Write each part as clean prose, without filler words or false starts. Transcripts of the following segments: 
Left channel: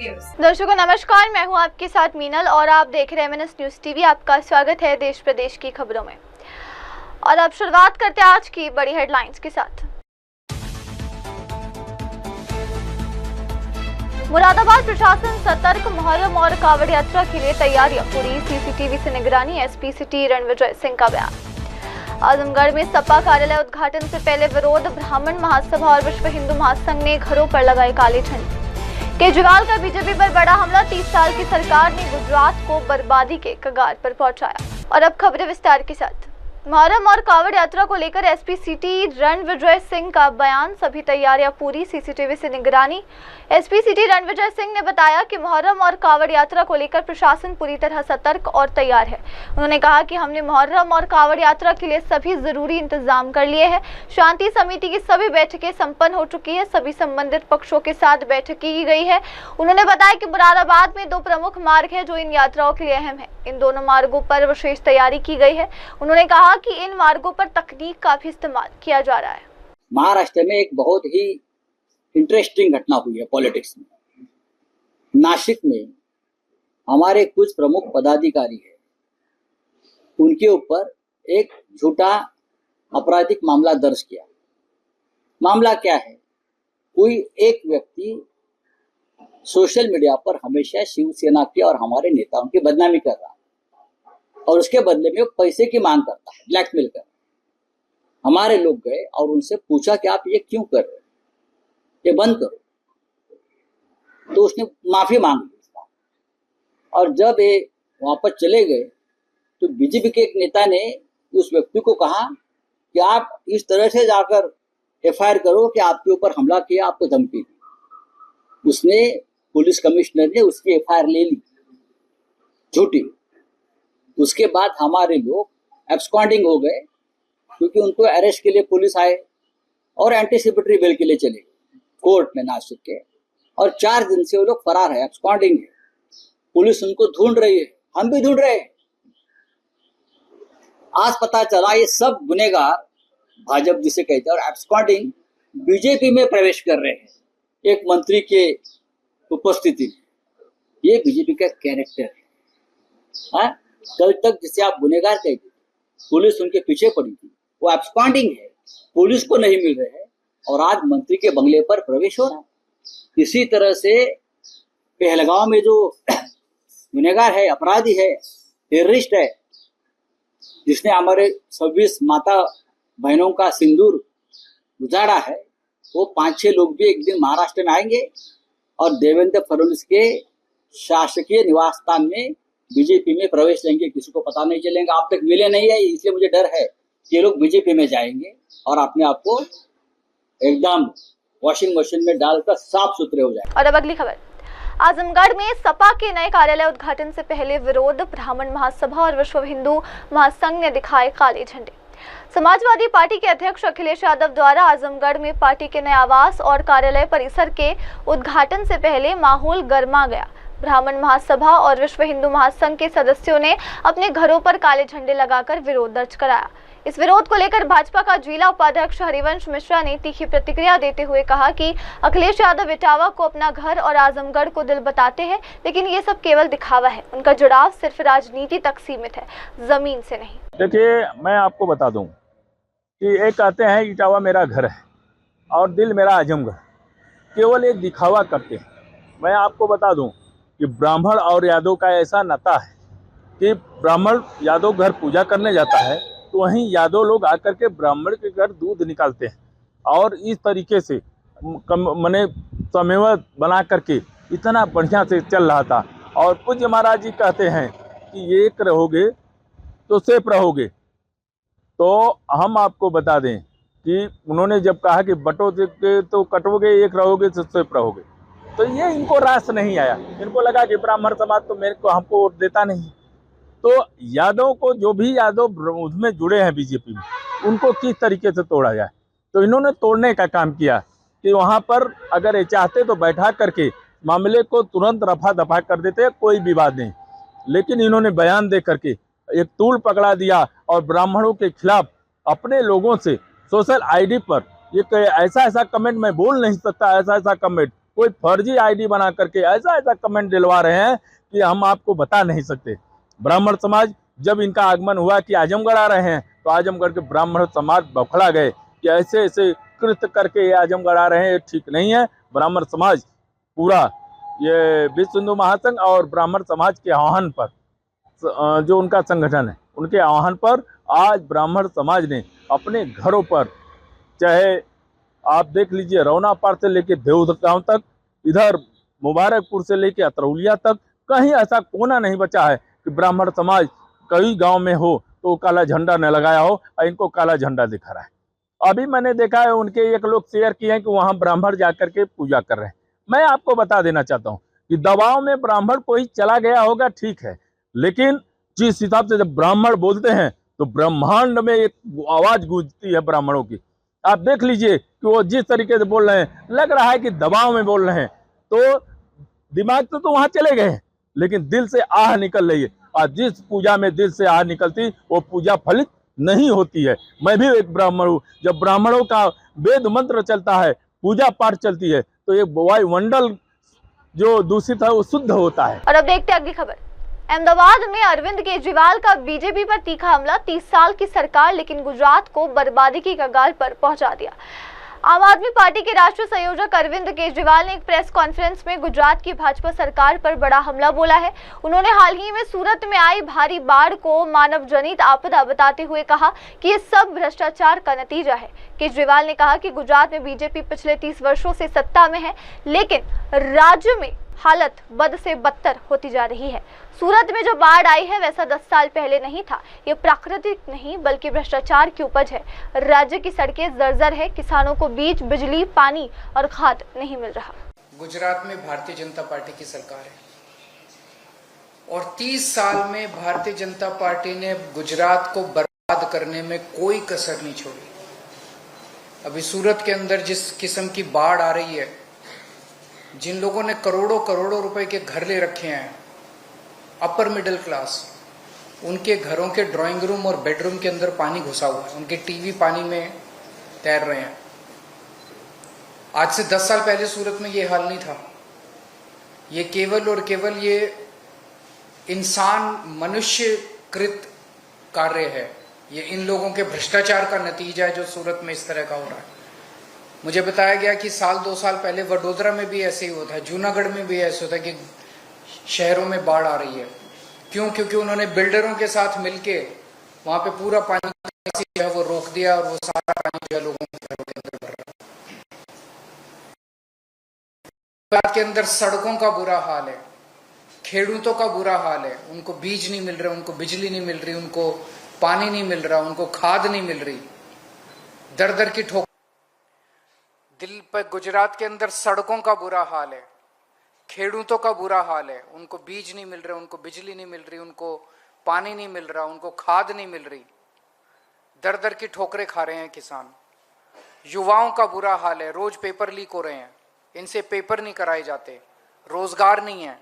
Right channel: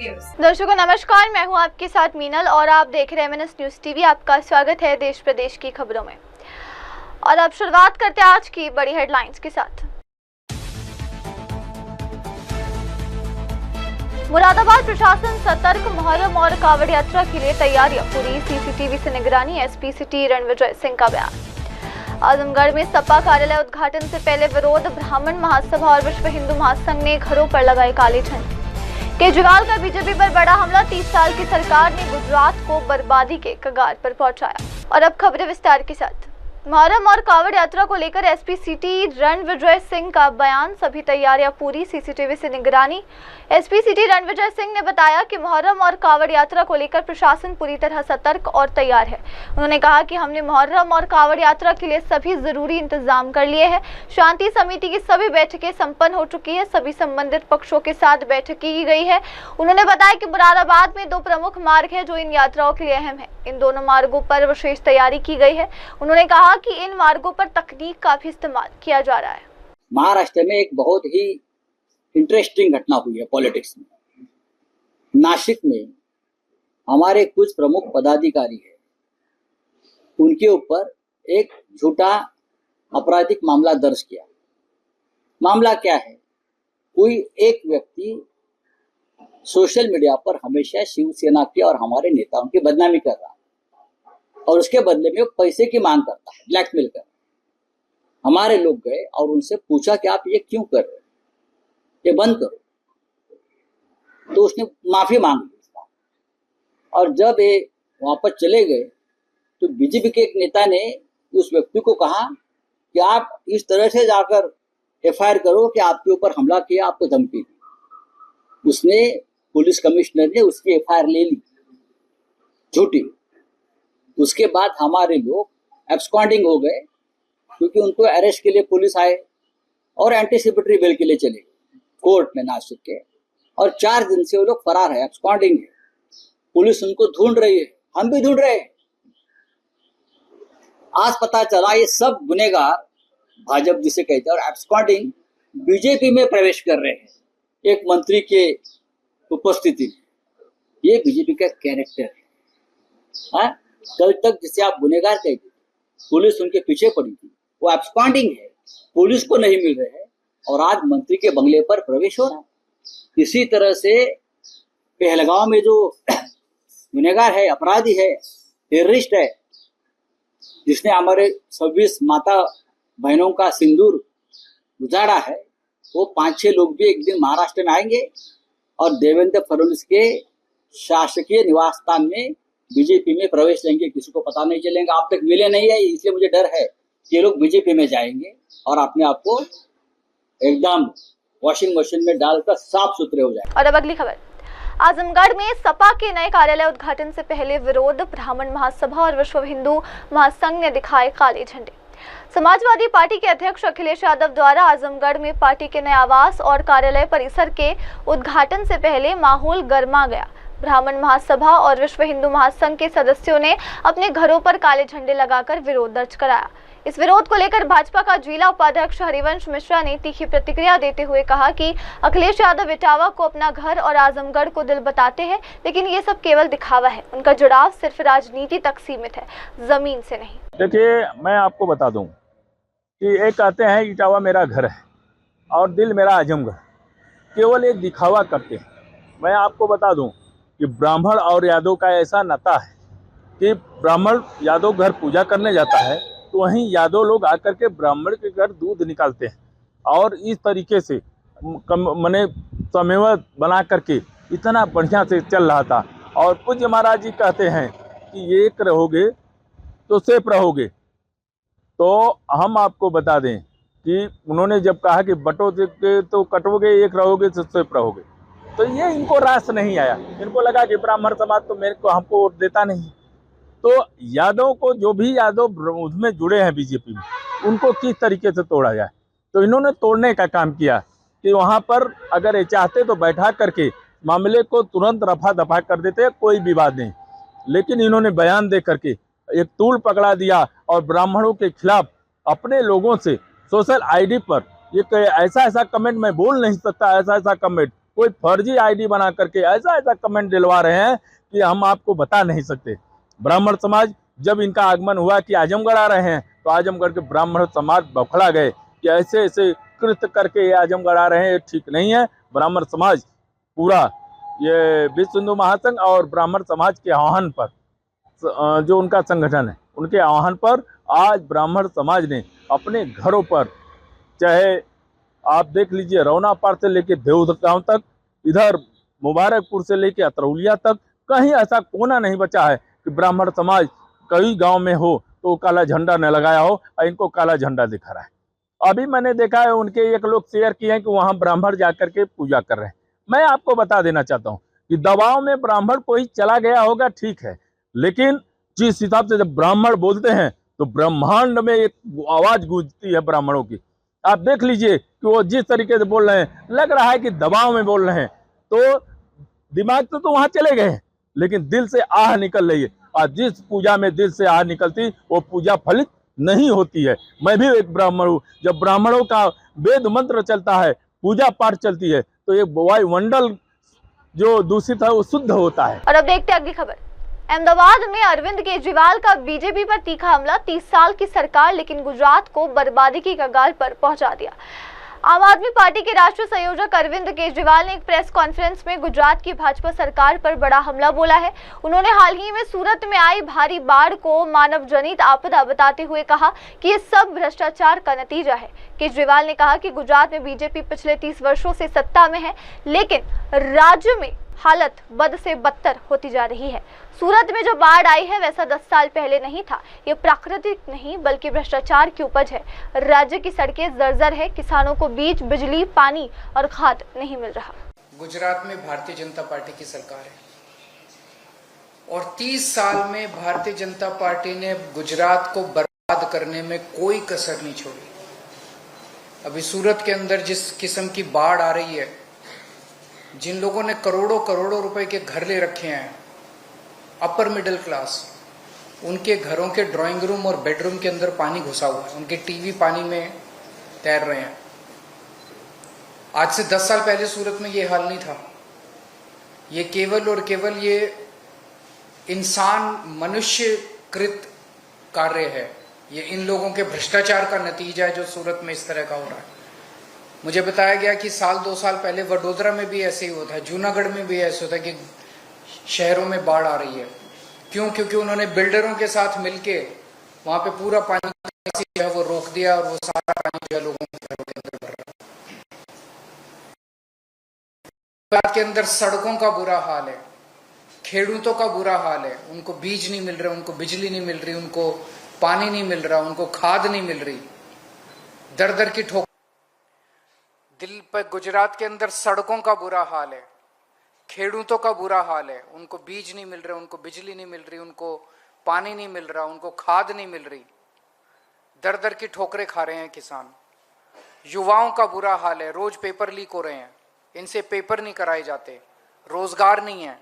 Viewers. दर्शकों नमस्कार, मैं हूं आपके साथ मीनल और आप देख रहे हैं MNS न्यूज टीवी। आपका स्वागत है देश प्रदेश की खबरों में। और अब शुरुआत करते हैं आज की बड़ी हेडलाइंस के साथ। मुरादाबाद प्रशासन सतर्क, मुहर्रम और कावड़ यात्रा के लिए तैयारियां पूरी, CCTV से निगरानी, SP सिटी रणविजय सिंह का बयान। आजमगढ़ में सपा कार्यालय उद्घाटन से पहले विरोध, ब्राह्मण महासभा और विश्व हिंदू महासंघ ने घरों पर लगाए काले झंडे। केजरीवाल का बीजेपी पर बड़ा हमला, 30 साल की सरकार ने गुजरात को बर्बादी के कगार पर पहुंचाया। और अब खबरें विस्तार के साथ। मुहर्रम और कावड़ यात्रा को लेकर SP सिटी रणविजय सिंह का बयान, सभी तैयारियां पूरी, CCTV से निगरानी। SP सिटी रणविजय सिंह ने बताया कि मुहर्रम और कावड़ यात्रा को लेकर प्रशासन पूरी तरह सतर्क और तैयार है। उन्होंने कहा कि हमने मुहर्रम और कावड़ यात्रा के लिए सभी जरूरी इंतजाम कर लिए हैं। शांति समिति की सभी बैठकें संपन्न हो चुकी है, सभी संबंधित पक्षों के साथ बैठक की गई है। उन्होंने बताया कि मुरादाबाद में 2 प्रमुख मार्ग है जो इन यात्राओं के लिए अहम है। इन दोनों मार्गों पर विशेष तैयारी की गई है। उन्होंने कहा कि इन मार्गों पर तकनीक का भी इस्तेमाल किया जा रहा है। महाराष्ट्र में एक बहुत ही इंटरेस्टिंग घटना हुई है पॉलिटिक्स में। नासिक में हमारे कुछ प्रमुख पदाधिकारी हैं, उनके ऊपर एक झूठा आपराधिक मामला दर्ज किया। मामला क्या है? कोई एक व्यक्ति सोशल मीडिया पर हमेशा शिवसेना के और हमारे नेताओं की बदनामी कर रहा है और उसके बदले में वो पैसे की मांग करता है, ब्लैकमेल कर। हमारे लोग गए और उनसे पूछा कि आप ये क्यों कर रहे हो, ये बंद करो। तो उसने माफी मांग ली। और जब ये वापस चले गए तो बीजेपी के एक नेता ने उस व्यक्ति को कहा कि आप इस तरह से जाकर FIR करो कि आपके ऊपर हमला किया, आपको धमकी दी। उसने, पुलिस कमिश्नर ने उसकी FIR ले ली, झूठी। उसके बाद हमारे लोग एब्सकॉन्डिंग हो गए क्योंकि उनको अरेस्ट के लिए पुलिस आए और एंटीसिपेटरी बेल के लिए चले गए कोर्ट में नासिक के। और 4 दिन से वो लोग फरार है, एब्सकॉन्डिंग है। पुलिस उनको ढूंढ रही है, हम भी ढूंढ रहे हैं। आज पता चला ये सब गुनेगार भाजपा जिसे कहते हैं और एब्सकॉन्डिंग बीजेपी में प्रवेश कर रहे हैं एक मंत्री के उपस्थिति में। ये बीजेपी का कैरेक्टर है। कल तक जिसे आप गुनेगार कहते थे, पुलिस उनके पीछे पड़ी थी, वो एब्सकॉन्डिंग है, पुलिस को नहीं मिल रहे हैं और आज मंत्री के बंगले पर प्रवेश हो रहा है। इसी तरह से पहलगांव में जो गुनेगार है, अपराधी है, टेररिस्ट है, जिसने हमारे 26 माता बहनों का सिंदूर उजाड़ा है, वो 5-6 लोग भी एक दिन महाराष्ट्र में आएंगे और देवेंद्र फडणवीस के शासकीय निवास स्थान में बीजेपी में प्रवेश लेंगे। किसी को पता नहीं चलेगा। आप तक मिले नहीं है, इसलिए मुझे डर है कि ये लोग बीजेपी में जाएंगे और अपने आप को एकदम वॉशिंग मशीन में डालकर साफ सुथरे हो जाए। और अब अगली खबर। आजमगढ़ में सपा के नए कार्यालय उद्घाटन से पहले विरोध, ब्राह्मण महासभा और विश्व हिंदू महासंघ ने दिखाए काले झंडे। समाजवादी पार्टी के अध्यक्ष अखिलेश यादव द्वारा आजमगढ़ में पार्टी के नए आवास और कार्यालय परिसर के उद्घाटन से पहले माहौल गर्मा गया। ब्राह्मण महासभा और विश्व हिंदू महासंघ के सदस्यों ने अपने घरों पर काले झंडे लगाकर विरोध दर्ज कराया। इस विरोध को लेकर भाजपा का जिला उपाध्यक्ष हरिवंश मिश्रा ने तीखी प्रतिक्रिया देते हुए कहा कि अखिलेश यादव इटावा को अपना घर और आजमगढ़ को दिल बताते हैं, लेकिन ये सब केवल दिखावा है। उनका जुड़ाव सिर्फ राजनीति तक सीमित है, जमीन से नहीं। देखिए, मैं आपको बता दूं कि एक कहते हैं इटावा मेरा घर है और दिल मेरा आजमगढ़, केवल एक दिखावा करते हैं। मैं आपको बता दूं कि ब्राह्मण और यादव का ऐसा नाता है कि ब्राह्मण यादव घर पूजा करने जाता है तो वहीं यादव लोग आकर के ब्राह्मण के घर दूध निकालते हैं और इस तरीके से मने समन्वय बना करके इतना बढ़िया से चल रहा था। और पूज्य महाराज जी कहते हैं कि एक रहोगे तो सेफ रहोगे। तो हम आपको बता दें कि उन्होंने जब कहा कि बटोगे तो कटोगे, एक रहोगे तो सेफ रहोगे, तो ये इनको रास नहीं आया। इनको लगा कि ब्राह्मण समाज तो मेरे को हमको वोट देता नहीं। तो यादव को, जो भी यादव उसमें जुड़े हैं बीजेपी में, उनको किस तरीके से तोड़ा जाए, तो इन्होंने तोड़ने का काम किया कि वहाँ पर अगर ये चाहते तो बैठा करके मामले को तुरंत रफा दफा कर देते, कोई विवाद नहीं। लेकिन इन्होंने बयान दे करके एक तूल पकड़ा दिया और ब्राह्मणों के खिलाफ अपने लोगों से सोशल आईडी पर ये ऐसा कमेंट मैं बोल नहीं सकता, ऐसा कमेंट कोई फर्जी आईडी बना करके ऐसा ऐसा कमेंट दिलवा रहे हैं कि हम आपको बता नहीं सकते। ब्राह्मण समाज जब इनका आगमन हुआ कि आजमगढ़ आ रहे हैं, तो आजमगढ़ के ब्राह्मण समाज बौखला गए कि ऐसे ऐसे कृत्य करके ये आजमगढ़ आ रहे हैं, ये ठीक नहीं है। ब्राह्मण समाज पूरा ये विश्व हिंदू महासंघ और ब्राह्मण समाज के आह्वान पर, जो उनका संगठन है, उनके आह्वान पर आज ब्राह्मण समाज ने अपने घरों पर, चाहे आप देख लीजिए रौनापार से लेके देवगांव तक, इधर मुबारकपुर से लेके अतरौलिया तक, कहीं ऐसा कोना नहीं बचा है कि ब्राह्मण समाज कई गांव में हो तो काला झंडा न लगाया हो और इनको काला झंडा दिखा रहा है। अभी मैंने देखा है उनके एक लोग शेयर किए हैं कि वहां ब्राह्मण जाकर के पूजा कर रहे हैं। मैं आपको बता देना चाहता हूं कि दबाव में ब्राह्मण कोई चला गया होगा, ठीक है, लेकिन जिस हिसाब से जब ब्राह्मण बोलते हैं तो ब्रह्मांड में एक आवाज गूंजती है ब्राह्मणों की। आप देख लीजिए कि वो जिस तरीके से बोल रहे हैं, लग रहा है कि दबाव में बोल रहे हैं। तो दिमाग तो वहां चले गए, लेकिन दिल से आह निकल रही है, और जिस पूजा में दिल से आह निकलती वो पूजा फलित नहीं होती है। मैं भी एक ब्राह्मण हूँ। जब ब्राह्मणों का वेद मंत्र चलता है, पूजा पाठ चलती है, तो ये वायुमंडल जो दूषित है वो शुद्ध होता है। और अब देखते हैं अगली खबर। अहमदाबाद में अरविंद केजरीवाल का बीजेपी पर तीखा हमला। 30 साल की सरकार लेकिन गुजरात को बर्बादी की कगार पर पहुंचा दिया। आम आदमी पार्टी के राष्ट्रीय संयोजक अरविंद केजरीवाल ने एक प्रेस कॉन्फ्रेंस में गुजरात की भाजपा सरकार पर बड़ा हमला बोला है। उन्होंने हाल ही में सूरत में आई भारी बाढ़ को मानव जनित आपदा बताते हुए कहा कि ये सब भ्रष्टाचार का नतीजा है। केजरीवाल ने कहा कि गुजरात में बीजेपी पिछले 30 वर्षों से सत्ता में है, लेकिन राज्य में हालत बद से बदतर होती जा रही है। सूरत में जो बाढ़ आई है वैसा 10 साल पहले नहीं था। ये प्राकृतिक नहीं बल्कि भ्रष्टाचार की उपज है। राज्य की सड़कें जर्जर है, किसानों को बीज, बिजली, पानी और खाद नहीं मिल रहा। गुजरात में भारतीय जनता पार्टी की सरकार है और 30 साल में भारतीय जनता पार्टी ने गुजरात को बर्बाद करने में कोई कसर नहीं छोड़ी। अभी सूरत के अंदर जिस किस्म की बाढ़ आ रही है, जिन लोगों ने करोड़ों करोड़ों रुपए के घर ले रखे हैं, अपर मिडिल क्लास, उनके घरों के ड्राइंग रूम और बेडरूम के अंदर पानी घुसा हुआ है, उनके टीवी पानी में तैर रहे हैं। आज से 10 साल पहले सूरत में ये हाल नहीं था। ये केवल और केवल ये इंसान मनुष्यकृत कार्य है। ये इन लोगों के भ्रष्टाचार का नतीजा है जो सूरत में इस तरह का हो रहा है। मुझे बताया गया कि साल 2 साल पहले वडोदरा में भी ऐसे ही होता है, जूनागढ़ में भी ऐसे होता है कि शहरों में बाढ़ आ रही है। क्यों? क्योंकि उन्होंने बिल्डरों के साथ मिलके वहां पे पूरा पानी जो है वो रोक दिया और वो सारा पानी जो है लोगों के घरों के अंदर भर रहा है। गुजरात के अंदर सड़कों का बुरा हाल है, खेडूतों का बुरा हाल है। उनको बीज नहीं मिल रहे, उनको बिजली नहीं मिल रही, उनको पानी नहीं मिल रहा, उनको खाद नहीं मिल रही। दर दर की ठोकर दिल पर। गुजरात के अंदर सड़कों का बुरा हाल है, खेडूतों का बुरा हाल है। उनको बीज नहीं मिल रहे, उनको बिजली नहीं मिल रही, उनको पानी नहीं मिल रहा, उनको खाद नहीं मिल रही। दर दर की ठोकरें खा रहे हैं किसान। युवाओं का बुरा हाल है, रोज पेपर लीक हो रहे हैं, इनसे पेपर नहीं कराए जाते। रोजगार नहीं है।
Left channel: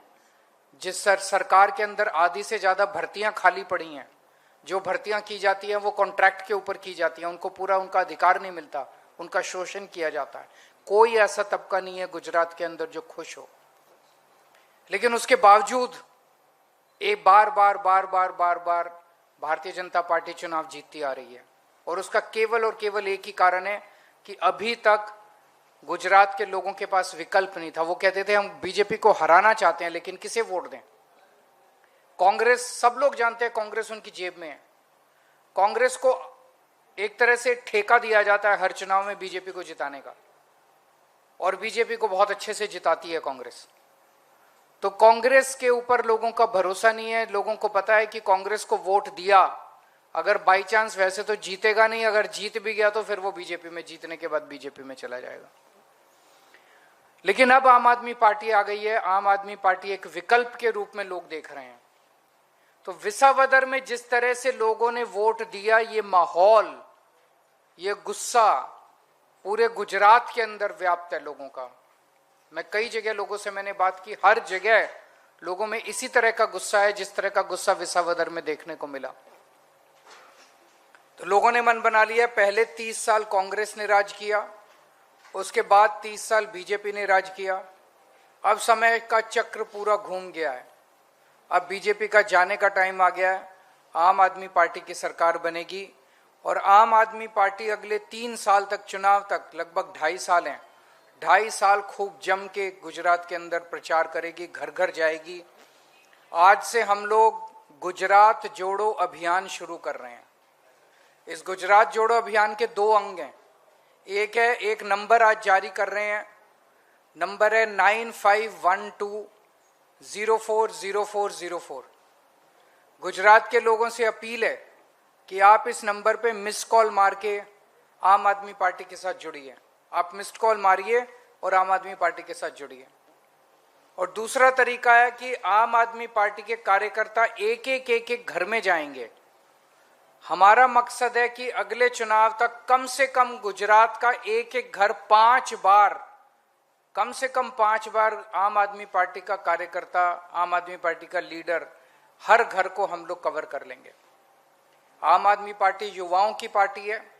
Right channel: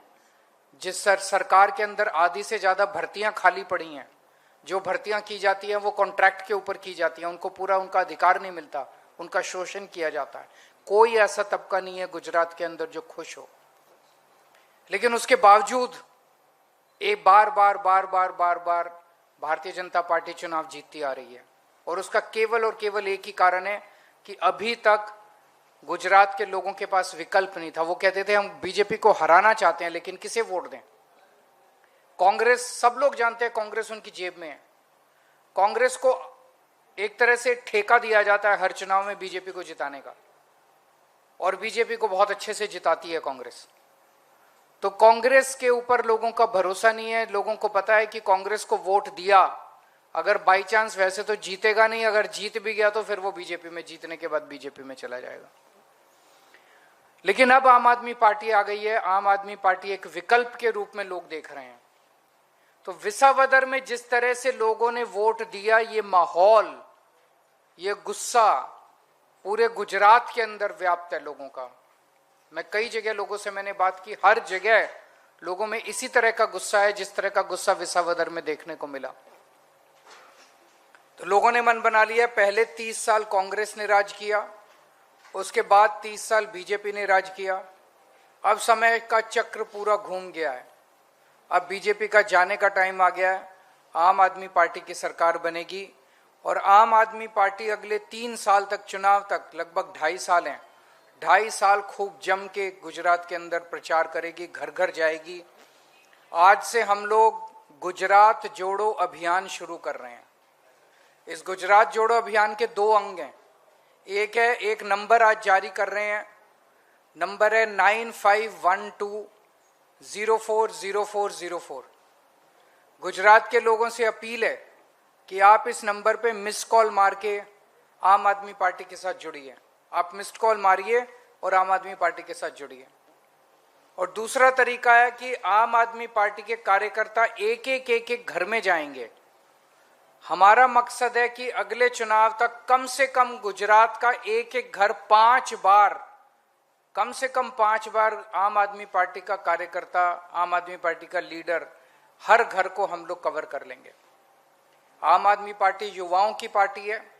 जिस सरकार के अंदर आधी से ज्यादा भर्तियां खाली पड़ी हैं, जो भर्तियां की जाती हैं वो कॉन्ट्रैक्ट के ऊपर की जाती हैं, उनको पूरा उनका अधिकार नहीं मिलता, उनका शोषण किया जाता है। कोई ऐसा तबका नहीं है गुजरात के अंदर जो खुश हो। लेकिन उसके बावजूद एक बार बार भारतीय जनता पार्टी चुनाव जीतती आ रही है। और उसका केवल और केवल एक ही कारण है कि अभी तक गुजरात के लोगों के पास विकल्प नहीं था। वो कहते थे हम बीजेपी को हराना चाहते हैं, लेकिन किसे वोट दें? कांग्रेस, सब लोग जानते हैं कांग्रेस उनकी जेब में है। कांग्रेस को एक तरह से ठेका दिया जाता है हर चुनाव में बीजेपी को जिताने का, और बीजेपी को बहुत अच्छे से जिताती है कांग्रेस। तो कांग्रेस के ऊपर लोगों का भरोसा नहीं है। लोगों को पता है कि कांग्रेस को वोट दिया, अगर बाई चांस वैसे तो जीतेगा नहीं, अगर जीत भी गया तो फिर वो बीजेपी में, जीतने के बाद बीजेपी में चला जाएगा। लेकिन अब आम आदमी पार्टी आ गई है। आम आदमी पार्टी एक विकल्प के रूप में लोग देख रहे हैं। तो विसावदर में जिस तरह से लोगों ने वोट दिया, ये माहौल, ये गुस्सा पूरे गुजरात के अंदर व्याप्त है लोगों का। मैं कई जगह लोगों से मैंने बात की, हर जगह लोगों में इसी तरह का गुस्सा है जिस तरह का गुस्सा विसावदर में देखने को मिला। तो लोगों ने मन बना लिया, पहले 30 साल कांग्रेस ने राज किया, उसके बाद 30 साल बीजेपी ने राज किया, अब समय का चक्र पूरा घूम गया है। अब बीजेपी का जाने का टाइम आ गया है। आम आदमी पार्टी की सरकार बनेगी और आम आदमी पार्टी अगले 3 साल तक, चुनाव तक लगभग 2.5 साल हैं, 2.5 साल खूब जम के गुजरात के अंदर प्रचार करेगी, घर घर जाएगी। आज से हम लोग गुजरात जोड़ो अभियान शुरू कर रहे हैं। इस गुजरात जोड़ो अभियान के 2 अंग हैं। एक नंबर आज जारी कर रहे हैं, नंबर है 9512040404। गुजरात के लोगों से अपील है कि आप इस नंबर पे मिस कॉल मार के आम आदमी पार्टी के साथ जुड़िए। आप मिस्ड कॉल मारिए और आम आदमी पार्टी के साथ जुड़िए। और दूसरा तरीका है कि आम आदमी पार्टी के कार्यकर्ता एक एक घर में जाएंगे। हमारा मकसद है कि अगले चुनाव तक कम से कम गुजरात का एक घर 5 बार, कम से कम 5 बार आम आदमी पार्टी का कार्यकर्ता, आम आदमी पार्टी का लीडर, हर घर को हम लोग कवर कर लेंगे। आम आदमी पार्टी युवाओं की पार्टी है।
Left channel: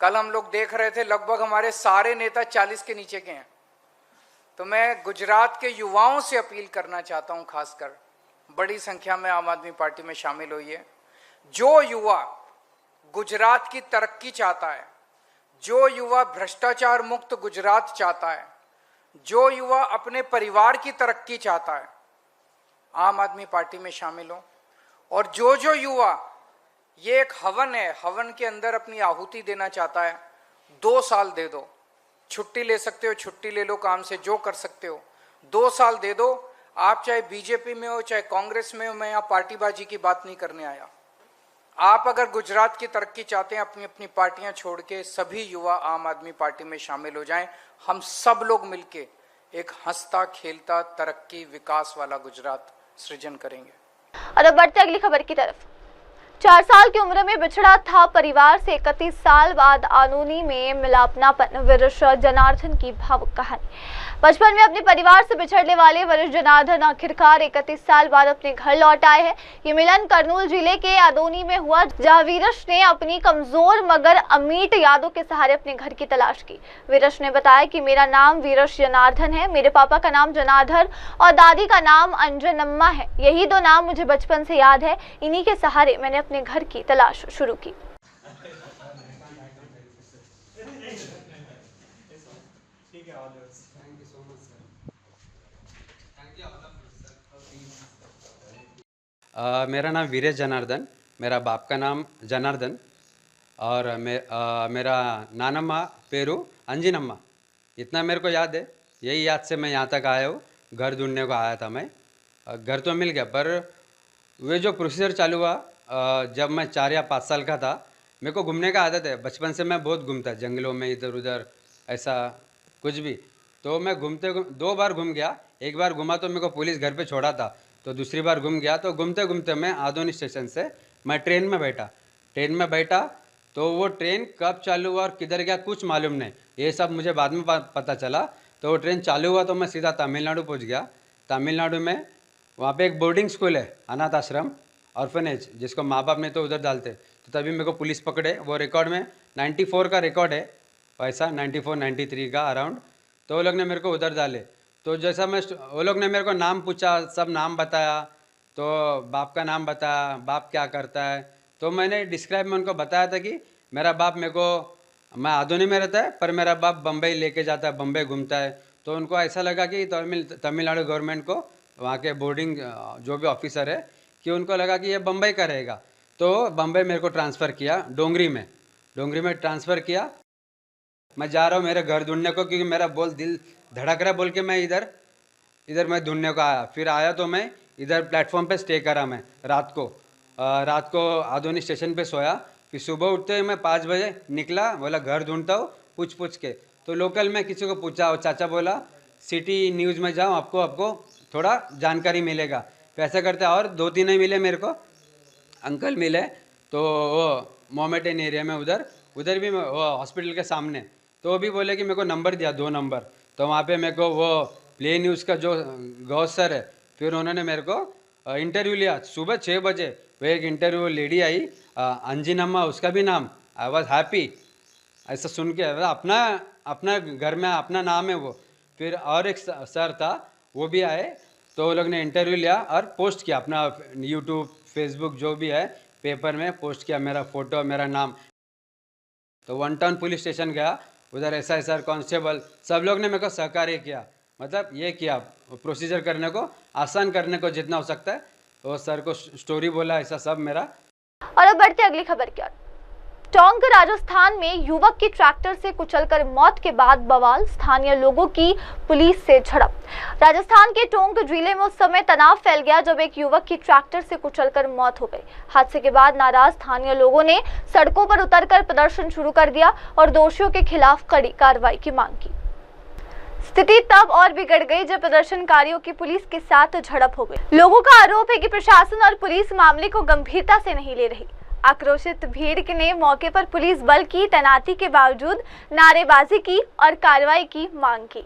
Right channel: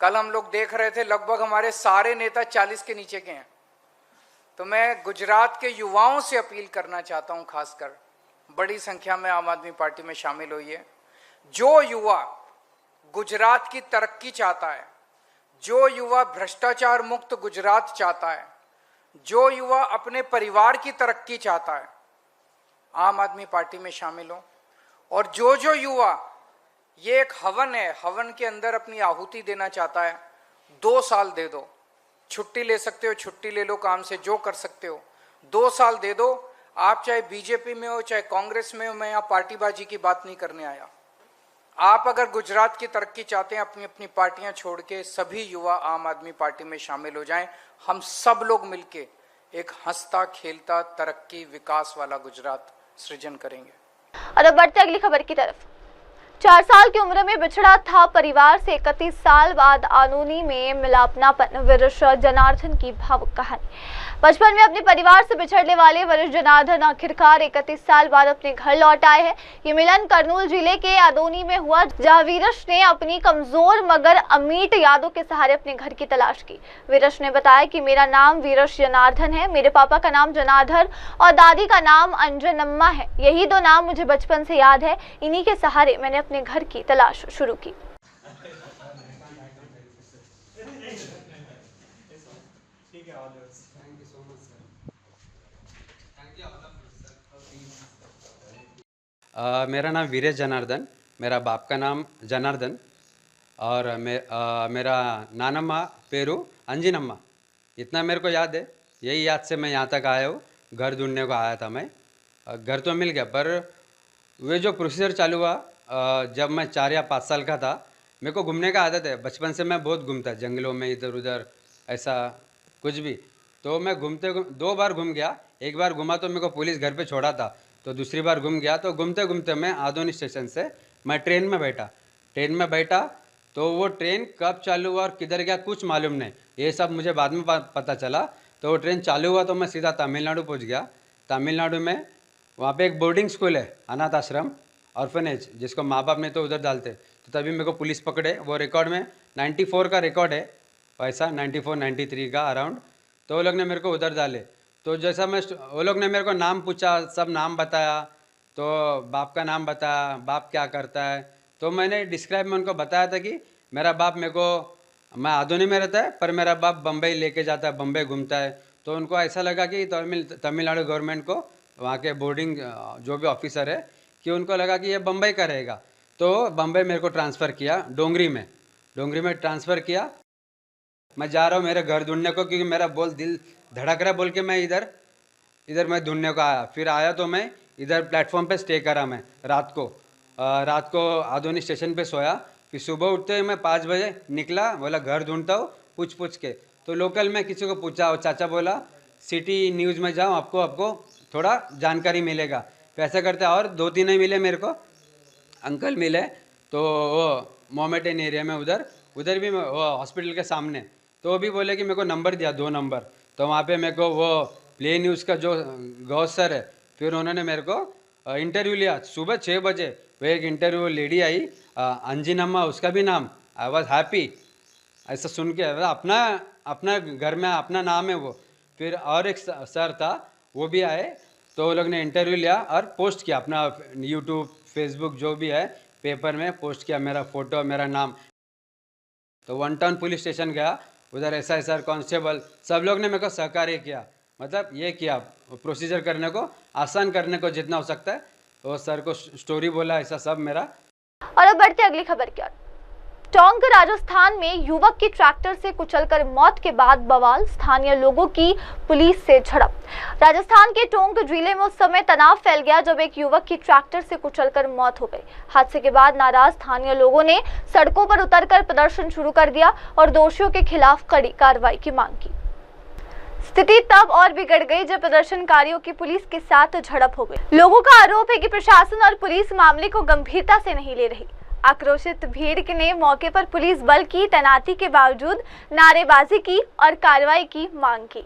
कल हम लोग देख रहे थे लगभग हमारे सारे नेता 40 के नीचे के हैं। तो मैं गुजरात के युवाओं से अपील करना चाहता हूं, खासकर बड़ी संख्या में आम आदमी पार्टी में शामिल होइए। जो युवा गुजरात की तरक्की चाहता है, जो युवा भ्रष्टाचार मुक्त गुजरात चाहता है, जो युवा अपने परिवार की तरक्की चाहता है, आम आदमी पार्टी में शामिल हो। और जो युवा, ये एक हवन है, हवन के अंदर अपनी आहुति देना चाहता है, 2 साल दे दो, छुट्टी ले सकते हो, छुट्टी ले लो, काम से जो कर सकते हो, 2 साल दे दो। आप चाहे बीजेपी में हो, चाहे कांग्रेस में हो, मैं यहाँ पार्टीबाजी की बात नहीं करने आया। आप अगर गुजरात की तरक्की चाहते हैं, अपनी अपनी पार्टियां छोड़ के सभी युवा आम आदमी पार्टी में शामिल हो जाएं। हम सब लोग मिलके एक हंसता खेलता तरक्की विकास वाला गुजरात सृजन करेंगे। और अब बढ़ते अगली खबर की तरफ। 4 साल की उम्र में बिछड़ा था परिवार से, 31 साल बाद आनूनी में मिलापनापन, वरिष्ठ जनार्दन की भावुक कहानी। बचपन में अपने परिवार से बिछड़ने वाले वरिष्ठ जनार्दन आखिरकार 31 साल बाद अपने घर लौट आए हैं। ये मिलन कर्नूल जिले के आदोनी में हुआ, जहां वीरश ने अपनी कमजोर मगर अमीट यादों के सहारे अपने घर की तलाश की। वीरश ने बताया कि मेरा नाम वीरश जनार्दन है, मेरे पापा का नाम जनार्दन और दादी का नाम अंजनम्मा है। यही 2 नाम मुझे बचपन से याद है। इन्हीं के सहारे मैंने अपने घर की तलाश शुरू की। मेरा नाम वीरेश जनार्दन, मेरा बाप का नाम जनार्दन और मेरा नानम्मा पेरू अंजिनम्मा। इतना मेरे को याद है। यही याद से मैं यहाँ तक आया हूँ। घर ढूंढने को आया था मैं। घर तो मिल गया, पर वे जो प्रोसीजर चालू हुआ जब मैं 4 या 5 साल का था। मेरे को घूमने का आदत है, बचपन से मैं बहुत घूमता, जंगलों में इधर उधर ऐसा कुछ भी। तो मैं 2 बार घूम गया। एक बार घूमा तो मेरे को पुलिस घर पे छोड़ा था, तो दूसरी बार घूम गया। तो घूमते घूमते मैं आदोनी स्टेशन से मैं ट्रेन में बैठा तो वो ट्रेन कब चालू हुआ और किधर गया कुछ मालूम नहीं। ये सब मुझे बाद में पता चला। तो वो ट्रेन चालू हुआ तो मैं सीधा तमिलनाडु पहुंच गया। तमिलनाडु में वहाँ पे एक बोर्डिंग स्कूल है, अनाथ आश्रम, ऑर्फनेज, जिसको माँ बाप नहीं तो उधर डालते। तो तभी मेरे को पुलिस पकड़े। वो रिकॉर्ड में 94 का रिकॉर्ड है, वैसा 94-93 का अराउंड। तो वो लोग ने मेरे को उधर डाले। तो जैसा वो लोग ने मेरे को नाम पूछा, सब नाम बताया, तो बाप का नाम बताया, बाप क्या करता है। तो मैंने डिस्क्राइब में उनको बताया था कि मेरा बाप मैं आदोनी में रहता है, पर मेरा बाप बम्बई लेके जाता है, बम्बई घूमता है। तो उनको ऐसा लगा कि तमिलनाडु गवर्नमेंट को, वहाँ के बोर्डिंग जो भी ऑफिसर है, कि उनको लगा कि ये बम्बई का रहेगा। तो बम्बई मेरे को ट्रांसफ़र किया डोंगरी में ट्रांसफ़र किया। मैं जा रहा हूँ मेरे घर ढूंढने को, क्योंकि मेरा दिल धड़क रहा बोल के मैं इधर मैं ढूंढने को आया। फिर आया तो मैं इधर प्लेटफॉर्म पे स्टे करा। मैं रात को आदोनी स्टेशन पे सोया। फिर सुबह उठते ही मैं 5 बजे निकला, बोला घर ढूंढता हूँ पूछ के। तो लोकल में किसी को पूछा, वो चाचा बोला सिटी न्यूज़ में जाओ, आपको थोड़ा जानकारी मिलेगा। पैसा करते और 2-3 नहीं मिले मेरे को, अंकल मिले। तो वो मोमेटन एरिया में उधर भी वो हॉस्पिटल के सामने। तो वो भी बोले कि मेरे को नंबर दिया, 2 नंबर। तो वहाँ पे मेरे को वो प्ले न्यूज़ का जो गौस सर है, फिर उन्होंने मेरे को इंटरव्यू लिया सुबह 6 बजे। वो एक इंटरव्यू लेडी आई, अंजिनम्मा उसका भी नाम। आई वॉज हैप्पी ऐसा सुन के। अपना घर में अपना नाम है वो। फिर और एक सर था, वो भी आए, तो वो लोग ने इंटरव्यू लिया और पोस्ट किया अपना यूट्यूब, फेसबुक जो भी है, पेपर में पोस्ट किया, मेरा फ़ोटो, मेरा नाम। तो वन टाउन पुलिस स्टेशन गया, उधर SI सर, कांस्टेबल, सब लोग ने मेरे को सहकार्य किया, मतलब ये किया प्रोसीजर करने को, आसान करने को जितना हो सकता है। वो सर को स्टोरी बोला, ऐसा सब मेरा। और अब बढ़ते अगली खबर की ओर। टोंक राजस्थान में युवक की ट्रैक्टर से कुचलकर मौत के बाद बवाल, स्थानीय लोगों की पुलिस से झड़प। राजस्थान के टोंक जिले में उस समय तनाव फैल गया जब एक युवक की ट्रैक्टर से कुचलकर मौत हो गई। हादसे के बाद नाराज स्थानीय लोगों ने सड़कों पर उतरकर प्रदर्शन शुरू कर दिया और दोषियों के खिलाफ कड़ी कार्रवाई की मांग की। स्थिति तब और बिगड़ गई जब प्रदर्शनकारियों की पुलिस के साथ झड़प हो गई। लोगों का आरोप है कि प्रशासन और पुलिस मामले को गंभीरता से नहीं ले रही। आक्रोशित भीड़ ने मौके पर पुलिस बल की तैनाती के बावजूद नारेबाजी की और कार्रवाई की मांग की।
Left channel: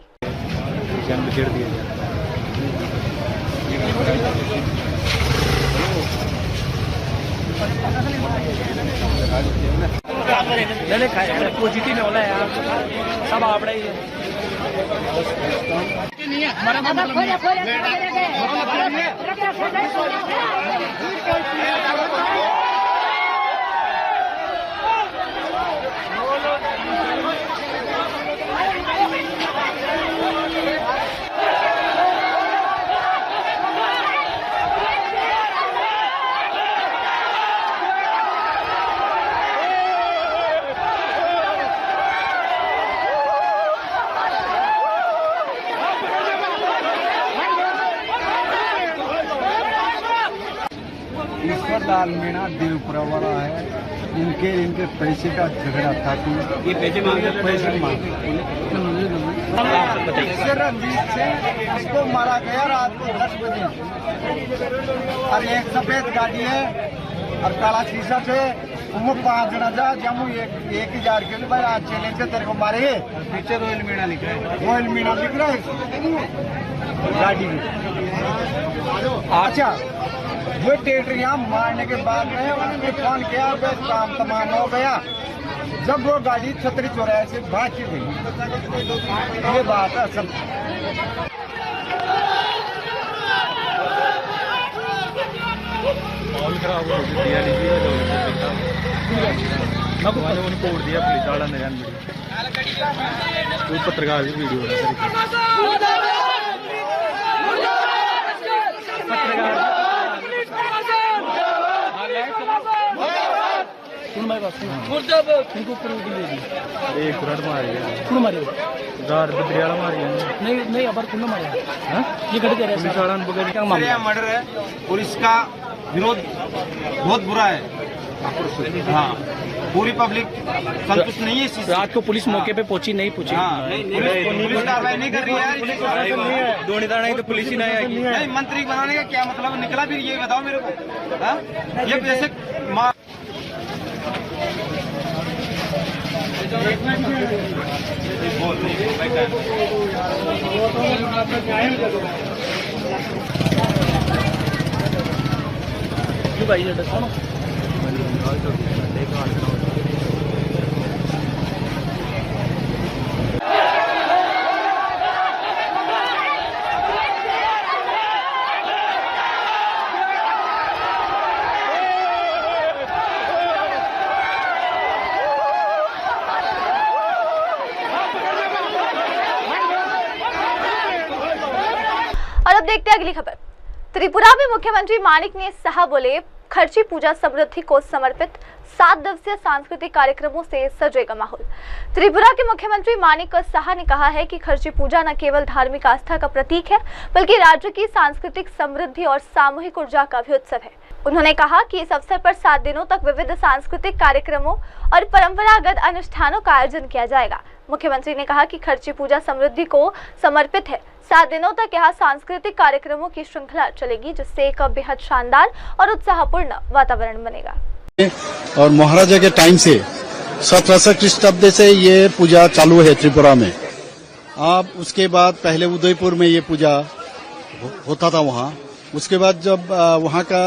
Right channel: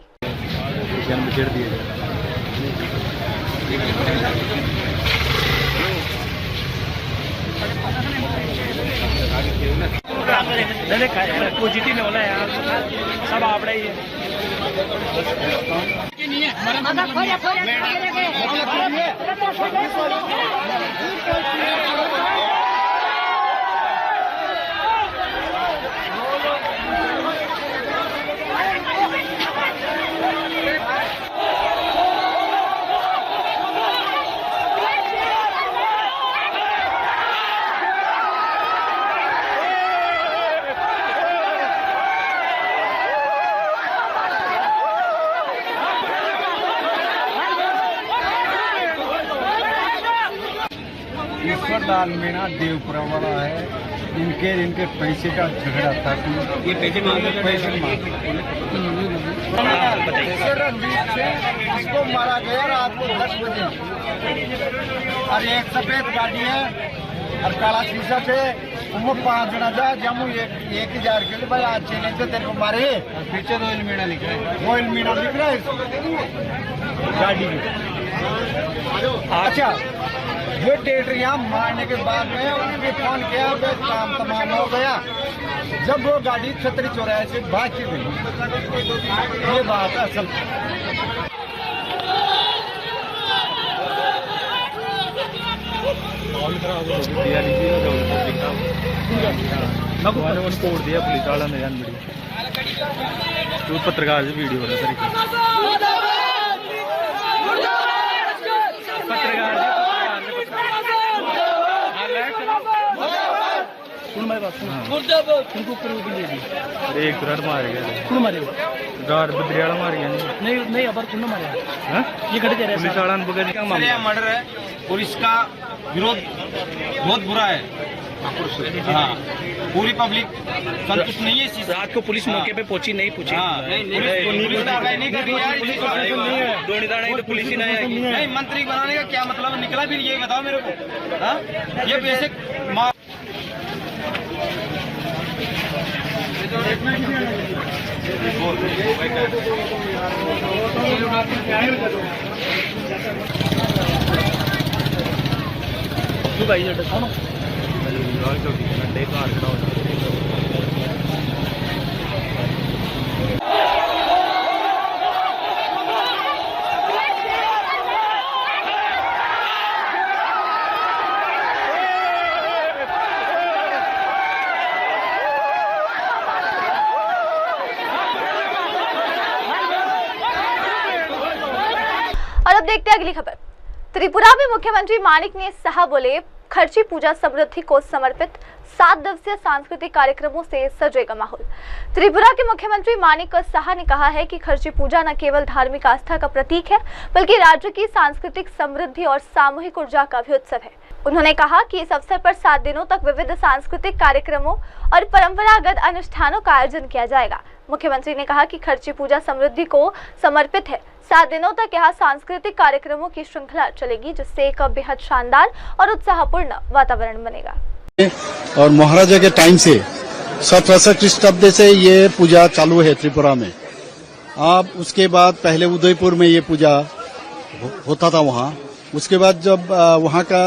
पॉजिटिव में होला यार, सब आपड़ा ही है। ईश्वर लाल मीणा देवपुरा वाला है, इनके पैसे का झगड़ा था। ये पैसे मांगते रंजीत से उसको मारा गया रात को 10 बजे। और एक सफेद गाड़ी है और काला शीशा से वो 5 जना जा जमू 1000 के लिए भाई आज चैलेंज से तेरे को मारे। पीछे रोयल मीणा लिख रहा है गाड़ी में। अच्छा, वो टेटरिया मारने के बाद में उनने फोन किया, काम तमाम हो गया। जब वो गाड़ी 36-84 से भाग के गई। ये बात है असल। तोड़ दिया पुलिस वाला ने, पत्रकार वीडियो नहीं अब मारे ये घट गया मर्डर है। पुलिस का विरोध बहुत बुरा है। हाँ, पूरी पब्लिक संतुष्ट नहीं है। रात को पुलिस मौके पे पहुंची नहीं पहुंची। पुलिस कार्रवाई नहीं कर रही है। पुलिस ही नहीं, मंत्री बनाने का क्या मतलब निकला भी ये बताओ मेरे को। ये पैसे भाई और अब देखते हैं अगली खबर। त्रिपुरा में मुख्यमंत्री मानिक साहा बोले, खर्ची पूजा समृद्धि को समर्पित 7 दिवसीय सांस्कृतिक कार्यक्रमों से सजेगा माहौल। त्रिपुरा के मुख्यमंत्री मानिक साहा ने कहा है कि खर्ची पूजा न केवल धार्मिक आस्था का प्रतीक है, बल्कि राज्य की सांस्कृतिक समृद्धि और सामूहिक ऊर्जा का भी उत्सव है। उन्होंने कहा कि इस अवसर पर 7 दिनों तक विविध सांस्कृतिक कार्यक्रमों और परंपरागत अनुष्ठानों का आयोजन किया जाएगा। मुख्यमंत्री ने कहा कि खर्ची पूजा समृद्धि को समर्पित है। 7 दिनों तक यहाँ सांस्कृतिक कार्यक्रमों की श्रृंखला चलेगी, जिससे एक बेहद शानदार और उत्साहपूर्ण वातावरण बनेगा। और महाराजा के टाइम से 1700 ख्रीष्टाब्द से ये पूजा चालू है त्रिपुरा में। अब उसके बाद पहले उदयपुर में ये पूजा होता था वहाँ। उसके बाद जब वहाँ का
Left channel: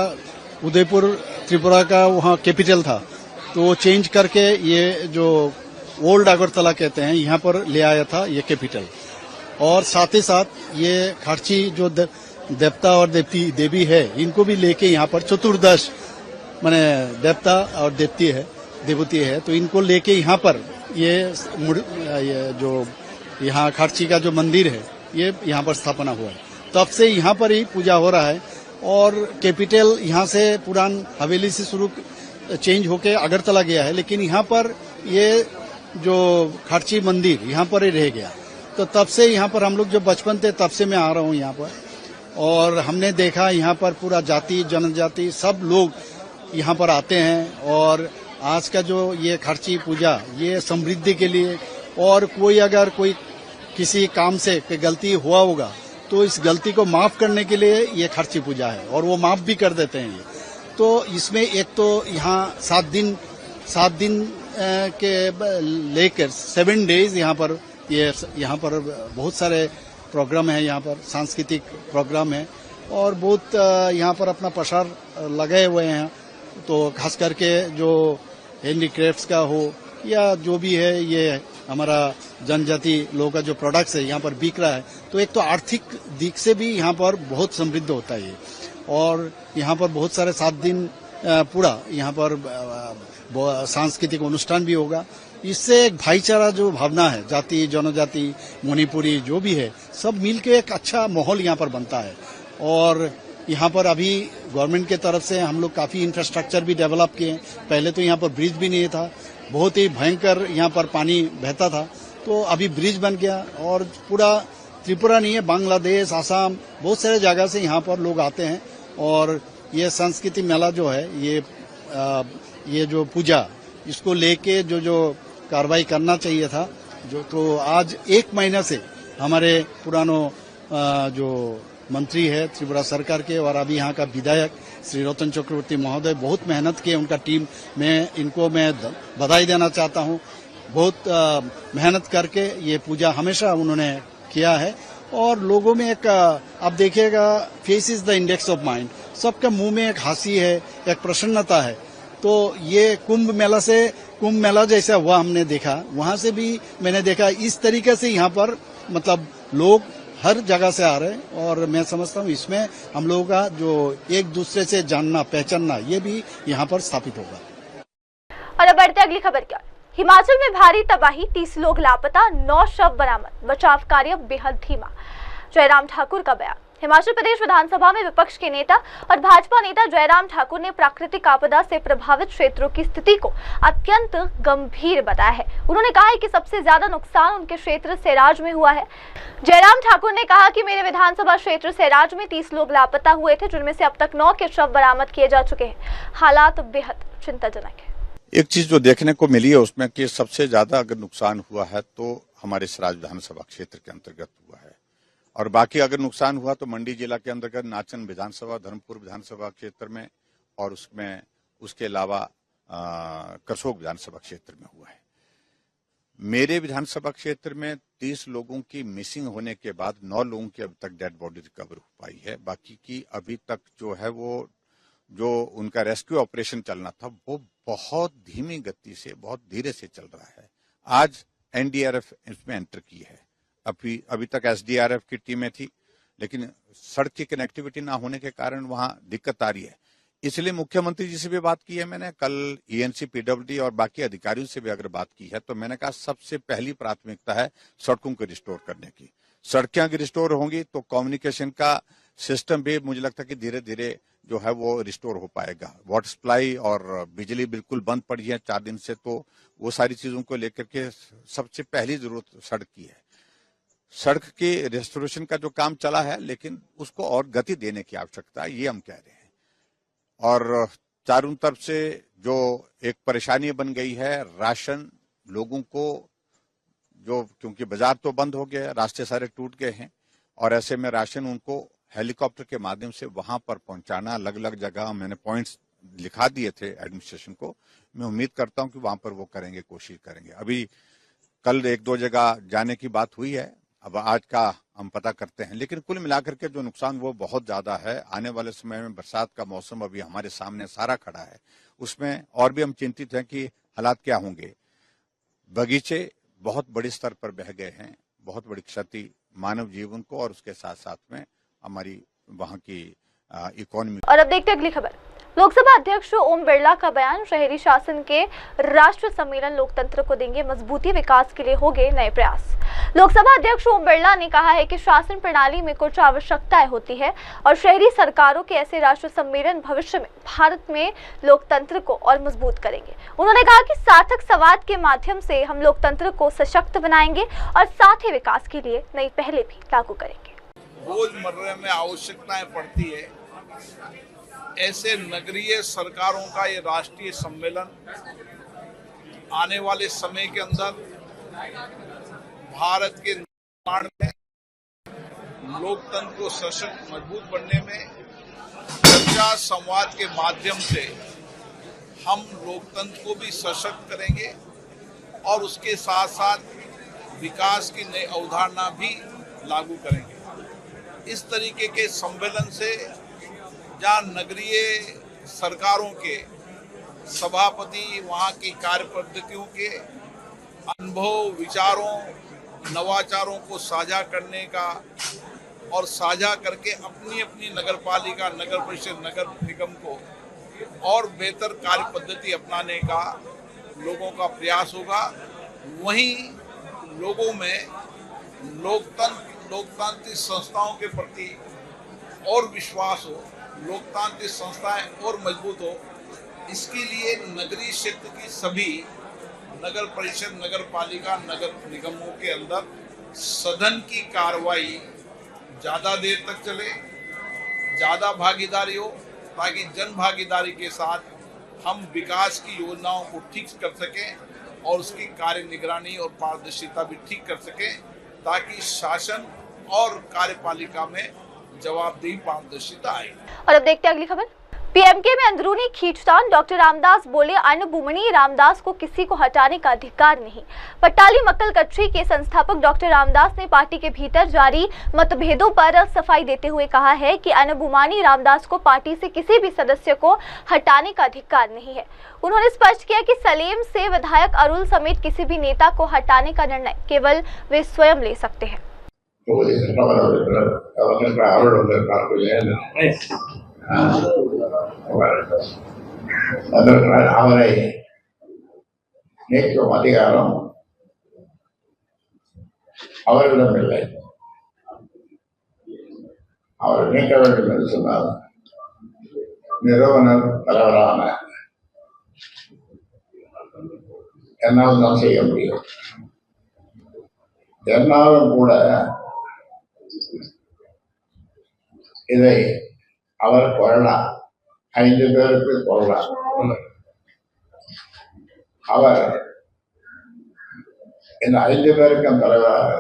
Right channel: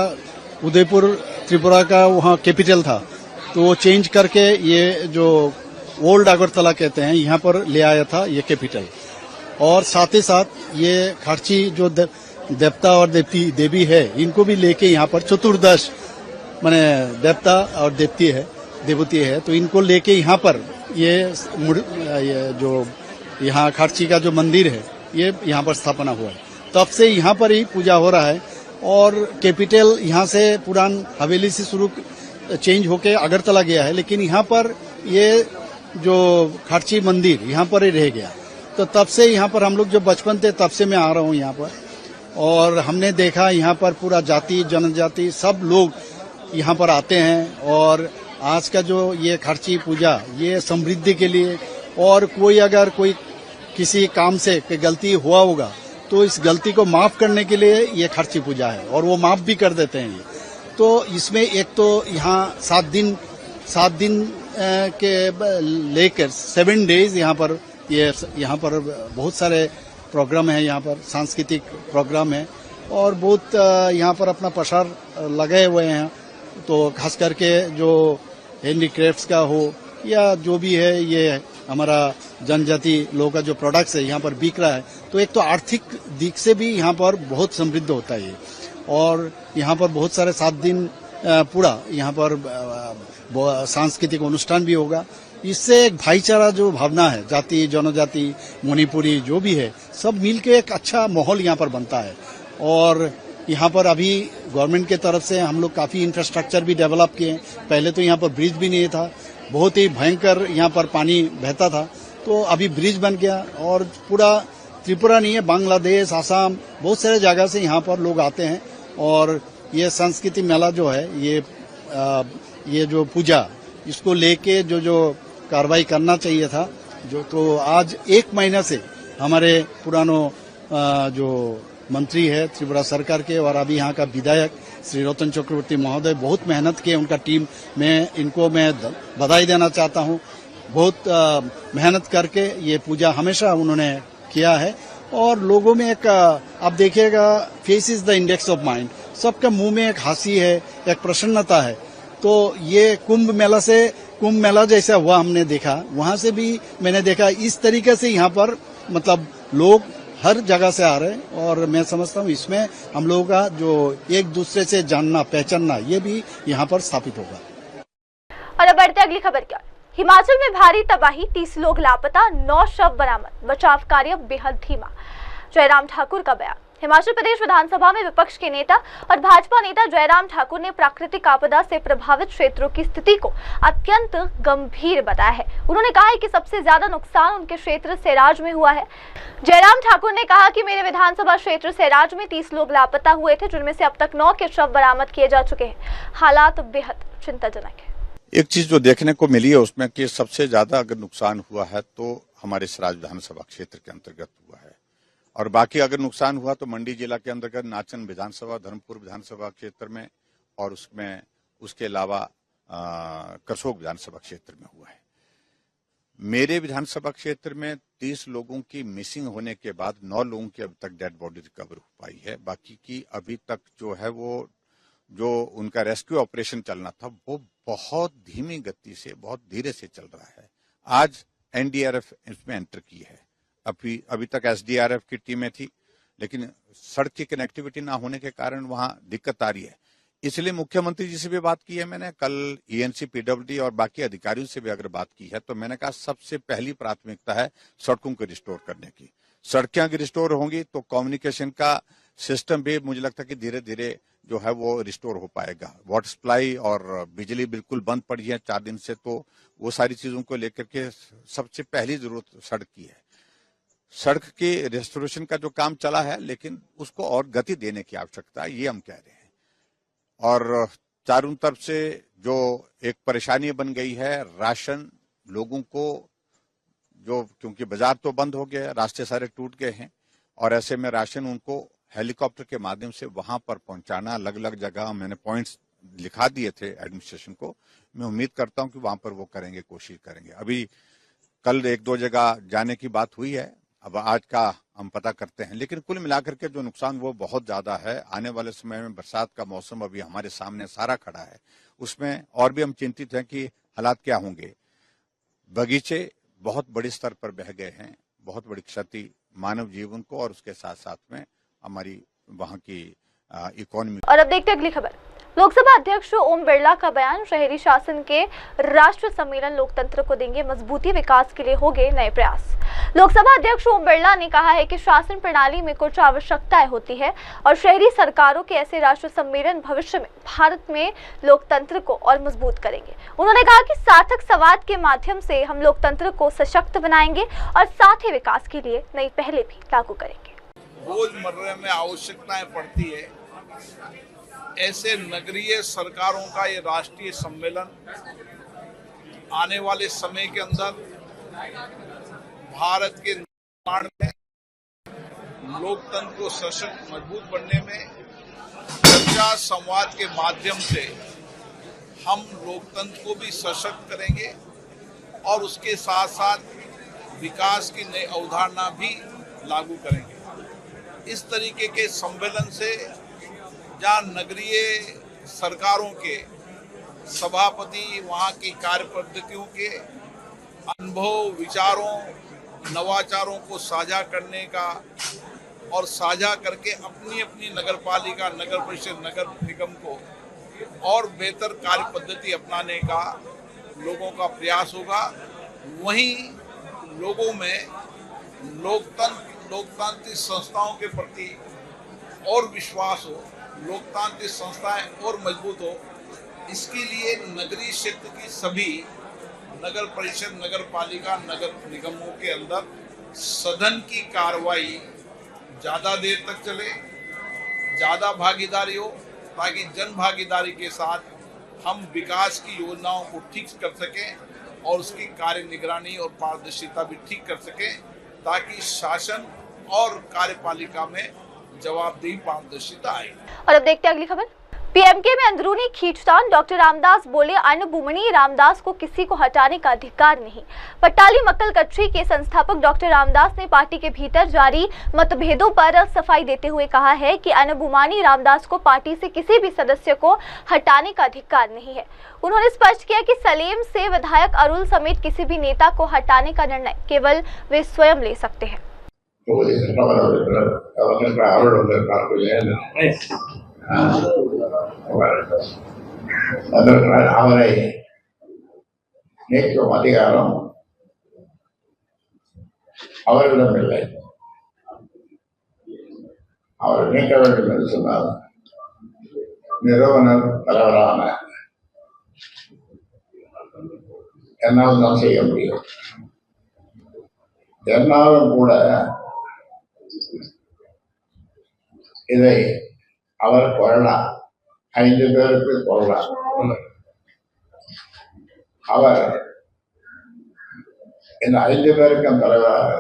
उदयपुर त्रिपुरा का वहाँ कैपिटल था, तो वो चेंज करके ये जो ओल्ड अगरतला कहते हैं यहाँ पर ले आया था ये कैपिटल। और साथ ही साथ ये खार्ची जो देवता और देवी है, इनको भी लेके यहाँ पर चतुर्दश माने देवता और देवती है, तो इनको लेके यहाँ पर ये जो यहाँ खार्ची का जो मंदिर है, ये यहाँ पर स्थापना हुआ है। तब से यहाँ पर ही पूजा हो रहा है। और कैपिटल यहाँ से पुरान हवेली से शुरू चेंज होके अगरतला गया है, लेकिन यहाँ पर ये जो खार्ची मंदिर यहाँ पर ही रह गया। तो तब से यहाँ पर हम लोग जो बचपन थे तब से मैं आ रहा हूँ यहाँ पर, और हमने देखा यहाँ पर पूरा जाति जनजाति सब लोग यहाँ पर आते हैं। और आज का जो ये खार्ची पूजा ये समृद्धि के लिए, और कोई अगर कोई किसी काम से कोई गलती हुआ होगा तो इस गलती को माफ करने के लिए ये खार्ची पूजा है, और वो माफ भी कर देते हैं ये। तो इसमें एक तो यहाँ 7 दिन के लेकर 7 डेज यहाँ पर बहुत सारे प्रोग्राम है, यहाँ पर सांस्कृतिक प्रोग्राम है, और बहुत यहाँ पर अपना प्रसार लगे हुए हैं। तो खास करके जो हैंडीक्राफ्ट्स का हो या जो भी है, ये हमारा जनजाति लोगों का जो प्रोडक्ट्स है यहाँ पर बिक रहा है। तो एक तो आर्थिक दिख से भी यहाँ पर बहुत समृद्ध होता है ये, और यहाँ पर बहुत सारे 7 दिन पूरा यहाँ पर सांस्कृतिक अनुष्ठान भी होगा। इससे एक भाईचारा जो भावना है, जाति जनजाति मणिपुरी जो भी है, सब मिलके एक अच्छा माहौल यहाँ पर बनता है। और यहाँ पर अभी गवर्नमेंट के तरफ से हम लोग काफी इंफ्रास्ट्रक्चर भी डेवलप किए। पहले तो यहाँ पर ब्रिज भी नहीं था, बहुत ही भयंकर यहाँ पर पानी बहता था, तो अभी ब्रिज बन गया। और पूरा त्रिपुरा नहीं है, बांग्लादेश, आसाम, बहुत सारे जगह से यहाँ पर लोग आते हैं। और ये संस्कृति मेला जो है, ये जो पूजा, इसको लेके जो कार्रवाई करना चाहिए था, जो तो आज 1 महीना से हमारे पुरानो जो मंत्री है त्रिपुरा सरकार के, और अभी यहाँ का विधायक श्री रतन चक्रवर्ती महोदय बहुत मेहनत किए, उनका टीम में इनको मैं बधाई देना चाहता हूँ। बहुत मेहनत करके ये पूजा हमेशा उन्होंने किया है। और लोगों में एक आप देखिएगा, face is the index of mind, सबके मुंह में एक हंसी है, एक प्रसन्नता है। तो ये कुंभ मेला जैसा हुआ हमने देखा, वहां से भी मैंने देखा इस तरीके से यहाँ पर मतलब लोग हर जगह से आ रहे हैं। और मैं समझता हूँ इसमें हम लोगों का जो एक दूसरे से जानना पहचानना, ये भी यहाँ पर स्थापित होगा। और अब बढ़ते अगली खबर की ओर। हिमाचल में भारी तबाही, 30 लोग लापता, 9 शव बरामद, बचाव कार्य बेहद धीमा। जयराम ठाकुर का बयान। हिमाचल प्रदेश विधानसभा में विपक्ष के नेता और भाजपा नेता जयराम ठाकुर ने प्राकृतिक आपदा से प्रभावित क्षेत्रों की स्थिति को अत्यंत गंभीर बताया है। उन्होंने कहा है कि सबसे ज्यादा नुकसान उनके क्षेत्र सैराज में हुआ है। जयराम ठाकुर ने कहा कि मेरे विधानसभा क्षेत्र सैराज में 30 लोग लापता हुए थे, जिनमें से अब तक 9 के शव बरामद किए जा चुके हैं। हालात बेहद चिंताजनक है। एक चीज जो देखने को मिली है उसमें कि सबसे ज्यादा अगर नुकसान हुआ है तो हमारे सराज विधानसभा क्षेत्र के अंतर्गत हुआ है, और बाकी अगर नुकसान हुआ तो मंडी जिला के अंतर्गत नाचन विधानसभा, धर्मपुर विधानसभा क्षेत्र में, और उसके अलावा करसोग विधानसभा क्षेत्र में हुआ है। मेरे विधानसभा क्षेत्र में 30 लोगों की मिसिंग होने के बाद 9 लोगों की अभी तक डेड बॉडी रिकवर हो पाई है। बाकी की अभी तक जो है वो जो उनका रेस्क्यू ऑपरेशन चलना था वो बहुत धीमी गति से, बहुत धीरे से चल रहा है। आज एनडीआरएफ इसमें एंटर की है। अभी तक एसडीआरएफ की टीमें थी, लेकिन सड़क की कनेक्टिविटी ना होने के कारण वहां दिक्कत आ रही है। इसलिए मुख्यमंत्री जी से भी बात की है मैंने, कल ईएनसी, पीडब्ल्यूडी और बाकी अधिकारियों से भी अगर बात की है तो मैंने कहा सबसे पहली प्राथमिकता है सड़कों को रिस्टोर करने की। सड़कें अगर रिस्टोर होंगी तो कम्युनिकेशन का सिस्टम भी मुझे लगता है कि धीरे धीरे जो है वो रिस्टोर हो पाएगा। वाटर सप्लाई और बिजली बिल्कुल बंद पड़ी है 4 दिन से, तो वो सारी चीजों को लेकर के सबसे पहली जरूरत सड़क की है। सड़क के रेस्टोरेशन का जो काम चला है, लेकिन उसको और गति देने की आवश्यकता है, ये हम कह रहे हैं। और चारों तरफ से जो एक परेशानी बन गई है, राशन लोगों को जो, क्योंकि बाजार तो बंद हो गया, रास्ते सारे टूट गए हैं, और ऐसे में राशन उनको हेलीकॉप्टर के माध्यम से वहां पर पहुंचाना, अलग अलग जगह मैंने पॉइंट्स लिखा दिए थे एडमिनिस्ट्रेशन को। मैं उम्मीद करता हूं कि वहां पर वो करेंगे, कोशिश करेंगे। अभी कल 1-2 जगह जाने की बात हुई है, अब आज का हम पता करते हैं। लेकिन कुल मिलाकर के जो नुकसान वो बहुत ज्यादा है। आने वाले समय में बरसात का मौसम अभी हमारे सामने सारा खड़ा है, उसमें और भी हम चिंतित हैं कि हालात क्या होंगे। बगीचे बहुत बड़े स्तर पर बह गए हैं, बहुत बड़ी क्षति मानव जीवन को और उसके साथ साथ में हमारी वहाँ की इकोनॉमी। और अब देखते हैं अगली खबर। लोकसभा अध्यक्ष ओम बिरला का बयान, शहरी शासन के राष्ट्र सम्मेलन लोकतंत्र को देंगे मजबूती, विकास के लिए होंगे नए प्रयास। लोकसभा अध्यक्ष ओम बिरला ने कहा है कि शासन प्रणाली में कुछ आवश्यकताएं होती है और शहरी सरकारों के ऐसे राष्ट्र सम्मेलन भविष्य में भारत में लोकतंत्र को और मजबूत करेंगे। उन्होंने कहा कि सार्थक संवाद के माध्यम से हम लोकतंत्र को सशक्त बनाएंगे और साथ ही विकास के लिए नई पहलें भी लागू करेंगे। रोजमर्रा में आवश्यकताएं पड़ती है, ऐसे नगरीय सरकारों का ये राष्ट्रीय सम्मेलन आने वाले समय के अंदर भारत के निर्माण में, लोकतंत्र को सशक्त मजबूत बनने में, चर्चा संवाद के माध्यम से हम लोकतंत्र को भी सशक्त करेंगे और उसके साथ साथ विकास की नई अवधारणा भी लागू करेंगे। इस तरीके के सम्मेलन से जहाँ नगरीय सरकारों के सभापति वहाँ की कार्य पद्धतियों के अनुभव, विचारों, नवाचारों को साझा करने का और साझा करके अपनी अपनी नगरपालिका, नगर परिषद, नगर निगम को और बेहतर कार्य पद्धति अपनाने का लोगों का प्रयास होगा। वहीं लोगों में लोकतांत्रिक संस्थाओं के प्रति और विश्वास हो, लोकतांत्रिक संस्थाएं और मजबूत हो, इसके लिए नगरीय क्षेत्र की सभी नगर परिषद, नगर पालिका, नगर निगमों के अंदर सदन की कार्रवाई ज़्यादा देर तक चले, ज़्यादा भागीदारी हो, ताकि जन भागीदारी के साथ हम विकास की योजनाओं को ठीक कर सकें और उसकी कार्य निगरानी और पारदर्शिता भी ठीक कर सकें, ताकि शासन और कार्यपालिका में जवाबदेही, पारदर्शिता आए। और अब देखते हैं अगली खबर। पीएमके में अंदरूनी खींचतान, डॉक्टर रामदास बोले अन्नभूमणि रामदास को किसी को हटाने का अधिकार नहीं। पट्टाली मक्कल कच्ची के संस्थापक डॉक्टर रामदास ने पार्टी के भीतर जारी मतभेदों पर सफाई देते हुए कहा है कि अन्नभूमणि रामदास को पार्टी से किसी भी सदस्य को हटाने का अधिकार नहीं है। उन्होंने स्पष्ट किया कि सलेम से विधायक अरुल समेत किसी भी नेता को हटाने का निर्णय केवल वे स्वयं ले सकते हैं। அவரை நீக்கும் அதிகாரம் அவரிடம் இல்லை. அவர் நீக்க வேண்டும் என்று சொன்னால் நிறுவனர் தலைவரான என்னால் தான் செய்ய முடியும். என்னாலும் கூட இதை அவர் கொள்ளலாம், 5 பேருக்கு கொள்ளலாம். அவர் இந்த 5 பேருக்கும் தலைவராக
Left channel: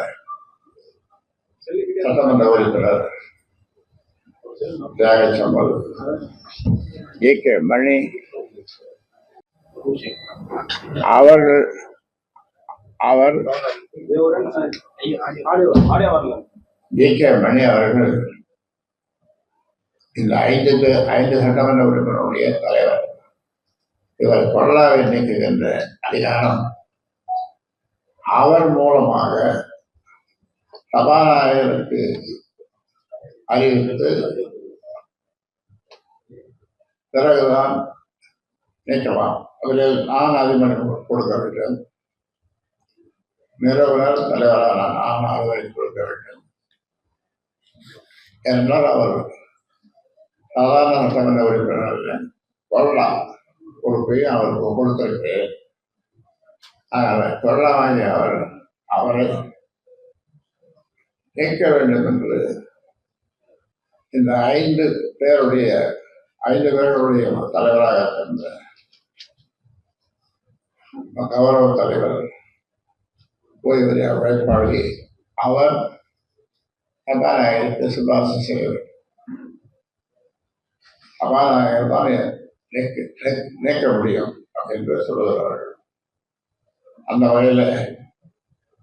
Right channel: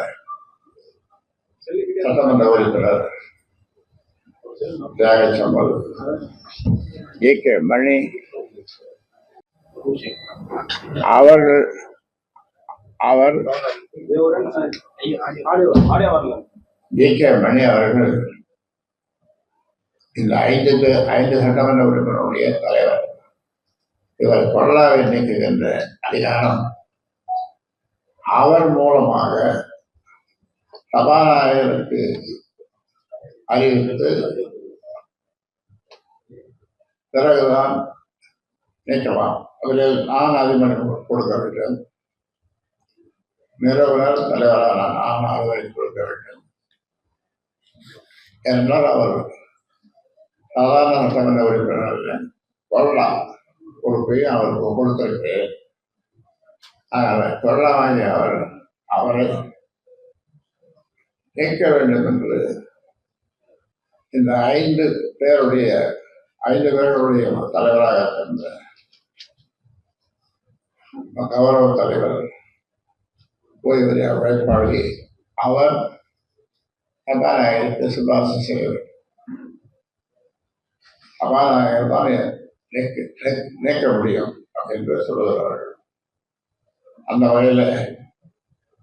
சட்டமன்ற உறுப்பினர் தியாகச்சம்பல், ஏ.கே. மணி அவர் ஏ.கே. மணி அவர்கள் இந்த 5 சட்டமன்ற உறுப்பினருடைய தலைவர். இவர் கொள்ளாவை நீக்குகின்ற அதிகாரம் அவர் மூலமாக சபாநாயகருக்கு அறிவித்து பிறகுதான் நீக்கலாம். அதில் நான் அதிபர் கொடுக்க வேண்டும், நிறுவனர் தலைவரான நான் அதிபரை கொடுக்க வேண்டும் என்றால் அவர் சாதாரண சட்டமன்ற உறுப்பினர்கள் கொள்ளலாம் பொறுப்பையும் அவருக்கு கொடுத்திருக்கு. கொள்ளாமை அவரை நீக்க வேண்டும் என்று இந்த 5 பேருடைய தலைவராக இருந்த கௌரவ தலைவர் ஓய்வூதிய உழைப்பாளி அவர் சபாநாயகருக்கு சிபாரிசு செய்ய வேண்டும். சபாநாயகர் தான் நீக்க முடியும் என்று சொல்லுகிறார்கள். அந்த வகையில்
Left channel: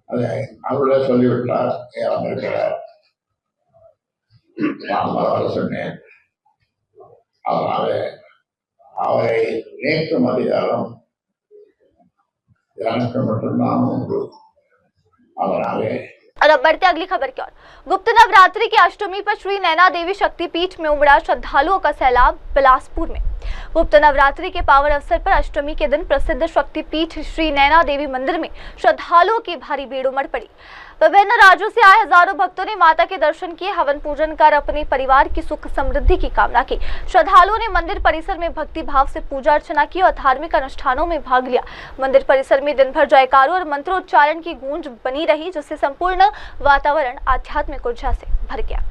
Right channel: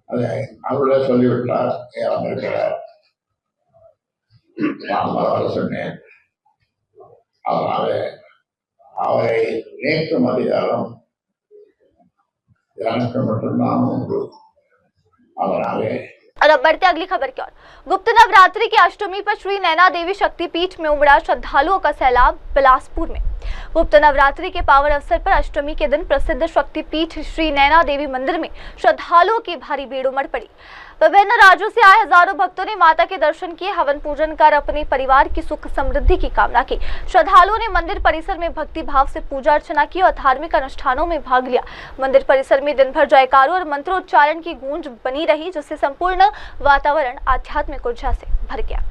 அதை அவர்களே சொல்லிவிட்டார், வந்திருக்கிறார். நான் வர சொன்னேன். அதனாலே அவரை நீக்கும் அதிகாரம் எனக்கு மட்டும்தான் உண்டு. அதனாலே और अब बढ़ते अगली खबर की ओर। गुप्त नवरात्रि की अष्टमी पर श्री नैना देवी शक्तिपीठ में उमड़ा श्रद्धालुओं का सैलाब। बिलासपुर में गुप्त नवरात्रि के पावन अवसर पर अष्टमी के दिन प्रसिद्ध शक्तिपीठ श्री नैना देवी मंदिर में श्रद्धालुओं की भारी भीड़ उमड़ पड़ी। विभिन्न राज्यों से आए हजारों भक्तों ने माता के दर्शन किए, हवन पूजन कर अपने परिवार की सुख समृद्धि की कामना की। श्रद्धालुओं ने मंदिर परिसर में भक्ति भाव से पूजा अर्चना की और धार्मिक अनुष्ठानों में भाग लिया। मंदिर परिसर में दिन भर जयकारों और मंत्रोच्चारण की गूंज बनी रही, जिससे संपूर्ण वातावरण आध्यात्मिक ऊर्जा से भर गया।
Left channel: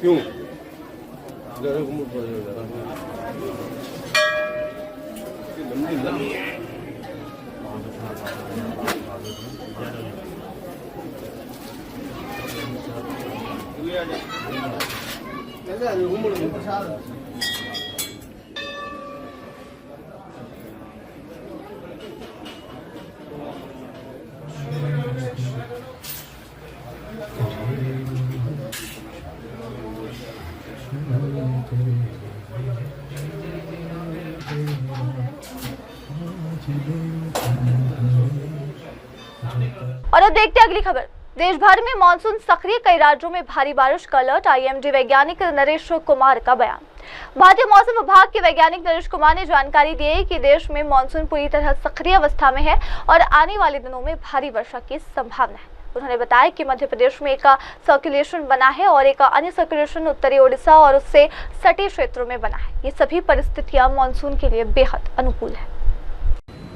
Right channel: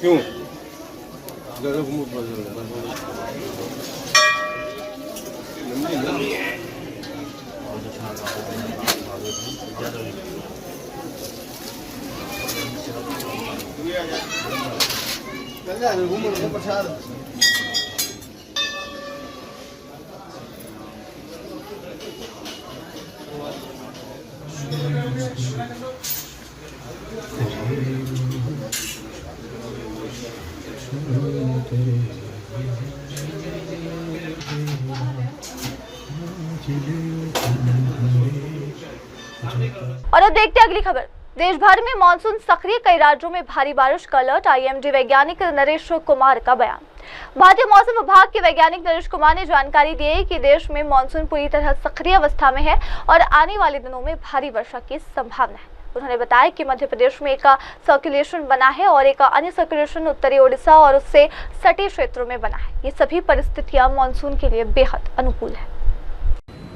क्यों और अब देखते हैं अगली खबर। देश भर में मानसून सक्रिय, कई राज्यों में भारी बारिश का अलर्ट। आईएमडी वैज्ञानिक नरेश कुमार का बयान। भारतीय मौसम विभाग के वैज्ञानिक नरेश कुमार ने जानकारी दी है कि देश में मानसून पूरी तरह सक्रिय अवस्था में है और आने वाले दिनों में भारी वर्षा की संभावना है। उन्होंने बताया कि मध्य प्रदेश में एक सर्कुलेशन बना है और एक अन्य सर्कुलेशन उत्तरी ओडिशा और उससे सटे क्षेत्रों में बना है। ये सभी परिस्थितियां मानसून के लिए बेहद अनुकूल है।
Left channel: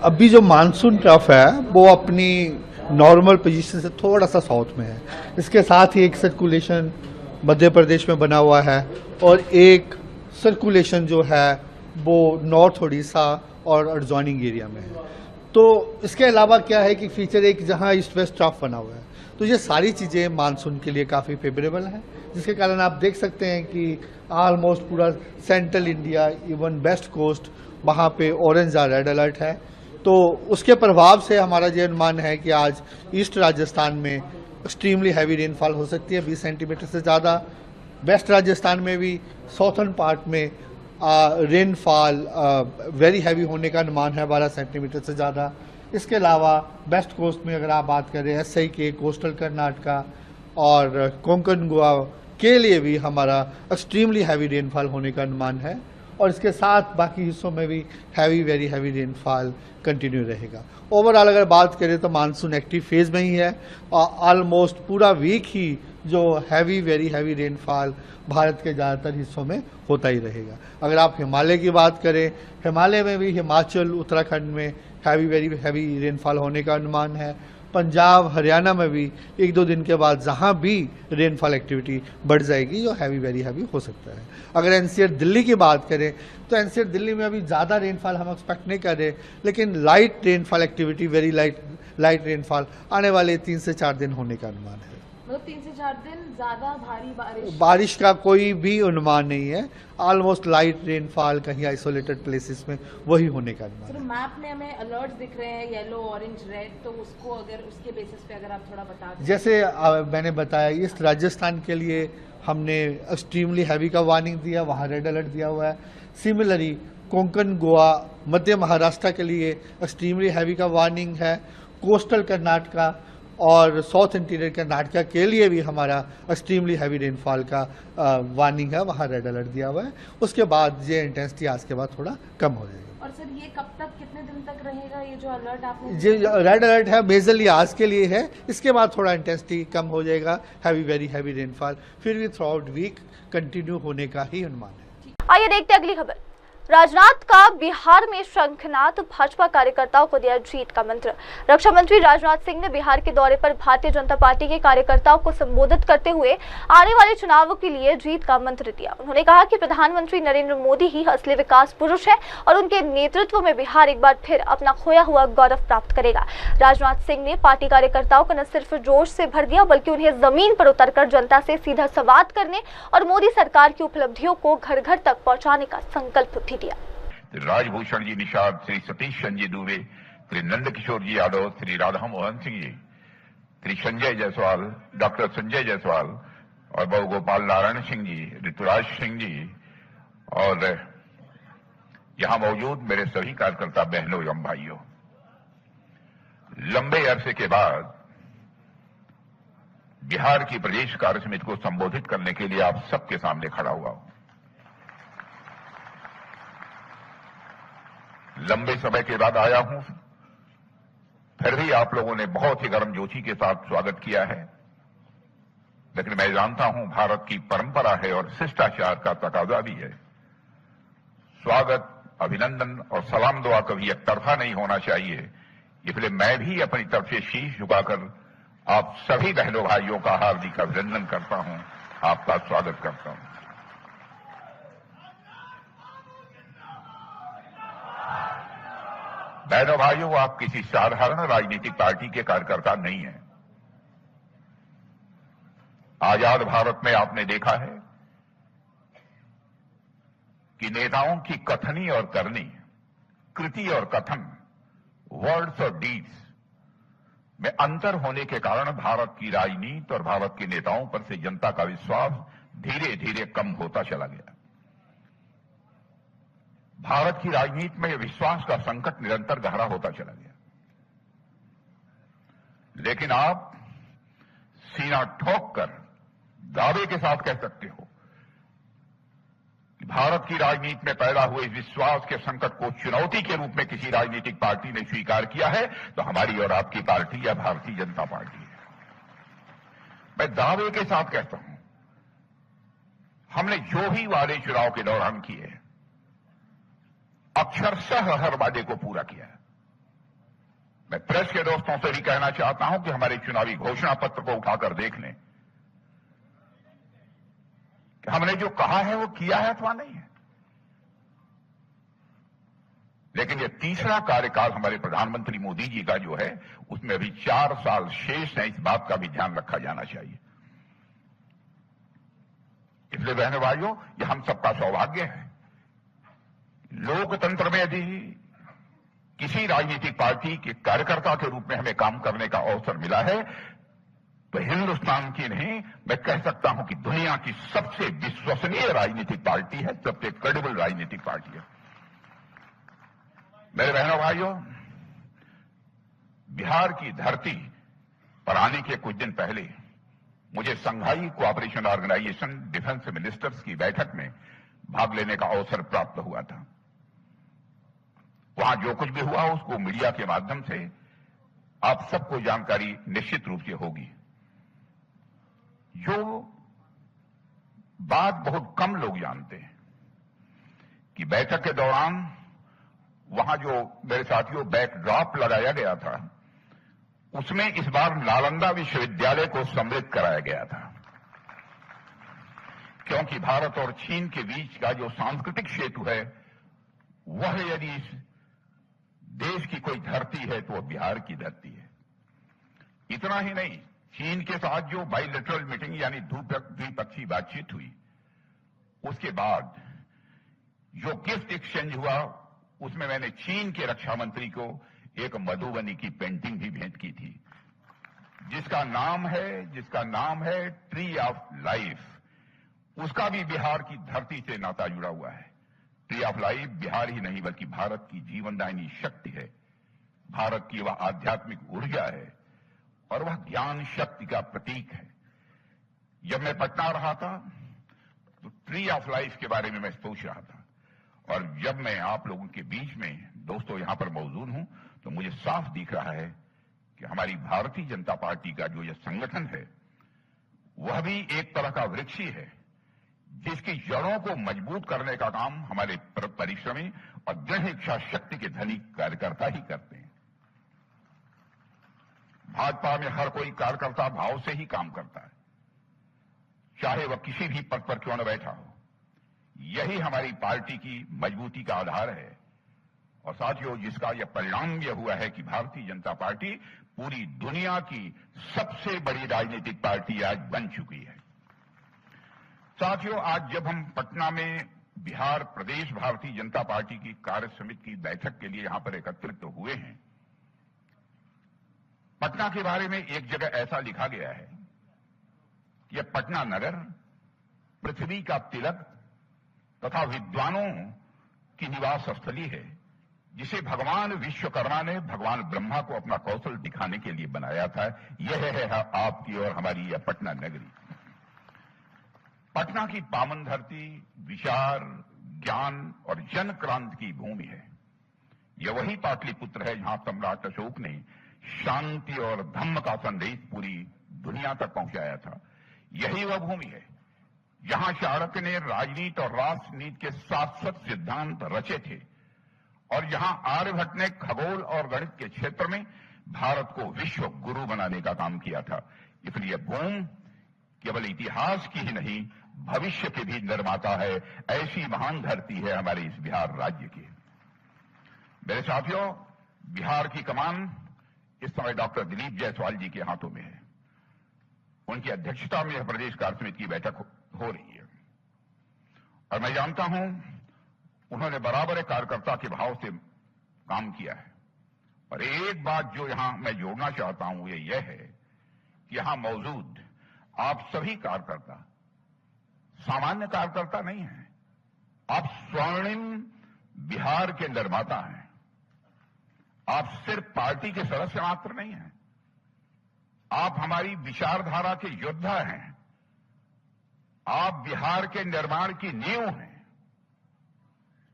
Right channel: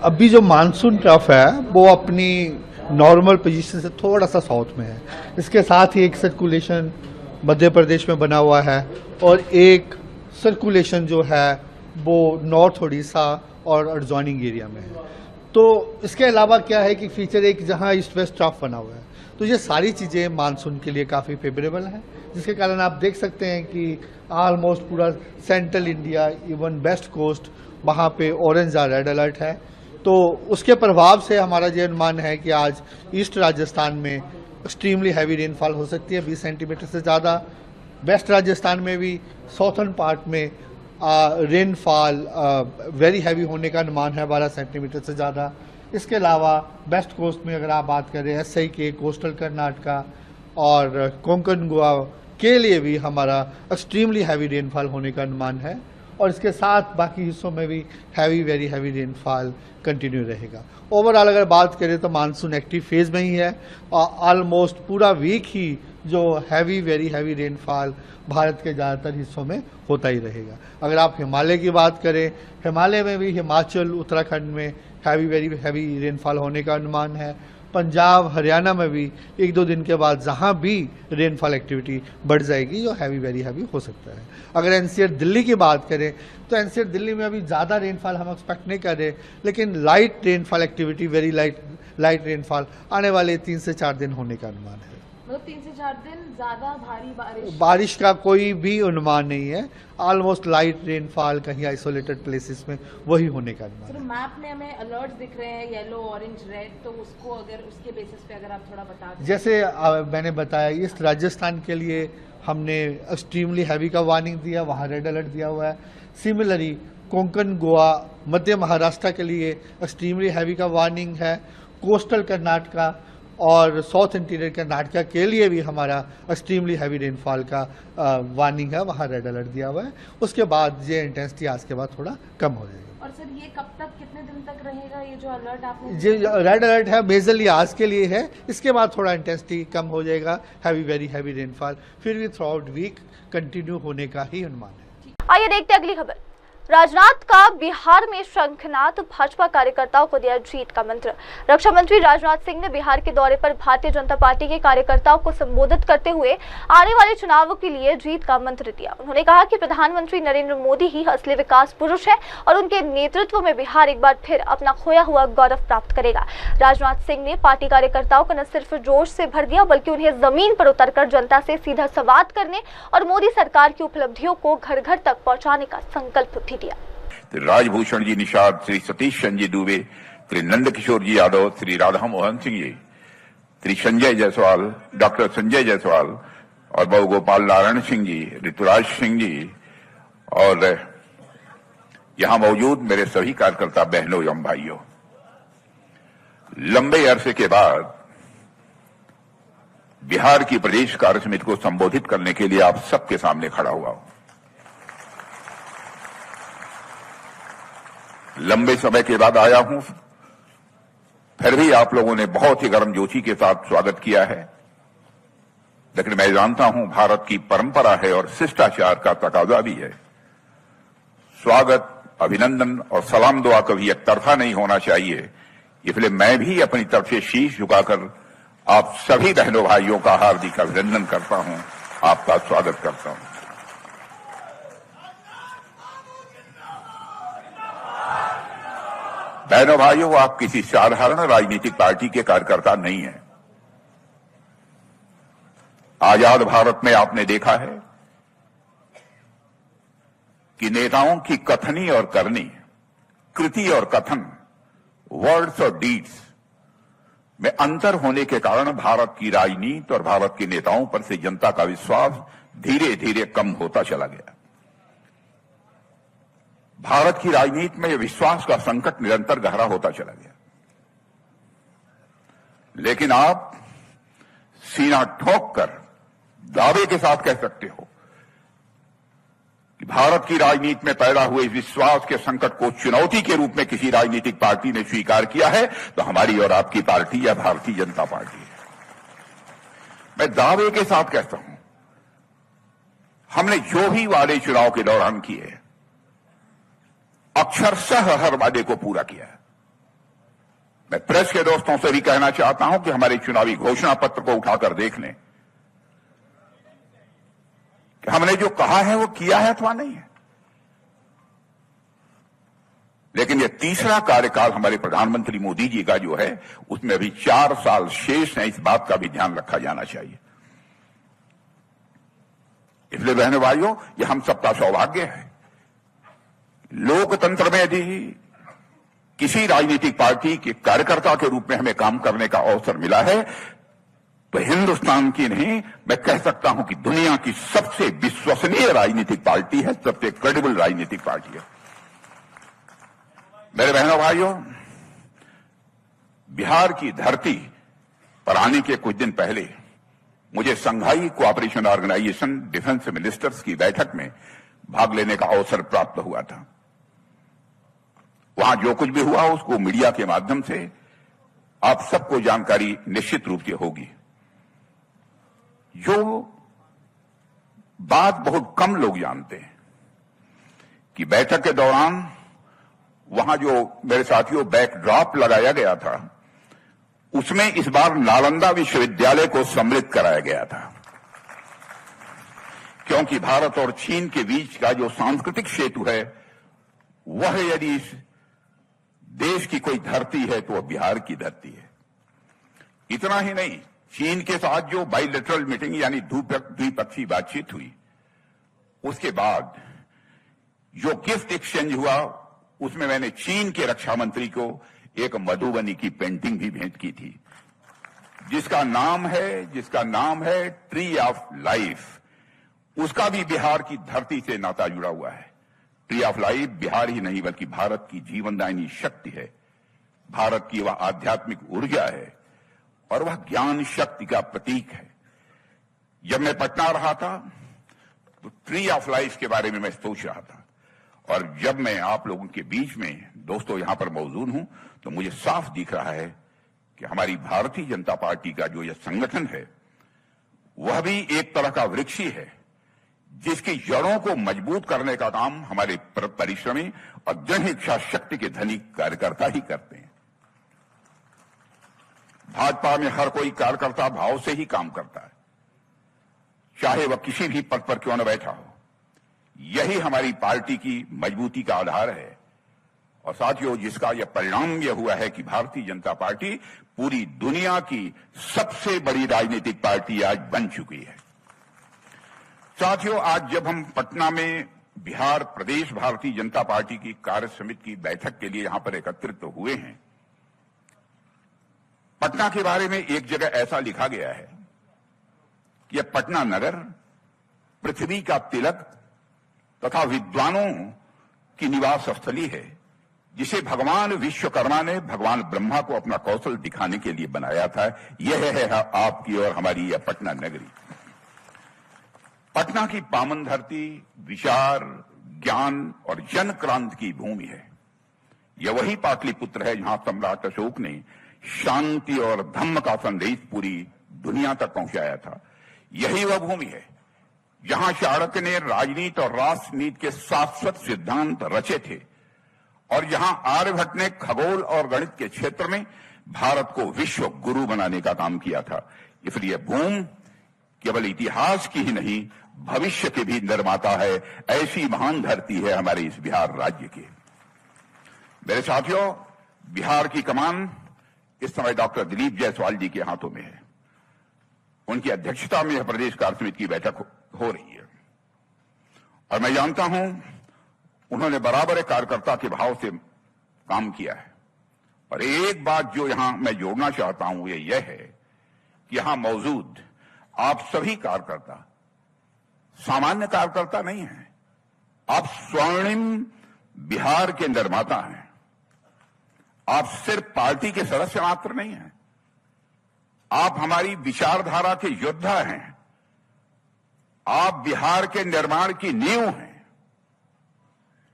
अभी जो मानसून ट्रफ है वो अपनी नॉर्मल पोजीशन से थोड़ा सा साउथ में है। इसके साथ ही एक सर्कुलेशन मध्य प्रदेश में बना हुआ है और एक सर्कुलेशन जो है वो नॉर्थ उड़ीसा और एडजॉइनिंग एरिया में है। तो इसके अलावा क्या है कि फीचर एक जहां ईस्ट वेस्ट ट्रफ बना हुआ है। तो ये सारी चीज़ें मानसून के लिए काफ़ी फेवरेबल हैं, जिसके कारण आप देख सकते हैं कि ऑलमोस्ट पूरा central India, even west coast, वहाँ पे ऑरेंज और रेड अलर्ट है। तो उसके प्रभाव से हमारा ये अनुमान है कि आज ईस्ट राजस्थान में एक्सट्रीमली हैवी रेनफॉल हो सकती है, 20 सेंटीमीटर से ज़्यादा। वेस्ट राजस्थान में भी साउथर्न पार्ट में रेनफॉल वेरी हैवी होने का अनुमान है, 12 सेंटीमीटर से ज़्यादा। इसके अलावा वेस्ट कोस्ट में अगर आप बात करें एसआई के, कोस्टल कर्नाटका और कोंकण गोवा के लिए भी हमारा एक्सट्रीमली हैवी रेनफॉल होने का अनुमान है और इसके साथ बाकी हिस्सों में भी heavy, very heavy rainfall continue रहेगा। ओवरऑल अगर बात करें तो मानसून एक्टिव फेज में ही है और ऑलमोस्ट पूरा वीक ही जो heavy, very heavy rainfall Bharat के ज़्यादातर हिस्सों में होता ही रहेगा। अगर आप हिमालय की बात करें, हिमालय में भी हिमाचल, उत्तराखंड में हैवी, वेरी हैवी रेनफॉल होने का अनुमान है पंजाब हरियाणा में भी 1-2 दिन के बाद जहां भी रेनफॉल एक्टिविटी बढ़ जाएगी जो हैवी वेरी हैवी हो सकता है। अगर एनसीआर दिल्ली की बात करें तो एनसीआर दिल्ली में अभी ज़्यादा रेनफॉल हम एक्सपेक्ट नहीं कर रहे, लेकिन light rainfall activity very light rainfall आने वाले 3 से 4 दिन होने का अनुमान है। मतलब 3 से 4 दिन ज्यादा भारी बारिश का कोई भी अनुमान नहीं है। ऑलमोस्ट लाइट रेनफॉल कहीं आइसोलेटेड प्लेसेस में वही होने का अनुमान है। मैप में हमें अलर्ट दिख रहे हैं येलो, ऑरेंज, रेड, तो उसको अगर उसके बेसिस पे अगर आप थोड़ा बता दें। जैसे मैंने बताया इस राजस्थान के लिए हमने एक्सट्रीमली हैवी का वार्निंग दिया, वहाँ रेड अलर्ट दिया हुआ है। सिमिलरली कोंकण, गोवा, मध्य महाराष्ट्र के लिए एक्सट्रीमली हैवी का वार्निंग है। कोस्टल कर्नाटका और साउथ इंटीरियर कर्नाटका के लिए भी हमारा एक्सट्रीमली हैवी रेनफॉल का वार्निंग है, वहाँ रेड अलर्ट दिया हुआ है। उसके बाद ये इंटेंसिटी आज के बाद थोड़ा कम हो जाएगी। और सर ये कब तक, कितने दिन तक रहेगा ये जो अलर्ट आपने? जो रेड अलर्ट है मेजरली आज के लिए है, इसके बाद थोड़ा इंटेंसिटी कम हो जाएगा, हैवी वेरी हैवी रेनफॉल फिर भी थ्रू आउट वीक कंटिन्यू होने का ही अनुमान है। आइए देखते हैं अगली खबर। राजनाथ का बिहार में शंखनाद, भाजपा कार्यकर्ताओं को दिया जीत का मंत्र। रक्षा मंत्री राजनाथ सिंह ने बिहार के दौरे पर भारतीय जनता पार्टी के कार्यकर्ताओं को संबोधित करते हुए आने वाले चुनावों के लिए जीत का मंत्र दिया। उन्होंने कहा कि प्रधानमंत्री नरेंद्र मोदी ही असली विकास पुरुष है और उनके नेतृत्व में बिहार एक बार फिर अपना खोया हुआ गौरव प्राप्त करेगा। राजनाथ सिंह ने पार्टी कार्यकर्ताओं को न सिर्फ जोश से भर दिया बल्कि उन्हें जमीन पर उतरकर जनता से सीधा संवाद करने और मोदी सरकार की उपलब्धियों को घर घर तक पहुंचाने का संकल्प भी दिया। राजभूषण जी निषाद, श्री सतीश चंद्र जी दुबे, श्री नंद किशोर जी यादव, श्री राधा मोहन सिंह जी, श्री संजय जायसवाल, डॉक्टर संजय जायसवाल और बहु गोपाल नारायण सिंह जी, ऋतुराज सिंह जी और यहां मौजूद मेरे सभी कार्यकर्ता बहनों एवं भाइयों, लंबे अरसे के बाद बिहार की प्रदेश कार्य समिति को संबोधित करने के लिए आप सबके सामने खड़ा हुआ हूं। लंबे समय के बाद आया हूं, फिर भी आप लोगों ने बहुत ही गर्मजोशी के साथ स्वागत किया है, लेकिन मैं जानता हूं भारत की परंपरा है और शिष्टाचार का तकाजा भी है। स्वागत, अभिनंदन और सलाम दुआ कभी एक तरफा नहीं होना चाहिए, इसलिए मैं भी अपनी तरफ से शीश झुकाकर आप सभी बहनों भाइयों का हार्दिक अभिनंदन करता हूं, आपका स्वागत करता हूं। बहनों भाइयों, आप किसी साधारण राजनीतिक पार्टी के कार्यकर्ता नहीं हैं। आजाद भारत में आपने देखा है कि नेताओं की कथनी और करनी, कृति और कथन, वर्ड्स और डीड्स में अंतर होने के कारण भारत की राजनीति और भारत के नेताओं पर से जनता का विश्वास धीरे धीरे कम होता चला गया। भारत की राजनीति में विश्वास का संकट निरंतर गहरा होता चला गया। लेकिन आप सीना ठोक कर दावे के साथ कह सकते हो कि भारत की राजनीति में पैदा हुए विश्वास के संकट को चुनौती के रूप में किसी राजनीतिक पार्टी ने स्वीकार किया है तो हमारी और आपकी पार्टी या भारतीय जनता पार्टी है। मैं दावे के साथ कहता हूं, हमने जो भी वादे चुनाव के दौरान किए अक्षरशः हर वादे को पूरा किया है। मैं प्रेस के दोस्तों से भी कहना चाहता हूं कि हमारे चुनावी घोषणा पत्र को उठाकर देख लें कि हमने जो कहा है वो किया है अथवा नहीं है। लेकिन ये तीसरा कार्यकाल हमारे प्रधानमंत्री मोदी जी का जो है उसमें अभी 4 साल शेष है, इस बात का भी ध्यान रखा जाना चाहिए। इसलिए बहनों भाइयों, ये हम सबका सौभाग्य है। लोकतंत्र में भी किसी राजनीतिक पार्टी के कार्यकर्ता के रूप में हमें काम करने का अवसर मिला है तो हिंदुस्तान की नहीं, मैं कह सकता हूं कि दुनिया की सबसे विश्वसनीय राजनीतिक पार्टी है, सबसे क्रेडिबल राजनीतिक पार्टी है। मेरे बहनों भाइयों, बिहार की धरती पर आने के कुछ दिन पहले मुझे संघाई कोऑपरेशन ऑर्गेनाइजेशन डिफेंस मिनिस्टर्स की बैठक में भाग लेने का अवसर प्राप्त हुआ था। वहां जो कुछ भी हुआ उसको मीडिया के माध्यम से आप सबको जानकारी निश्चित रूप से होगी। जो बात बहुत कम लोग जानते हैं कि बैठक के दौरान वहां जो मेरे साथियों बैकड्रॉप लगाया गया था उसमें इस बार नालंदा विश्वविद्यालय को सम्मिलित कराया गया था, क्योंकि भारत और चीन के बीच का जो सांस्कृतिक सेतु है वह यदि इस देश की कोई धरती है तो वह बिहार की धरती है। इतना ही नहीं, चीन के साथ जो बाइलेटरल मीटिंग यानी द्विपक्षीय बातचीत हुई, उसके बाद जो गिफ्ट एक्सचेंज हुआ उसमें मैंने चीन के रक्षा मंत्री को एक मधुबनी की पेंटिंग भी भेंट की थी, जिसका नाम है ट्री ऑफ लाइफ। उसका भी बिहार की धरती से नाता जुड़ा हुआ है। ट्री ऑफ लाइफ बिहार ही नहीं बल्कि भारत की जीवनदायिनी शक्ति है, भारत की वह आध्यात्मिक ऊर्जा है और वह ज्ञान शक्ति का प्रतीक है। जब मैं पटना रहा था तो ट्री ऑफ लाइफ के बारे में मैं सोच रहा था, और जब मैं आप लोगों के बीच में दोस्तों यहां पर मौजूद हूं तो मुझे साफ दिख रहा है कि हमारी भारतीय जनता पार्टी का जो यह संगठन है वह भी एक तरह का वृक्ष ही है, जिसकी जड़ों को मजबूत करने का काम हमारे परिश्रमी और जन इच्छा शक्ति के धनी कार्यकर्ता ही करते हैं। भाजपा में हर कोई कार्यकर्ता भाव से ही काम करता है, चाहे वह किसी भी पद पर क्यों न बैठा हो। यही हमारी पार्टी की मजबूती का आधार है। और साथियों, जिसका यह परिणाम यह हुआ है कि भारतीय जनता पार्टी पूरी दुनिया की सबसे बड़ी राजनीतिक पार्टी आज बन चुकी है। साथियों, आज जब हम पटना में बिहार प्रदेश भारतीय जनता पार्टी की कार्य समिति की बैठक के लिए यहां पर एकत्रित हुए हैं, पटना के बारे में एक जगह ऐसा लिखा गया है कि यह पटना नगर पृथ्वी का तिलक तथा विद्वानों की निवास स्थली है, जिसे भगवान विश्वकर्मा ने भगवान ब्रह्मा को अपना कौशल दिखाने के लिए बनाया था। यह है आपकी और हमारी यह पटना नगरी। पटना की पावन धरती विचार, ज्ञान और जन क्रांति की भूमि है। यह वही पाटलिपुत्र है जहां सम्राट अशोक ने शांति और धम्म का संदेश पूरी दुनिया तक पहुंचाया था। यही वह भूमि है जहां चाणक्य ने राजनीति और राष्ट्रनीति के शाश्वत सिद्धांत रचे थे, और जहां आर्यभट्ट ने खगोल और गणित के क्षेत्र में भारत को विश्व गुरु बनाने का काम किया था। इसलिए भूमि केवल इतिहास की ही नहीं, भविष्य के भी निर्माता है। ऐसी महान धरती है हमारे इस बिहार राज्य की। मेरे साथियों, बिहार की कमान इस समय डॉक्टर दिलीप जायसवाल जी के हाथों में है। उनकी अध्यक्षता में प्रदेश कार्य समिति की बैठक हो रही है, और मैं जानता हूं उन्होंने बराबर कार्यकर्ता के भाव से काम किया है। और एक बात जो यहां मैं जोड़ना चाहता हूं यह है कि यहां मौजूद आप सभी कार्यकर्ता सामान्य कार्यकर्ता नहीं हैं, आप स्वर्णिम बिहार के निर्माता हैं। आप सिर्फ पार्टी के सदस्य मात्र नहीं हैं, आप हमारी विचारधारा के योद्धा हैं। आप बिहार के निर्माण की नींव हैं।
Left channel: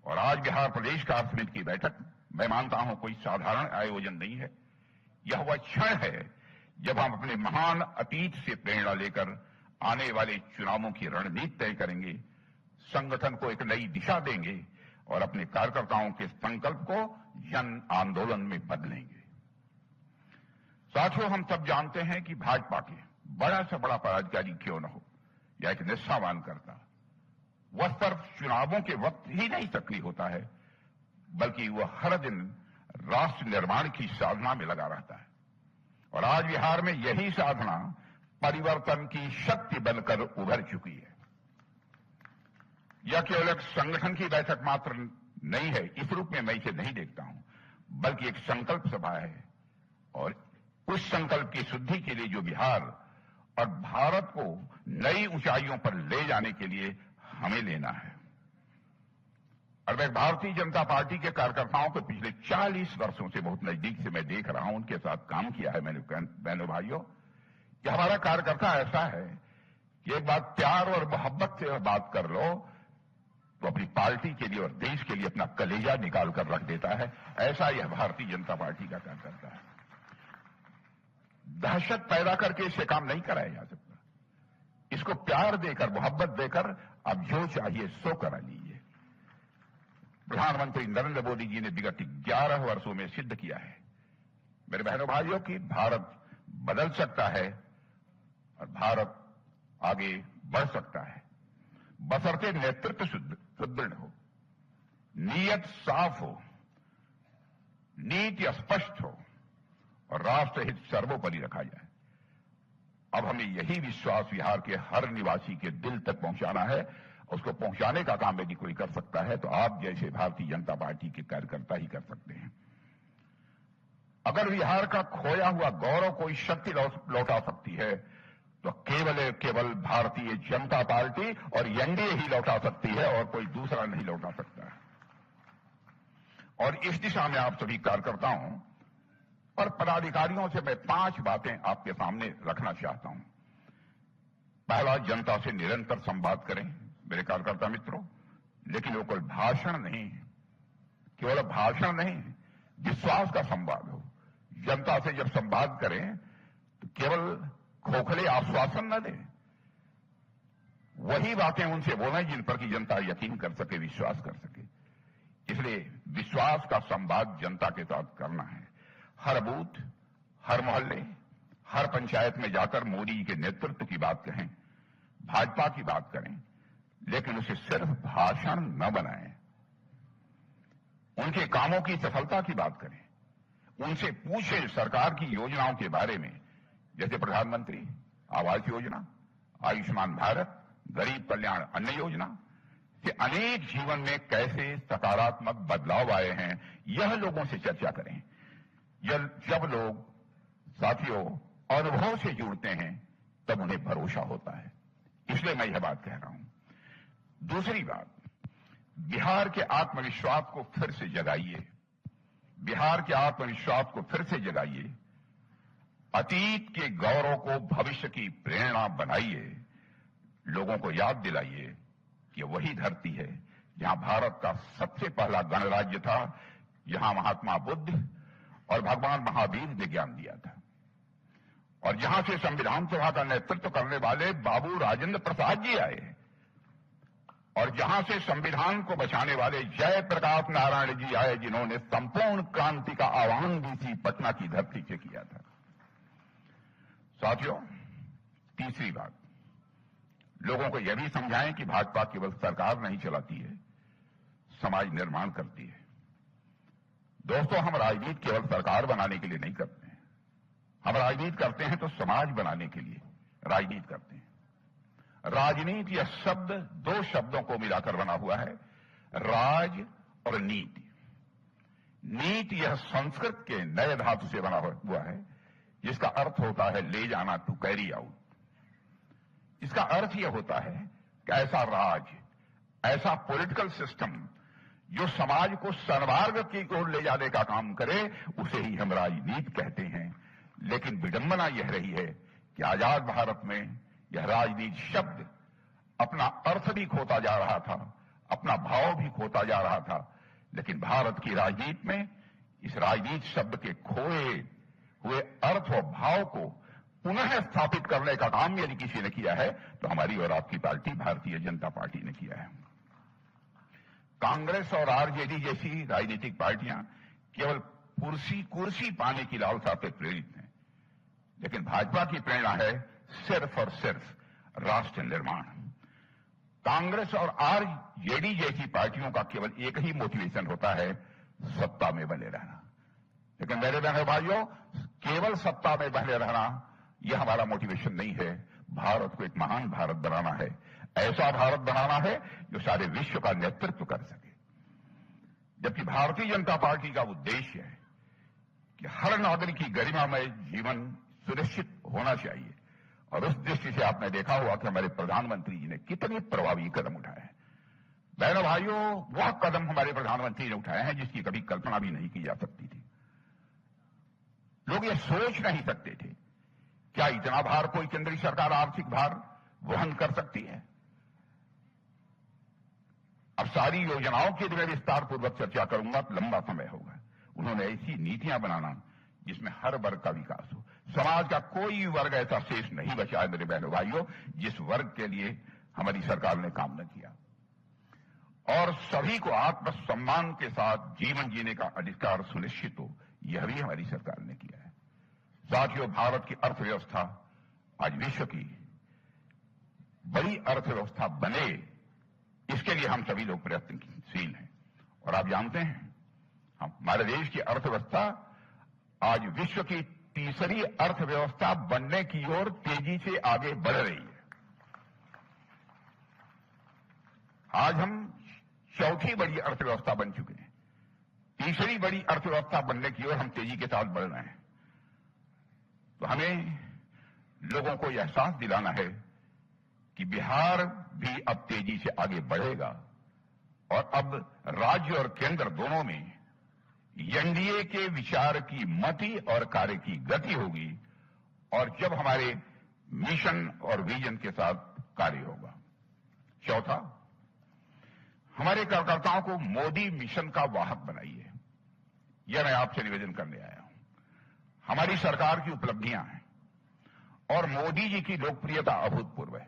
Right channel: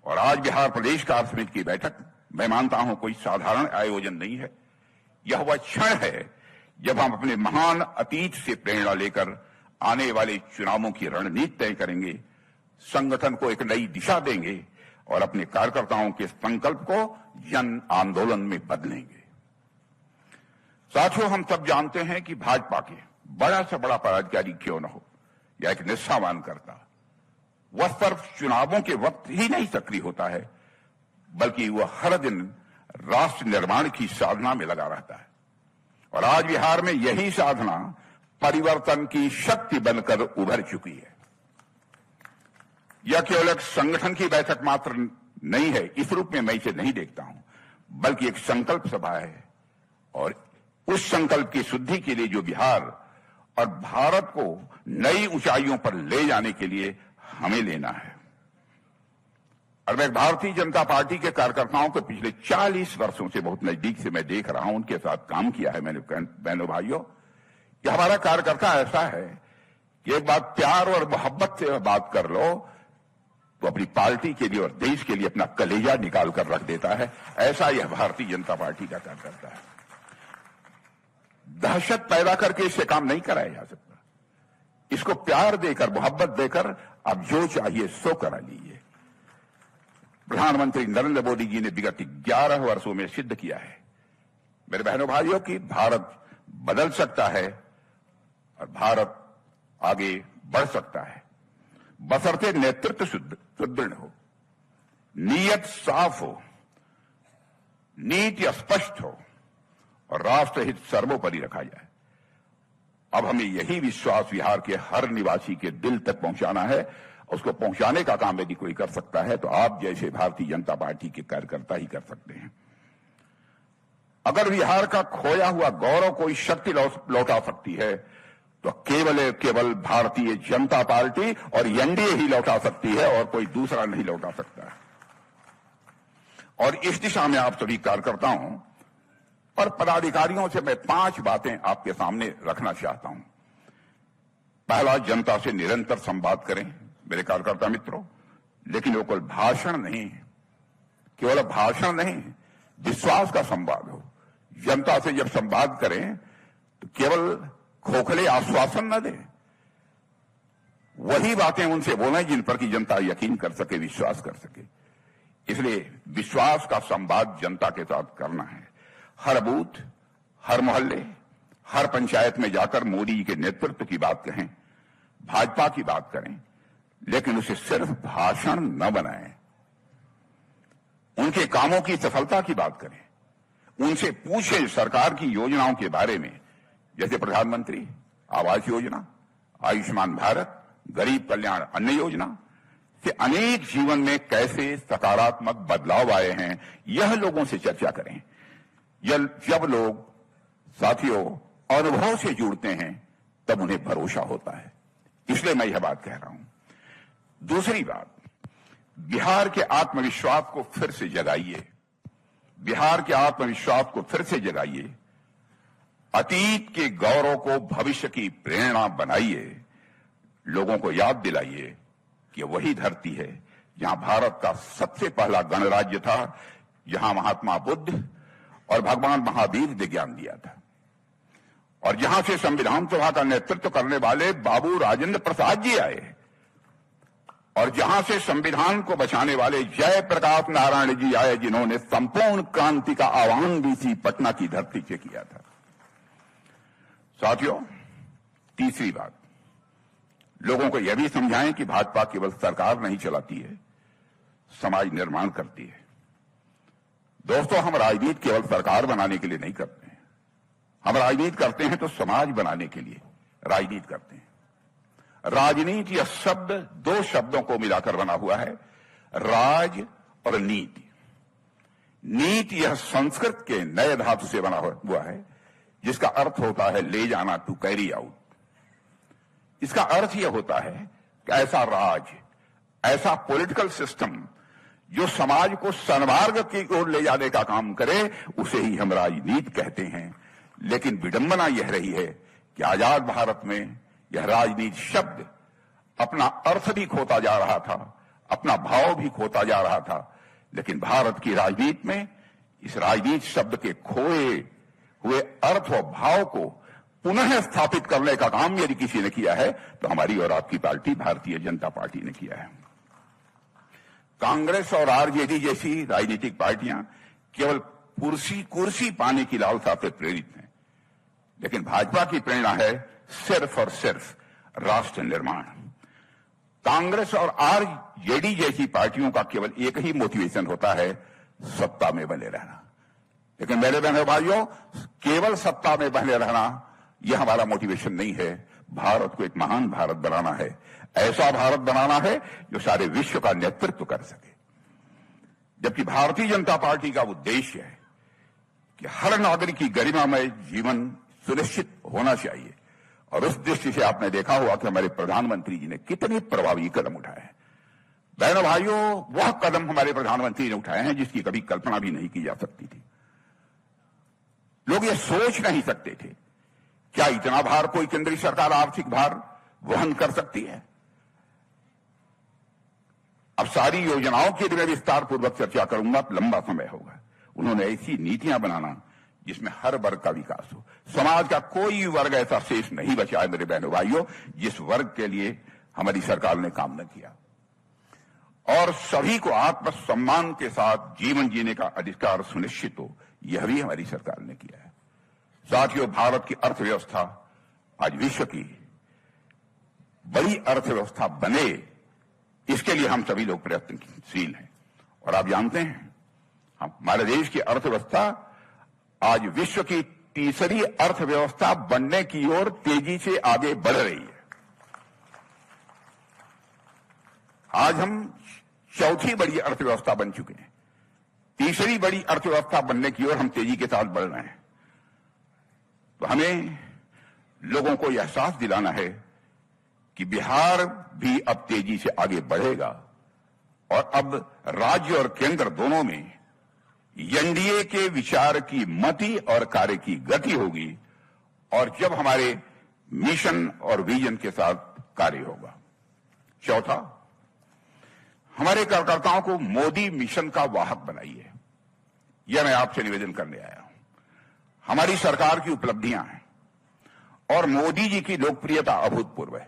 और आज बिहार प्रदेश कार्य समिति की बैठक मैं मानता हूं कोई साधारण आयोजन नहीं है। यह वह क्षण है जब हम अपने महान अतीत से प्रेरणा लेकर आने वाले चुनावों की रणनीति तय करेंगे, संगठन को एक नई दिशा देंगे और अपने कार्यकर्ताओं के संकल्प को जन आंदोलन में बदलेंगे। साथियों, हम सब जानते हैं कि भाजपा के बड़ा से बड़ा पदाधिकारी क्यों न हो या एक निष्ठावान करता, वह सिर्फ चुनावों के वक्त ही नहीं सक्रिय होता है, बल्कि वह हर दिन राष्ट्र निर्माण की साधना में लगा रहता है। और आज बिहार में यही साधना परिवर्तन की शक्ति बनकर उभर चुकी है। यह केवल एक संगठन की बैठक मात्र नहीं है, इस रूप में मैं इसे नहीं देखता हूं, बल्कि एक संकल्प सभा है। और उस संकल्प की शुद्धि के लिए जो बिहार और भारत को नई ऊंचाइयों पर ले जाने के लिए हमें लेना है। और मैं भारतीय जनता पार्टी के कार्यकर्ताओं को पिछले 40 वर्षों से बहुत नजदीक से मैं देख रहा हूं, उनके साथ काम किया है मैंने। बहनों भाइयों, कि हमारा कार्यकर्ता ऐसा है कि एक बात प्यार और मोहब्बत से बात कर लो तो अपनी पार्टी के लिए और देश के लिए अपना कलेजा निकाल कर रख देता है। ऐसा यह भारतीय जनता पार्टी का कार्यकर्ता है। दहशत पैदा करके इससे काम नहीं कराया जा सकता। इसको प्यार देकर, मोहब्बत देकर आप जो चाहिए सो करा लीजिए। प्रधानमंत्री नरेंद्र मोदी जी ने विगत 11 वर्षों में सिद्ध किया है। मेरे बहनों भाइयों की भारत बदल सकता है और भारत आगे बढ़ सकता है, बशर्ते नेतृत्व सुदृढ़ हो, नीयत साफ हो, नीति स्पष्ट हो और राष्ट्रहित सर्वोपरि रखा जाए। अब हमें यही विश्वास बिहार के हर निवासी के दिल तक पहुंचाना है। उसको पहुंचाने का काम यदि कोई कर सकता है तो आप जैसे भारतीय जनता पार्टी के कार्यकर्ता ही कर सकते हैं। अगर बिहार का खोया हुआ गौरव कोई शक्ति लौटा सकती है तो केवल भारतीय जनता पार्टी और एनडीए ही लौटा सकती है और कोई दूसरा नहीं लौटा सकता है। और इस दिशा में आप सभी कार्यकर्ताओं और पदाधिकारियों से मैं 5 बातें आपके सामने रखना चाहता हूं। पहला, जनता से निरंतर संवाद करें मेरे कार्यकर्ता मित्रों, लेकिन वो केवल भाषण नहीं, विश्वास का संवाद हो। जनता से जब संवाद करें तो केवल खोखले आश्वासन न दें, वही बातें उनसे बोलें जिन पर की जनता यकीन कर सके, विश्वास कर सके। इसलिए विश्वास का संवाद जनता के साथ करना है। हर बूथ, हर मोहल्ले, हर पंचायत में जाकर मोदी जी के नेतृत्व की बात कहें, भाजपा की बात करें, लेकिन उसे सिर्फ भाषण न बनाएं। उनके कामों की सफलता की बात करें, उनसे पूछें सरकार की योजनाओं के बारे में, जैसे प्रधानमंत्री आवास योजना, आयुष्मान भारत, गरीब कल्याण अन्न योजना से अनेक जीवन में कैसे सकारात्मक बदलाव आए हैं, यह लोगों से चर्चा करें। जब लोग साथियों अनुभव से जुड़ते हैं तब उन्हें भरोसा होता है, इसलिए मैं यह बात कह रहा हूं। दूसरी बात, बिहार के आत्मविश्वास को फिर से जगाइए, बिहार के आत्मविश्वास को फिर से जगाइए, अतीत के गौरव को भविष्य की प्रेरणा बनाइए, लोगों को याद दिलाइए कि वही धरती है जहां भारत का सबसे पहला गणराज्य था, जहां महात्मा बुद्ध और भगवान महावीर ने ज्ञान दिया था, और जहां से संविधान सभा का नेतृत्व करने वाले बाबू राजेंद्र प्रसाद जी आए, और जहां से संविधान को बचाने वाले जयप्रकाश नारायण जी आए, जिन्होंने संपूर्ण क्रांति का आह्वान भी इसी पटना की धरती से किया था। साथियों, तीसरी बात, लोगों को यह भी समझाएं कि भाजपा केवल सरकार नहीं चलाती है, समाज निर्माण करती है। दोस्तों, हम राजनीति केवल सरकार बनाने के लिए नहीं करते हैं, हम राजनीति करते हैं तो समाज बनाने के लिए राजनीति करते हैं। राजनीति यह शब्द 2 शब्दों को मिलाकर बना हुआ है, राज और नीति। नीति यह संस्कृत के नए धातु से बना हुआ है, जिसका अर्थ होता है ले जाना, टू कैरी आउट। इसका अर्थ यह होता है कि ऐसा राज, ऐसा पॉलिटिकल सिस्टम जो समाज को सन्मार्ग की ओर ले जाने का काम करे, उसे ही हम राजनीति कहते हैं। लेकिन विडंबना यह रही है कि आजाद भारत में यह राजनीति शब्द अपना अर्थ भी खोता जा रहा था, अपना भाव भी खोता जा रहा था। लेकिन भारत की राजनीति में इस राजनीति शब्द के खोए हुए अर्थ और भाव को पुनः स्थापित करने का काम यदि किसी ने किया है तो हमारी और आपकी पार्टी भारतीय जनता पार्टी ने किया है। कांग्रेस और आरजेडी जैसी राजनीतिक पार्टियां केवल कुर्सी पाने की लालसा से प्रेरित हैं, लेकिन भाजपा की प्रेरणा है सिर्फ और सिर्फ राष्ट्र निर्माण। कांग्रेस और आरजेडी जैसी पार्टियों का केवल एक ही मोटिवेशन होता है, सत्ता में बने रहना। लेकिन मेरे बहनों भाइयों, केवल सत्ता में बने रहना यह हमारा मोटिवेशन नहीं है। भारत को एक महान भारत बनाना है, ऐसा भारत बनाना है जो सारे विश्व का नेतृत्व कर सके। जबकि भारतीय जनता पार्टी का उद्देश्य है कि हर नागरिक की गरिमामय जीवन सुनिश्चित होना चाहिए, और उस दृष्टि से आपने देखा होगा कि हमारे प्रधानमंत्री जी ने कितने प्रभावी कदम उठाए हैं। बहनों भाइयों, वह कदम हमारे प्रधानमंत्री ने उठाए हैं जिसकी कभी कल्पना भी नहीं की जा सकती थी। लोग ये सोच नहीं सकते थे क्या इतना भार कोई केंद्रीय सरकार आर्थिक भार वहन कर सकती है। अब सारी योजनाओं के लिए विस्तार पूर्वक चर्चा करूंगा, लंबा समय होगा। उन्होंने ऐसी नीतियां बनाना जिसमें हर वर्ग का विकास हो। समाज का कोई वर्ग ऐसा शेष नहीं बचा है मेरे बहनों भाइयों जिस वर्ग के लिए हमारी सरकार ने काम न किया। और सभी को आत्मसम्मान के साथ जीवन जीने का अधिकार सुनिश्चित हो, यह भी हमारी सरकार ने किया है। साथियों, भारत की अर्थव्यवस्था आज विश्व की बड़ी अर्थव्यवस्था बने, इसके लिए हम सभी लोग प्रयत्नशील हैं। और आप जानते हैं, हमारे देश की अर्थव्यवस्था आज विश्व की तीसरी अर्थव्यवस्था बनने की ओर तेजी से आगे बढ़ रही है। आज हम चौथी बड़ी अर्थव्यवस्था बन चुके हैं, तीसरी बड़ी अर्थव्यवस्था बनने की ओर हम तेजी के साथ बढ़ रहे हैं। तो हमें लोगों को यह एहसास दिलाना है कि बिहार भी अब तेजी से आगे बढ़ेगा और अब राज्य और केंद्र दोनों में एनडीए के विचार की मति और कार्य की गति होगी और जब हमारे मिशन और विजन के साथ कार्य होगा। चौथा, हमारे कार्यकर्ताओं को मोदी मिशन का वाहक बनाइए, यह मैं आपसे निवेदन करने आया हूं। हमारी सरकार की उपलब्धियां हैं और मोदी जी की लोकप्रियता अभूतपूर्व है,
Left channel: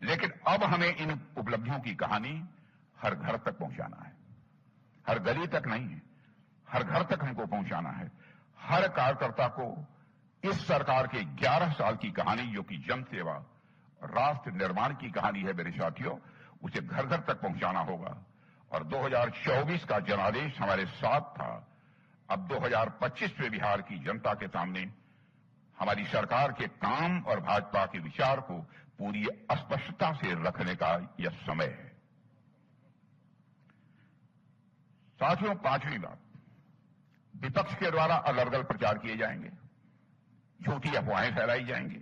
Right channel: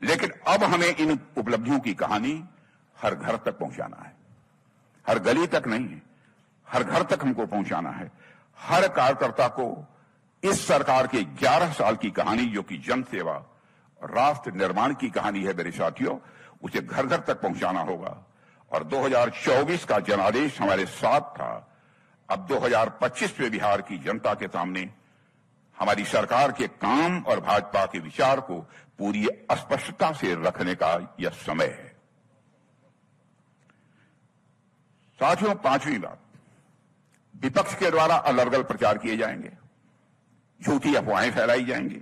लेकिन अब हमें इन उपलब्धियों की कहानी हर घर तक पहुंचाना है। हर गली तक नहीं, हर घर तक हमको पहुंचाना है। हर कार्यकर्ता को इस सरकार के 11 साल की कहानी, जो कि जन सेवा और राष्ट्र निर्माण की कहानी है मेरे साथियों, उसे घर घर तक पहुंचाना होगा। और 2024 का जनादेश हमारे साथ था। अब 2025 में बिहार की जनता के सामने हमारी सरकार के काम और भाजपा के विचार को पूरी स्पष्टता से रखने का यह समय है। साथियों, पांचवी बात, विपक्ष के द्वारा अलग अलग प्रचार किए जाएंगे, झूठी अफवाहें फैलाई जाएंगी।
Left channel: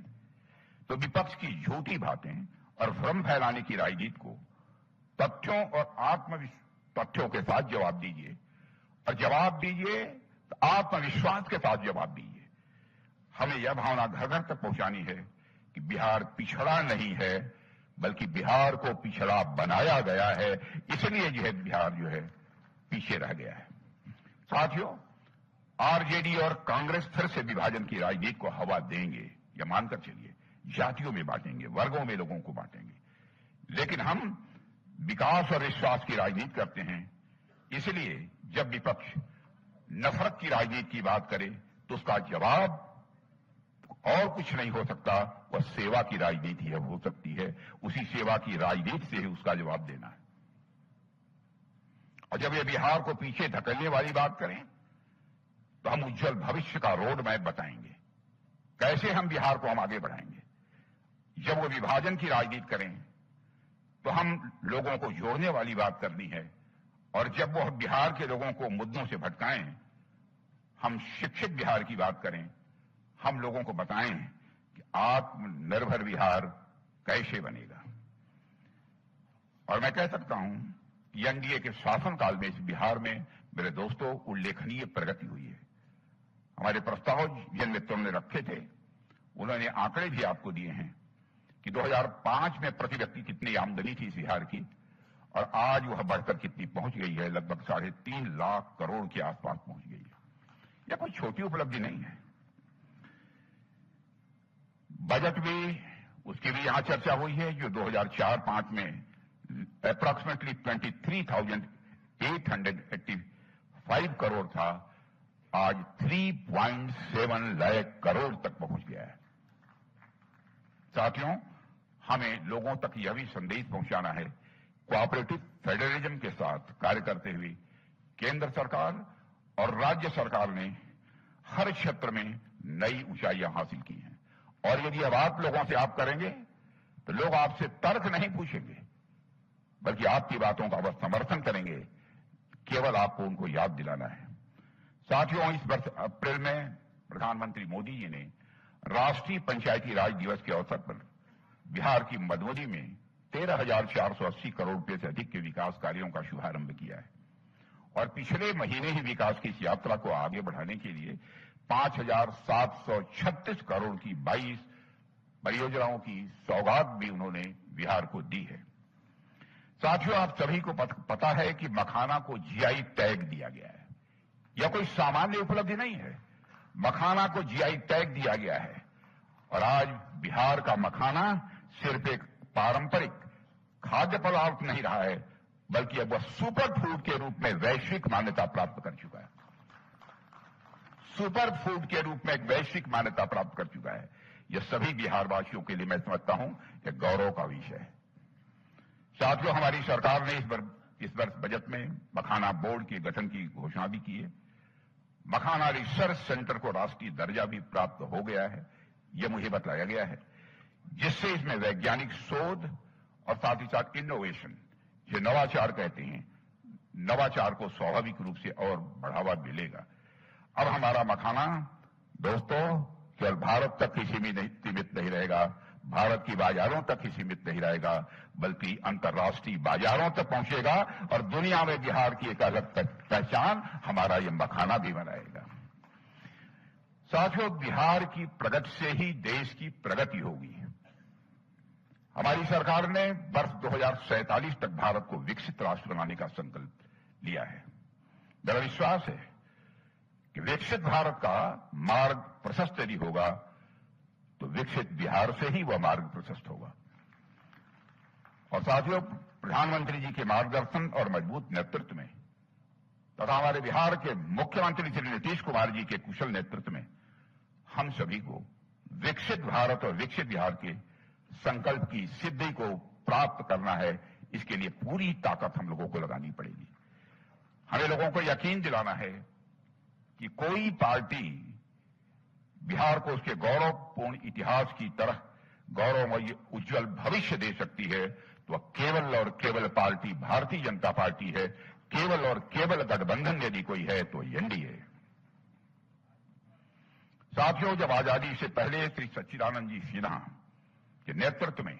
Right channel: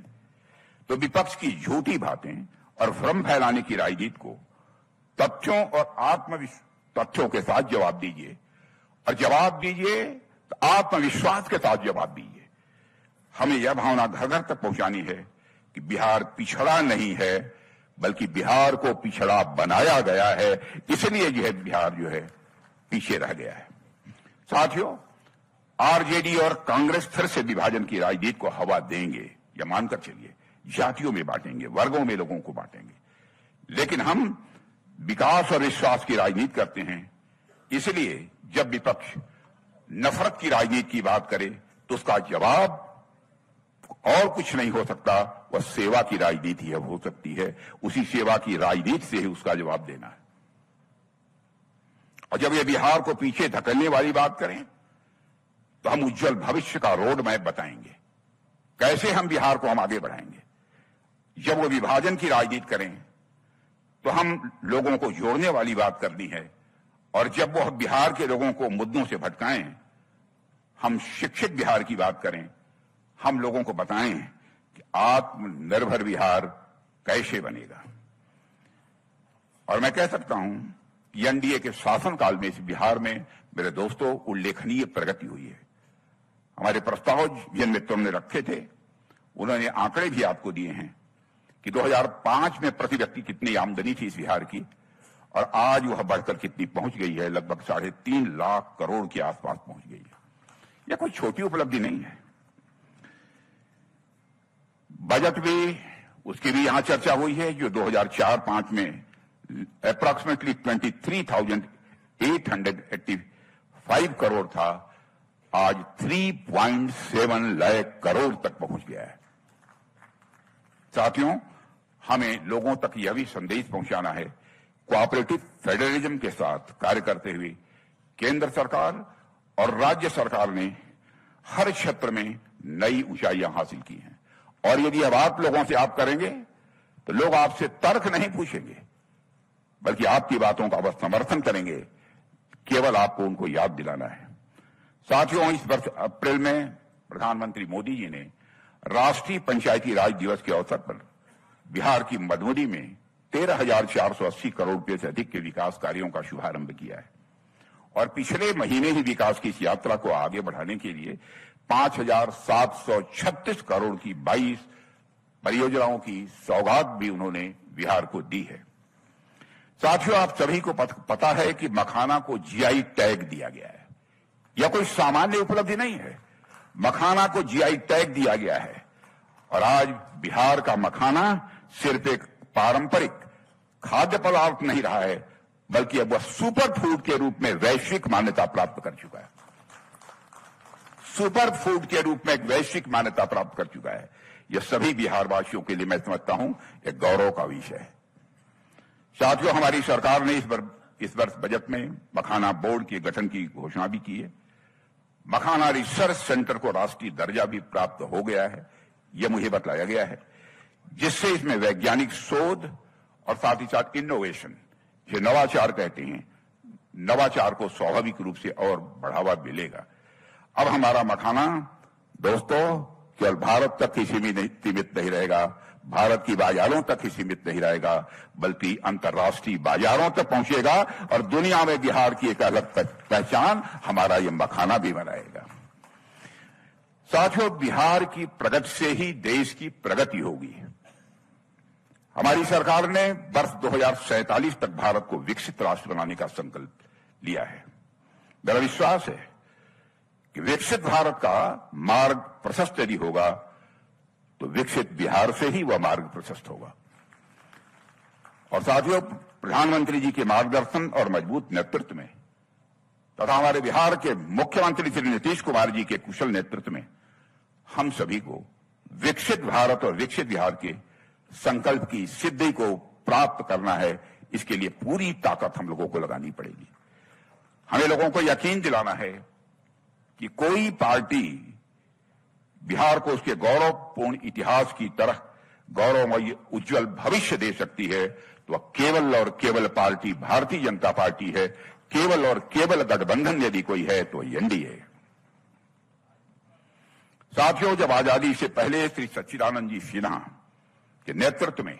तो विपक्ष की झूठी बातें और भ्रम फैलाने की राजनीति को तथ्यों और तथ्यों के साथ जवाब दीजिए, और जवाब दीजिए तो आत्मविश्वास के साथ जवाब दीजिए। हमें यह भावना घर घर तक पहुंचानी है कि बिहार पिछड़ा नहीं है, बल्कि बिहार को पिछड़ा बनाया गया है, इसलिए यह बिहार जो है पीछे रह गया है। साथियों, आरजेडी और कांग्रेस फिर से विभाजन की राजनीति को हवा देंगे, यह मानकर चलिए। जातियों में बांटेंगे, वर्गों में लोगों को बांटेंगे, लेकिन हम विकास और विश्वास की राजनीति करते हैं। इसलिए जब विपक्ष नफरत की राजनीति की बात करे तो उसका जवाब और कुछ नहीं हो सकता, वह सेवा की राजनीति है, हो सकती है। उसी सेवा की राजनीति से ही उसका जवाब देना है। और जब ये बिहार को पीछे धकेलने वाली बात करें तो हम उज्जवल भविष्य का रोड मैप बताएंगे, कैसे हम बिहार को हम आगे बढ़ाएंगे। जब वो विभाजन की राजनीति करें तो हम लोगों को जोड़ने वाली बात करनी है, और जब वो बिहार के लोगों को मुद्दों से भटकाएं, हम शिक्षित बिहार की बात करें, हम लोगों को बताएं कि आत्मनिर्भर बिहार कैसे बनेगा। और मैं कह सकता हूं कि एनडीए के शासनकाल में इस बिहार में मेरे दोस्तों उल्लेखनीय प्रगति हुई है। हमारे प्रस्ताव जिन मित्रों ने रखे थे, उन्होंने आंकड़े भी आपको दिए हैं कि 2005 में प्रति व्यक्ति कितनी आमदनी थी इस बिहार की, और आज वह बढ़कर कितनी पहुंच गई है, लगभग 3.5 लाख करोड़ के आसपास पहुंच गई है। यह कोई छोटी उपलब्धि नहीं है। बजट भी, उसकी भी यहां चर्चा हुई है, जो 2004-05 में अप्रॉक्सीमेटली 23,885 करोड़ था, आज 3.7 लाख करोड़ तक पहुंच गया है। साथियों, हमें लोगों तक यह भी संदेश पहुंचाना है, कोऑपरेटिव फेडरलिज्म के साथ कार्य करते हुए केंद्र सरकार और राज्य सरकार ने हर क्षेत्र में नई ऊंचाइयां हासिल की हैं। और यदि अब आप लोगों से आप करेंगे तो लोग आपसे तर्क नहीं पूछेंगे, बल्कि आपकी बातों का बस समर्थन करेंगे। केवल आपको उनको याद दिलाना है। साथियों, इस वर्ष अप्रैल में प्रधानमंत्री मोदी जी ने राष्ट्रीय पंचायती राज दिवस के अवसर पर बिहार की मधुबनी में 13,480 करोड़ रुपए से अधिक के विकास कार्यों का शुभारंभ किया है। और पिछले महीने ही विकास की इस यात्रा को आगे बढ़ाने के लिए 5,736 करोड़ की 22 परियोजनाओं की सौगात भी उन्होंने बिहार को दी है। साथियों, आप सभी को पता है कि मखाना को जीआई टैग दिया गया है। यह कोई सामान्य उपलब्धि नहीं है। मखाना को जीआई टैग दिया गया है, और आज बिहार का मखाना सिर्फ एक पारंपरिक खाद्य पदार्थ नहीं रहा है, बल्कि अब वह सुपर फूड के रूप में वैश्विक मान्यता प्राप्त कर चुका है। सुपर फूड के रूप में एक वैश्विक मान्यता प्राप्त कर चुका है। यह सभी बिहार वासियों के लिए मैं समझता हूं एक गौरव का विषय है। साथियों, हमारी सरकार ने इस वर्ष बजट में मखाना बोर्ड के गठन की घोषणा भी की है। मखाना रिसर्च सेंटर को राष्ट्रीय दर्जा भी प्राप्त हो गया है, यह मुझे बताया गया है, जिससे इसमें वैज्ञानिक शोध और साथ ही साथ इनोवेशन, जो नवाचार कहते हैं, नवाचार को स्वाभाविक रूप से और बढ़ावा मिलेगा। अब हमारा मखाना दोस्तों केवल भारत तक ही सीमित नहीं रहेगा, भारत की बाजारों तक ही सीमित नहीं रहेगा, बल्कि अंतर्राष्ट्रीय बाजारों तक पहुंचेगा और दुनिया में बिहार की एक अलग पहचान हमारा ये मखाना भी बनाएगा। साथियों, बिहार की प्रगति से ही देश की प्रगति होगी। हमारी सरकार ने वर्ष 2047 तक भारत को विकसित राष्ट्र बनाने का संकल्प लिया है। मेरा विश्वास है कि विकसित भारत का मार्ग प्रशस्त यदि होगा तो विकसित बिहार से ही वह मार्ग प्रशस्त होगा। और साथियों, प्रधानमंत्री जी के मार्गदर्शन और मजबूत नेतृत्व में तथा हमारे बिहार के मुख्यमंत्री श्री नीतीश कुमार जी के कुशल नेतृत्व में हम सभी को विकसित भारत और विकसित बिहार के संकल्प की सिद्धि को प्राप्त करना है। इसके लिए पूरी ताकत हम लोगों को लगानी पड़ेगी। हमें लोगों को यकीन दिलाना है कि कोई पार्टी बिहार को उसके गौरवपूर्ण इतिहास की तरह गौरवमय उज्जवल भविष्य दे सकती है तो वह केवल और केवल पार्टी भारतीय जनता पार्टी है। केवल और केवल गठबंधन यदि कोई है तो एनडीए। साथियों, जब आजादी से पहले श्री सच्चिदानंद जी सिन्हा के नेतृत्व में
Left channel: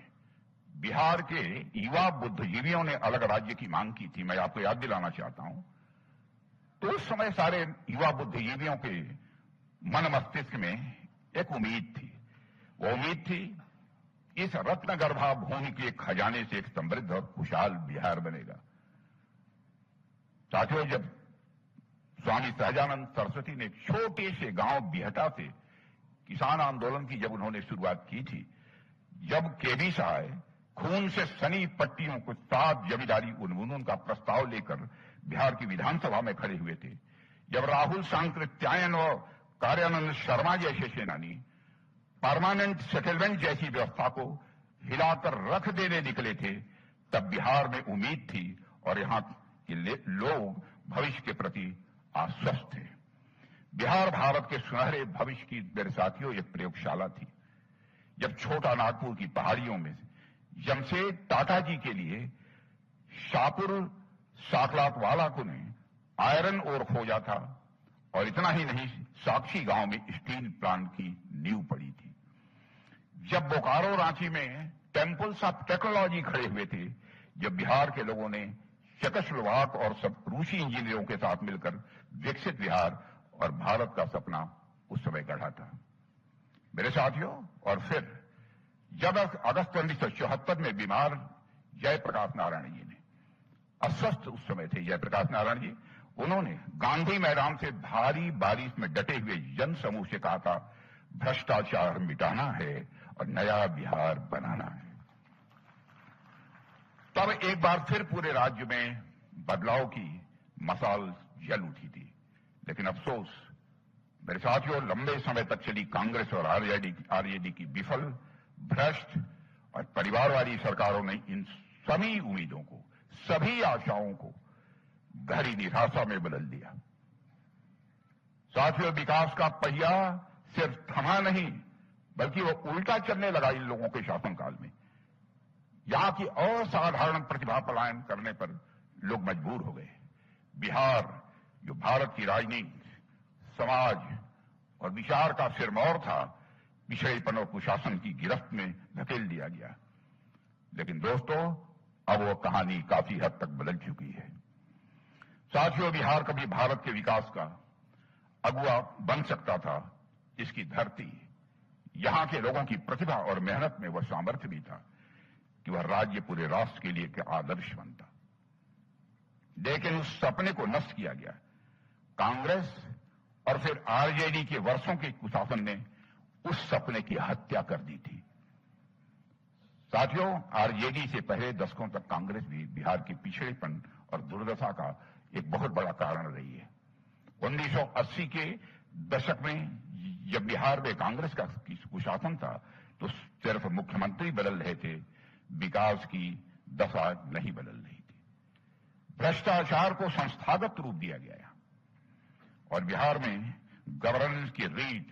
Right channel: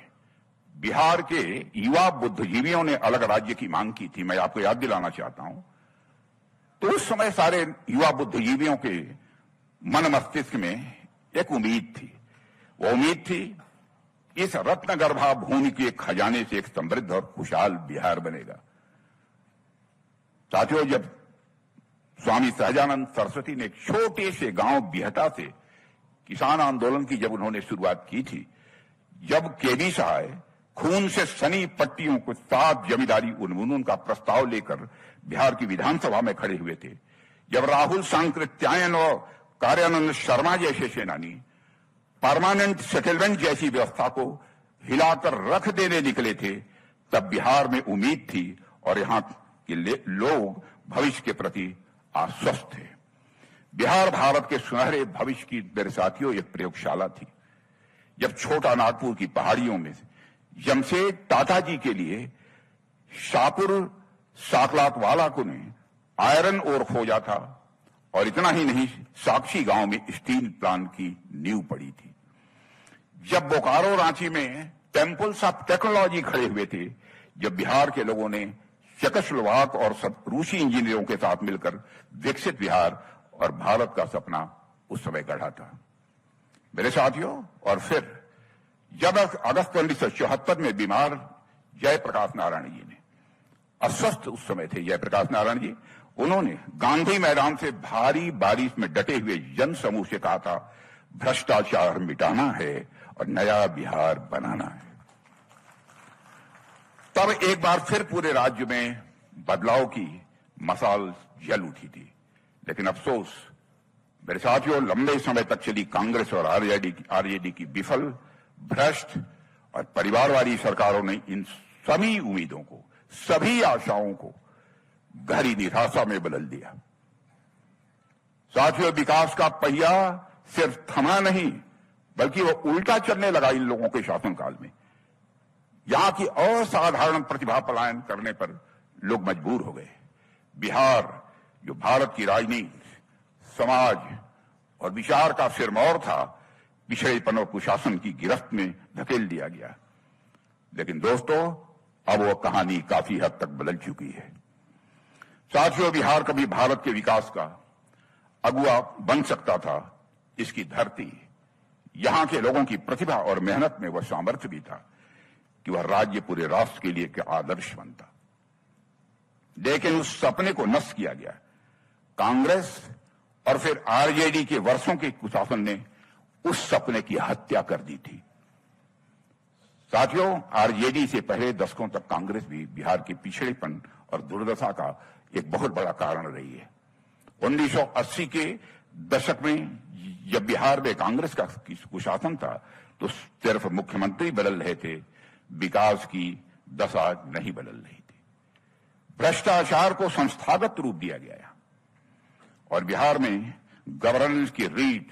बिहार के युवा बुद्धिजीवियों ने अलग राज्य की मांग की थी, मैं आपको याद दिलाना चाहता हूं, तो उस समय सारे युवा बुद्धिजीवियों के मन मस्तिष्क में एक उम्मीद थी। वो उम्मीद थी इस रत्न गर्भा भूमि के खजाने से एक समृद्ध और खुशहाल बिहार बनेगा। साथियों, जब स्वामी सहजानंद सरस्वती ने एक छोटे से गांव बिहटा से किसान आंदोलन की जब उन्होंने शुरुआत की थी, जब केवी सहाय खून से सनी पट्टियों को साफ जमींदारी उन्मूलन का प्रस्ताव लेकर बिहार की विधानसभा में खड़े हुए थे, जब राहुल सांकृत्यायन और कार्यानंद शर्मा जैसे सेनानी परमानेंट सेटलमेंट जैसी व्यवस्था को हिलाकर रख देने निकले थे, तब बिहार में उम्मीद थी और यहां के लोग भविष्य के प्रति आश्वस्त थे। बिहार भारत के सुनहरे भविष्य की, मेरे साथियों, एक प्रयोगशाला थी। जब छोटा नागपुर की पहाड़ियों में जमशेद टाटा जी के लिए शाहपुर साकलातवाला को ने आयरन ओर खोजा था और इतना ही नहीं, साक्षी गांव में स्टील प्लांट की नींव पड़ी थी। जब बोकारो रांची में टेम्पल्स ऑफ टेक्नोलॉजी खड़े हुए थे, जब बिहार के लोगों ने चेकोस्लोवाक और रूसी इंजीनियरों के साथ मिलकर विकसित बिहार और भारत का सपना उस समय गढ़ा था। मेरे साथियों, और फिर जब अगस्त 1974 में बीमार जयप्रकाश नारायण जी ने, अस्वस्थ उस समय थे जयप्रकाश नारायण जी, उन्होंने गांधी मैदान से भारी बारिश में डटे हुए जन समूह से कहा था, भ्रष्टाचार मिटाना है और नया बिहार बनाना है। तब एक बार फिर पूरे राज्य में बदलाव की मशाल जल उठी थी। लेकिन अफसोस मेरे साथियों, लंबे समय तक चली कांग्रेस और आरजेडी की विफल, भ्रष्ट और परिवारवादी सरकारों ने इन सभी उम्मीदों को, सभी आशाओं को गहरी निराशा में बदल दिया। साथियों, विकास का पहिया सिर्फ थमा नहीं बल्कि वो उल्टा चलने लगा इन लोगों के शासनकाल में। यहां की असाधारण प्रतिभा पलायन करने पर लोग मजबूर हो गए। बिहार, जो भारत की राजनीति, समाज और विचार का सिरमौर था, पिछड़ेपन और कुशासन की गिरफ्त में धकेल दिया गया। लेकिन दोस्तों, अब वो कहानी काफी हद तक बदल चुकी है। साथियों, बिहार कभी भारत के विकास का अगुवा बन सकता था। इसकी धरती, यहां के लोगों की प्रतिभा और मेहनत में वह सामर्थ्य भी था कि वह राज्य पूरे राष्ट्र के लिए एक आदर्श बनता। लेकिन उस सपने को नष्ट किया गया। कांग्रेस और फिर आरजेडी के वर्षों के कुशासन ने उस सपने की हत्या कर दी थी। साथियों, आरजेडी से पहले दशकों तक कांग्रेस भी बिहार के पिछड़ेपन और दुर्दशा का एक बहुत बड़ा कारण रही है। 1980 के दशक में जब बिहार में कांग्रेस का कुशासन था तो सिर्फ मुख्यमंत्री बदल रहे थे, विकास की दशा नहीं बदल रही थी। भ्रष्टाचार को संस्थागत रूप दिया गया और बिहार में गवर्नेंस की रीढ़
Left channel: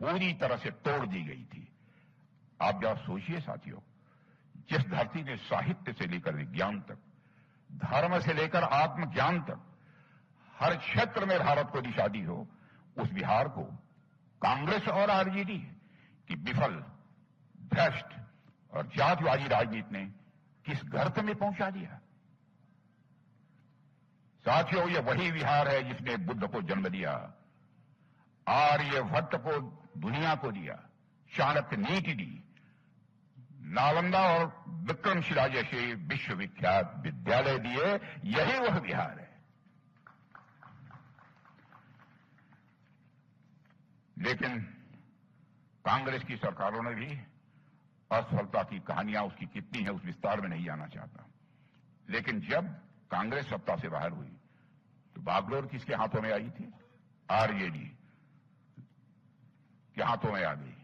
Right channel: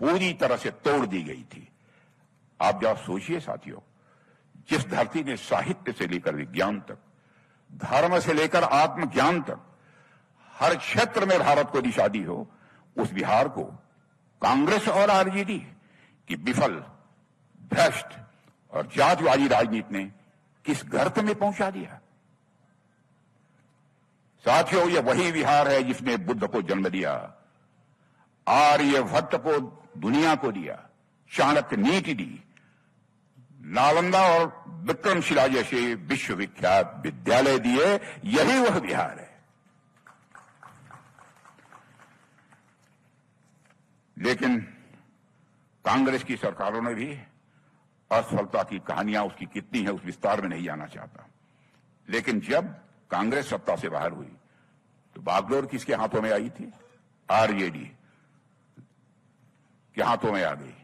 पूरी तरह से तोड़ दी गई थी। आप जरा सोचिए साथियों, जिस धरती में साहित्य से लेकर विज्ञान तक, धर्म से लेकर आत्मज्ञान तक हर क्षेत्र में भारत को दिशा दी हो, उस बिहार को कांग्रेस और आरजेडी की विफल, भ्रष्ट और जातिवादी राजनीति ने किस गर्त में पहुंचा दिया। साथियों, यह वही बिहार है जिसने बुद्ध को जन्म दिया, आर्यभट्ट को दुनिया को दिया, चाणक्य नीति दी, नालंदा और विक्रमशिला जैसे विश्वविख्यात विद्यालय दिए। यही वह बिहार है। लेकिन कांग्रेस की सरकारों ने भी असफलता की कहानियां उसकी कितनी है उस विस्तार में नहीं जाना चाहता। लेकिन जब कांग्रेस सत्ता से बाहर हुई तो बागडोर किसके हाथों में आई थी? आरजेडी के हाथों में आ गई।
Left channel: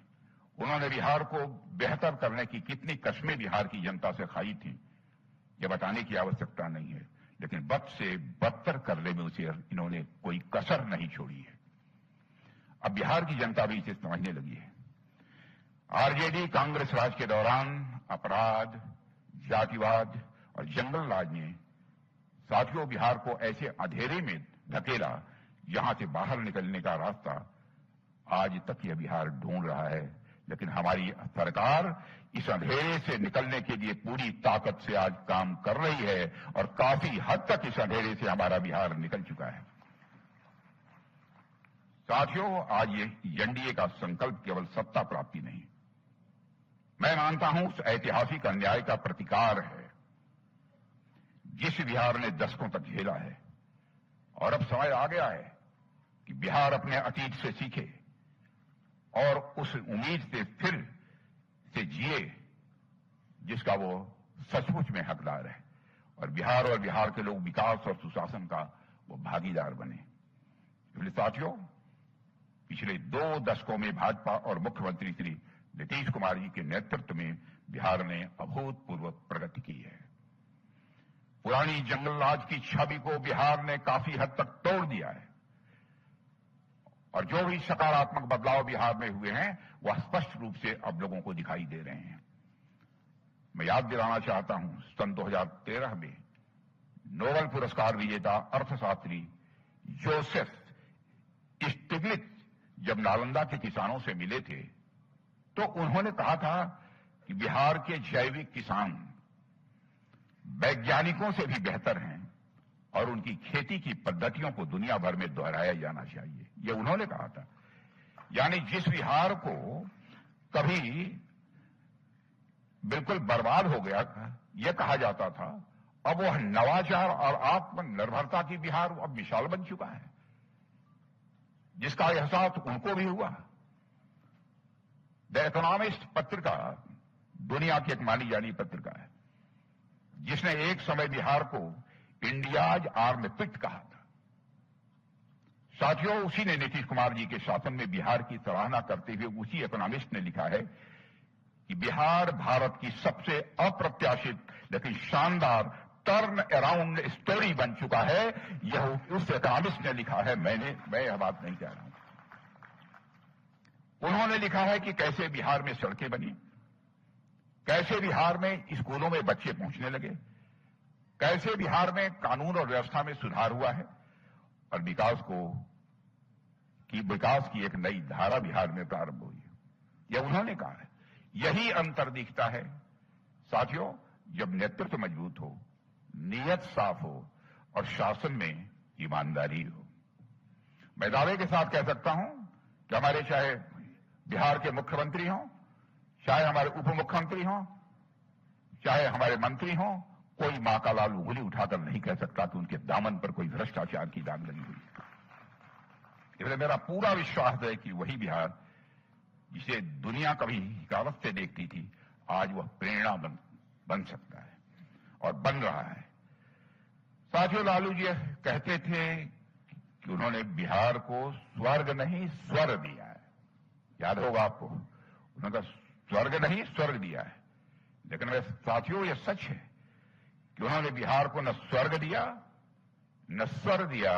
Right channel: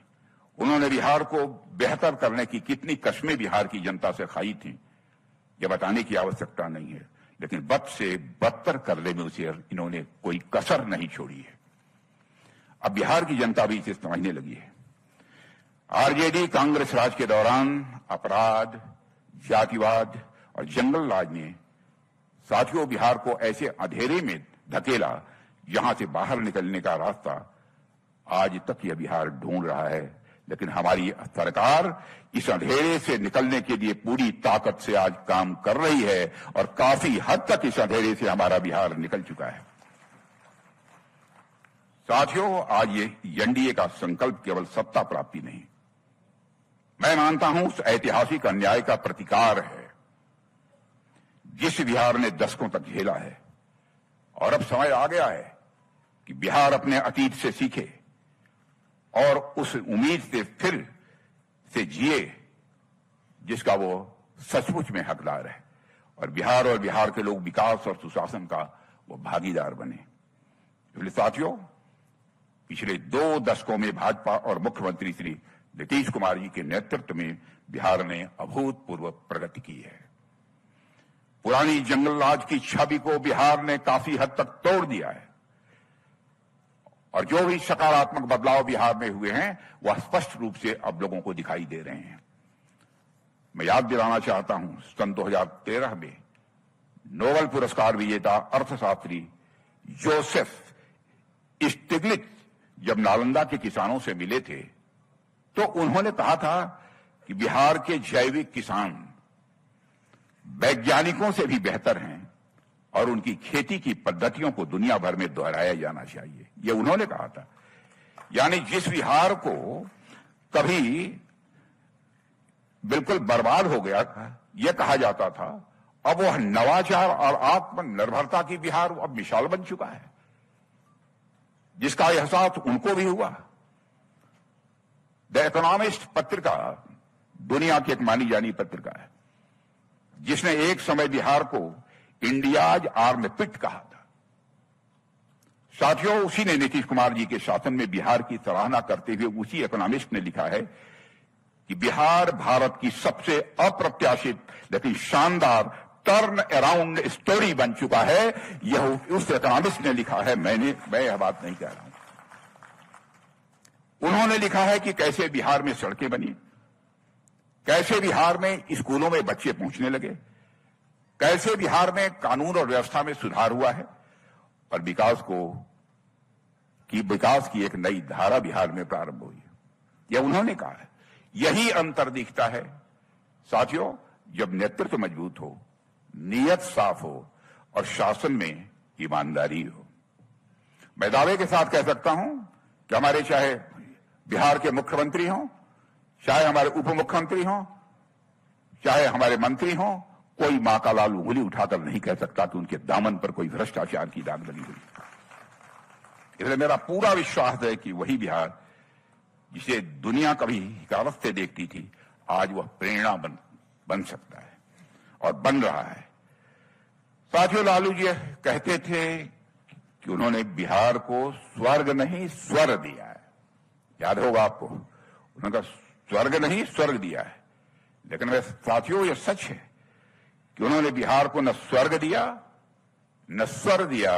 उन्होंने बिहार को बेहतर करने की कितनी कस्में बिहार की जनता से खाई थी, यह बताने की आवश्यकता नहीं है। लेकिन बद से बदतर करने में उसे इन्होंने कोई कसर नहीं छोड़ी है। अब बिहार की जनता भी इसे समझने लगी है। आरजेडी कांग्रेस राज के दौरान अपराध, जातिवाद और जंगल राज ने साथियों बिहार को ऐसे अंधेरे में धकेला जहां से बाहर निकलने का रास्ता आज तक यह बिहार ढूंढ रहा है। लेकिन हमारी सरकार इस अंधेरे से निकलने के लिए पूरी ताकत से आज काम कर रही है और काफी हद तक इस अंधेरे से हमारा बिहार निकल चुका है। साथियों, आज ये एनडीए का संकल्प केवल सत्ता प्राप्ति नहीं, मैं मानता हूं उस ऐतिहासिक अन्याय का प्रतिकार है जिस बिहार ने दशकों तक झेला है। और अब समय आ गया है कि बिहार अपने अतीत से सीखे और उस उम्मीद से फिर से जिए जिसका वो सचमुच में हकदार है, और बिहार के लोग विकास और सुशासन का वो भागीदार बने। इसलिए साथियों, पिछले 2 दशकों में भाजपा और मुख्यमंत्री श्री नीतीश कुमार जी के नेतृत्व में बिहार ने अभूतपूर्व प्रगति की है। पुरानी जंगल राज की छवि को बिहार ने काफी हद तक तोड़ दिया है और जो भी सकारात्मक बदलाव बिहार में हुए हैं वह स्पष्ट रूप से अब लोगों को दिखाई दे रहे हैं। मैं याद दिलाना चाहता हूं, सन 2013 में नोबेल पुरस्कार विजेता अर्थशास्त्री जोसेफ स्टिग्लिट्ज जब नालंदा के किसानों से मिले थे तो उन्होंने कहा था कि बिहार के जैविक किसान वैज्ञानिकों से भी बेहतर हैं और उनकी खेती की पद्धतियों को दुनिया भर में दोहराया जाना चाहिए, ये उन्होंने कहा था। यानी जिस बिहार को कभी बिल्कुल बर्बाद हो गया था, यह कहा जाता था, अब वह नवाचार और आत्मनिर्भरता की बिहार अब मिसाल बन चुका है, जिसका एहसास उनको भी हुआ। द इकोनॉमिस्ट पत्रिका दुनिया की एक मानी जानी पत्रिका है जिसने एक समय बिहार को इंडियाज आर्म पिट कहा था। साथियों, उसी ने नीतीश कुमार जी के शासन में बिहार की सराहना करते हुए उसी इकोनॉमिस्ट ने लिखा है कि बिहार भारत की सबसे अप्रत्याशित लेकिन शानदार टर्न अराउंड स्टोरी बन चुका है। यह उस इकोनॉमिस्ट ने लिखा है, मैं यह बात नहीं कह रहा हूं। उन्होंने लिखा है कि कैसे बिहार में सड़कें बनी, कैसे बिहार में स्कूलों में बच्चे पहुंचने लगे, कैसे बिहार में कानून और व्यवस्था में सुधार हुआ है और विकास की एक नई धारा बिहार में प्रारंभ हुई। यह उन्होंने कहा है। यही अंतर दिखता है साथियों, जब नेतृत्व मजबूत हो, नीयत साफ हो और शासन में ईमानदारी हो। मैं दावे के साथ कह सकता हूं कि हमारे चाहे बिहार के मुख्यमंत्री हों, चाहे हमारे उप मुख्यमंत्री हों, चाहे हमारे मंत्री हों, कोई मां का लाल उंगली उठाकर नहीं कह सकता कि उनके दामन पर कोई भ्रष्टाचार की दाग लगी हुई। इसलिए मेरा पूरा विश्वास है कि वही बिहार जिसे दुनिया कभी हिकारत से देखती थी, आज वह प्रेरणा बन सकता है और बन रहा है। साथियों, लालू जी कहते थे कि उन्होंने बिहार को स्वर्ग नहीं स्वर दिया है। याद होगा आपको, उन्होंने कहा स्वर्ग नहीं स्वर्ग दिया है। लेकिन वह साथियों, ये सच है कि उन्होंने बिहार को न स्वर्ग दिया, न स्वर दिया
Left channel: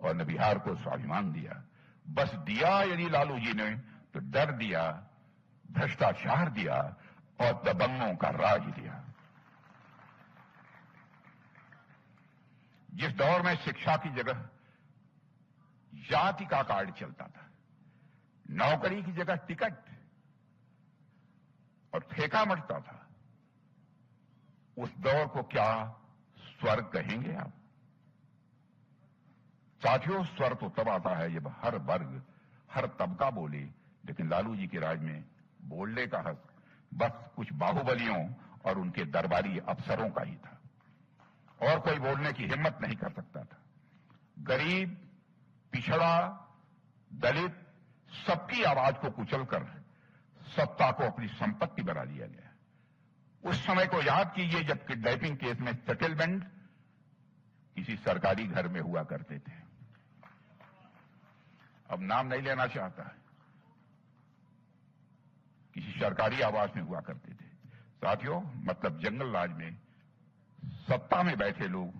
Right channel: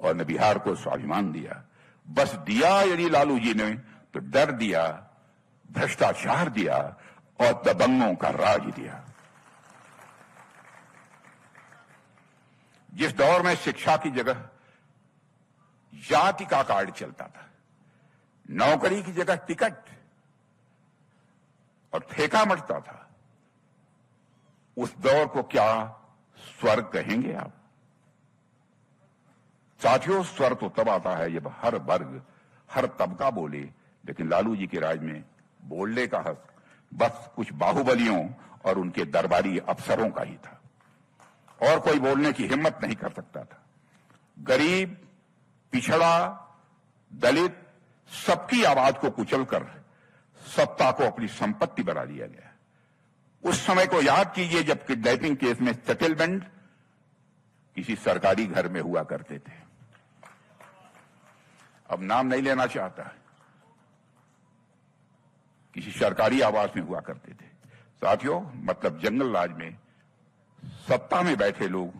और न बिहार को स्वाभिमान दिया। बस दिया यदि लालू जी ने तो डर दिया, भ्रष्टाचार दिया और दबंगों का राज दिया। जिस दौर में शिक्षा की जगह जाति का कार्ड चलता था, नौकरी की जगह टिकट और ठेका मचता था, उस दौर को क्या स्वर्ग कहेंगे आप? साथियों, स्वर्ग तो तब आता है जब हर वर्ग, हर तबका बोले। लेकिन लालू जी के राज में बोलने का हक बस कुछ बाहुबलियों और उनके दरबारी अफसरों का ही था, और कोई बोलने की हिम्मत नहीं कर सकता था। गरीब, पिछड़ा, दलित, सबकी आवाज को कुचलकर सत्ता को अपनी संपत्ति बना लिया गया। उस समय को याद कीजिए जब किडनैपिंग केस में सेटलमेंट किसी सरकारी घर में हुआ करते थे। अब नाम नहीं लेना चाहता, किसी सरकारी आवास में हुआ करते थे। साथियों, मतलब जंगल राज में सत्ता में बैठे लोग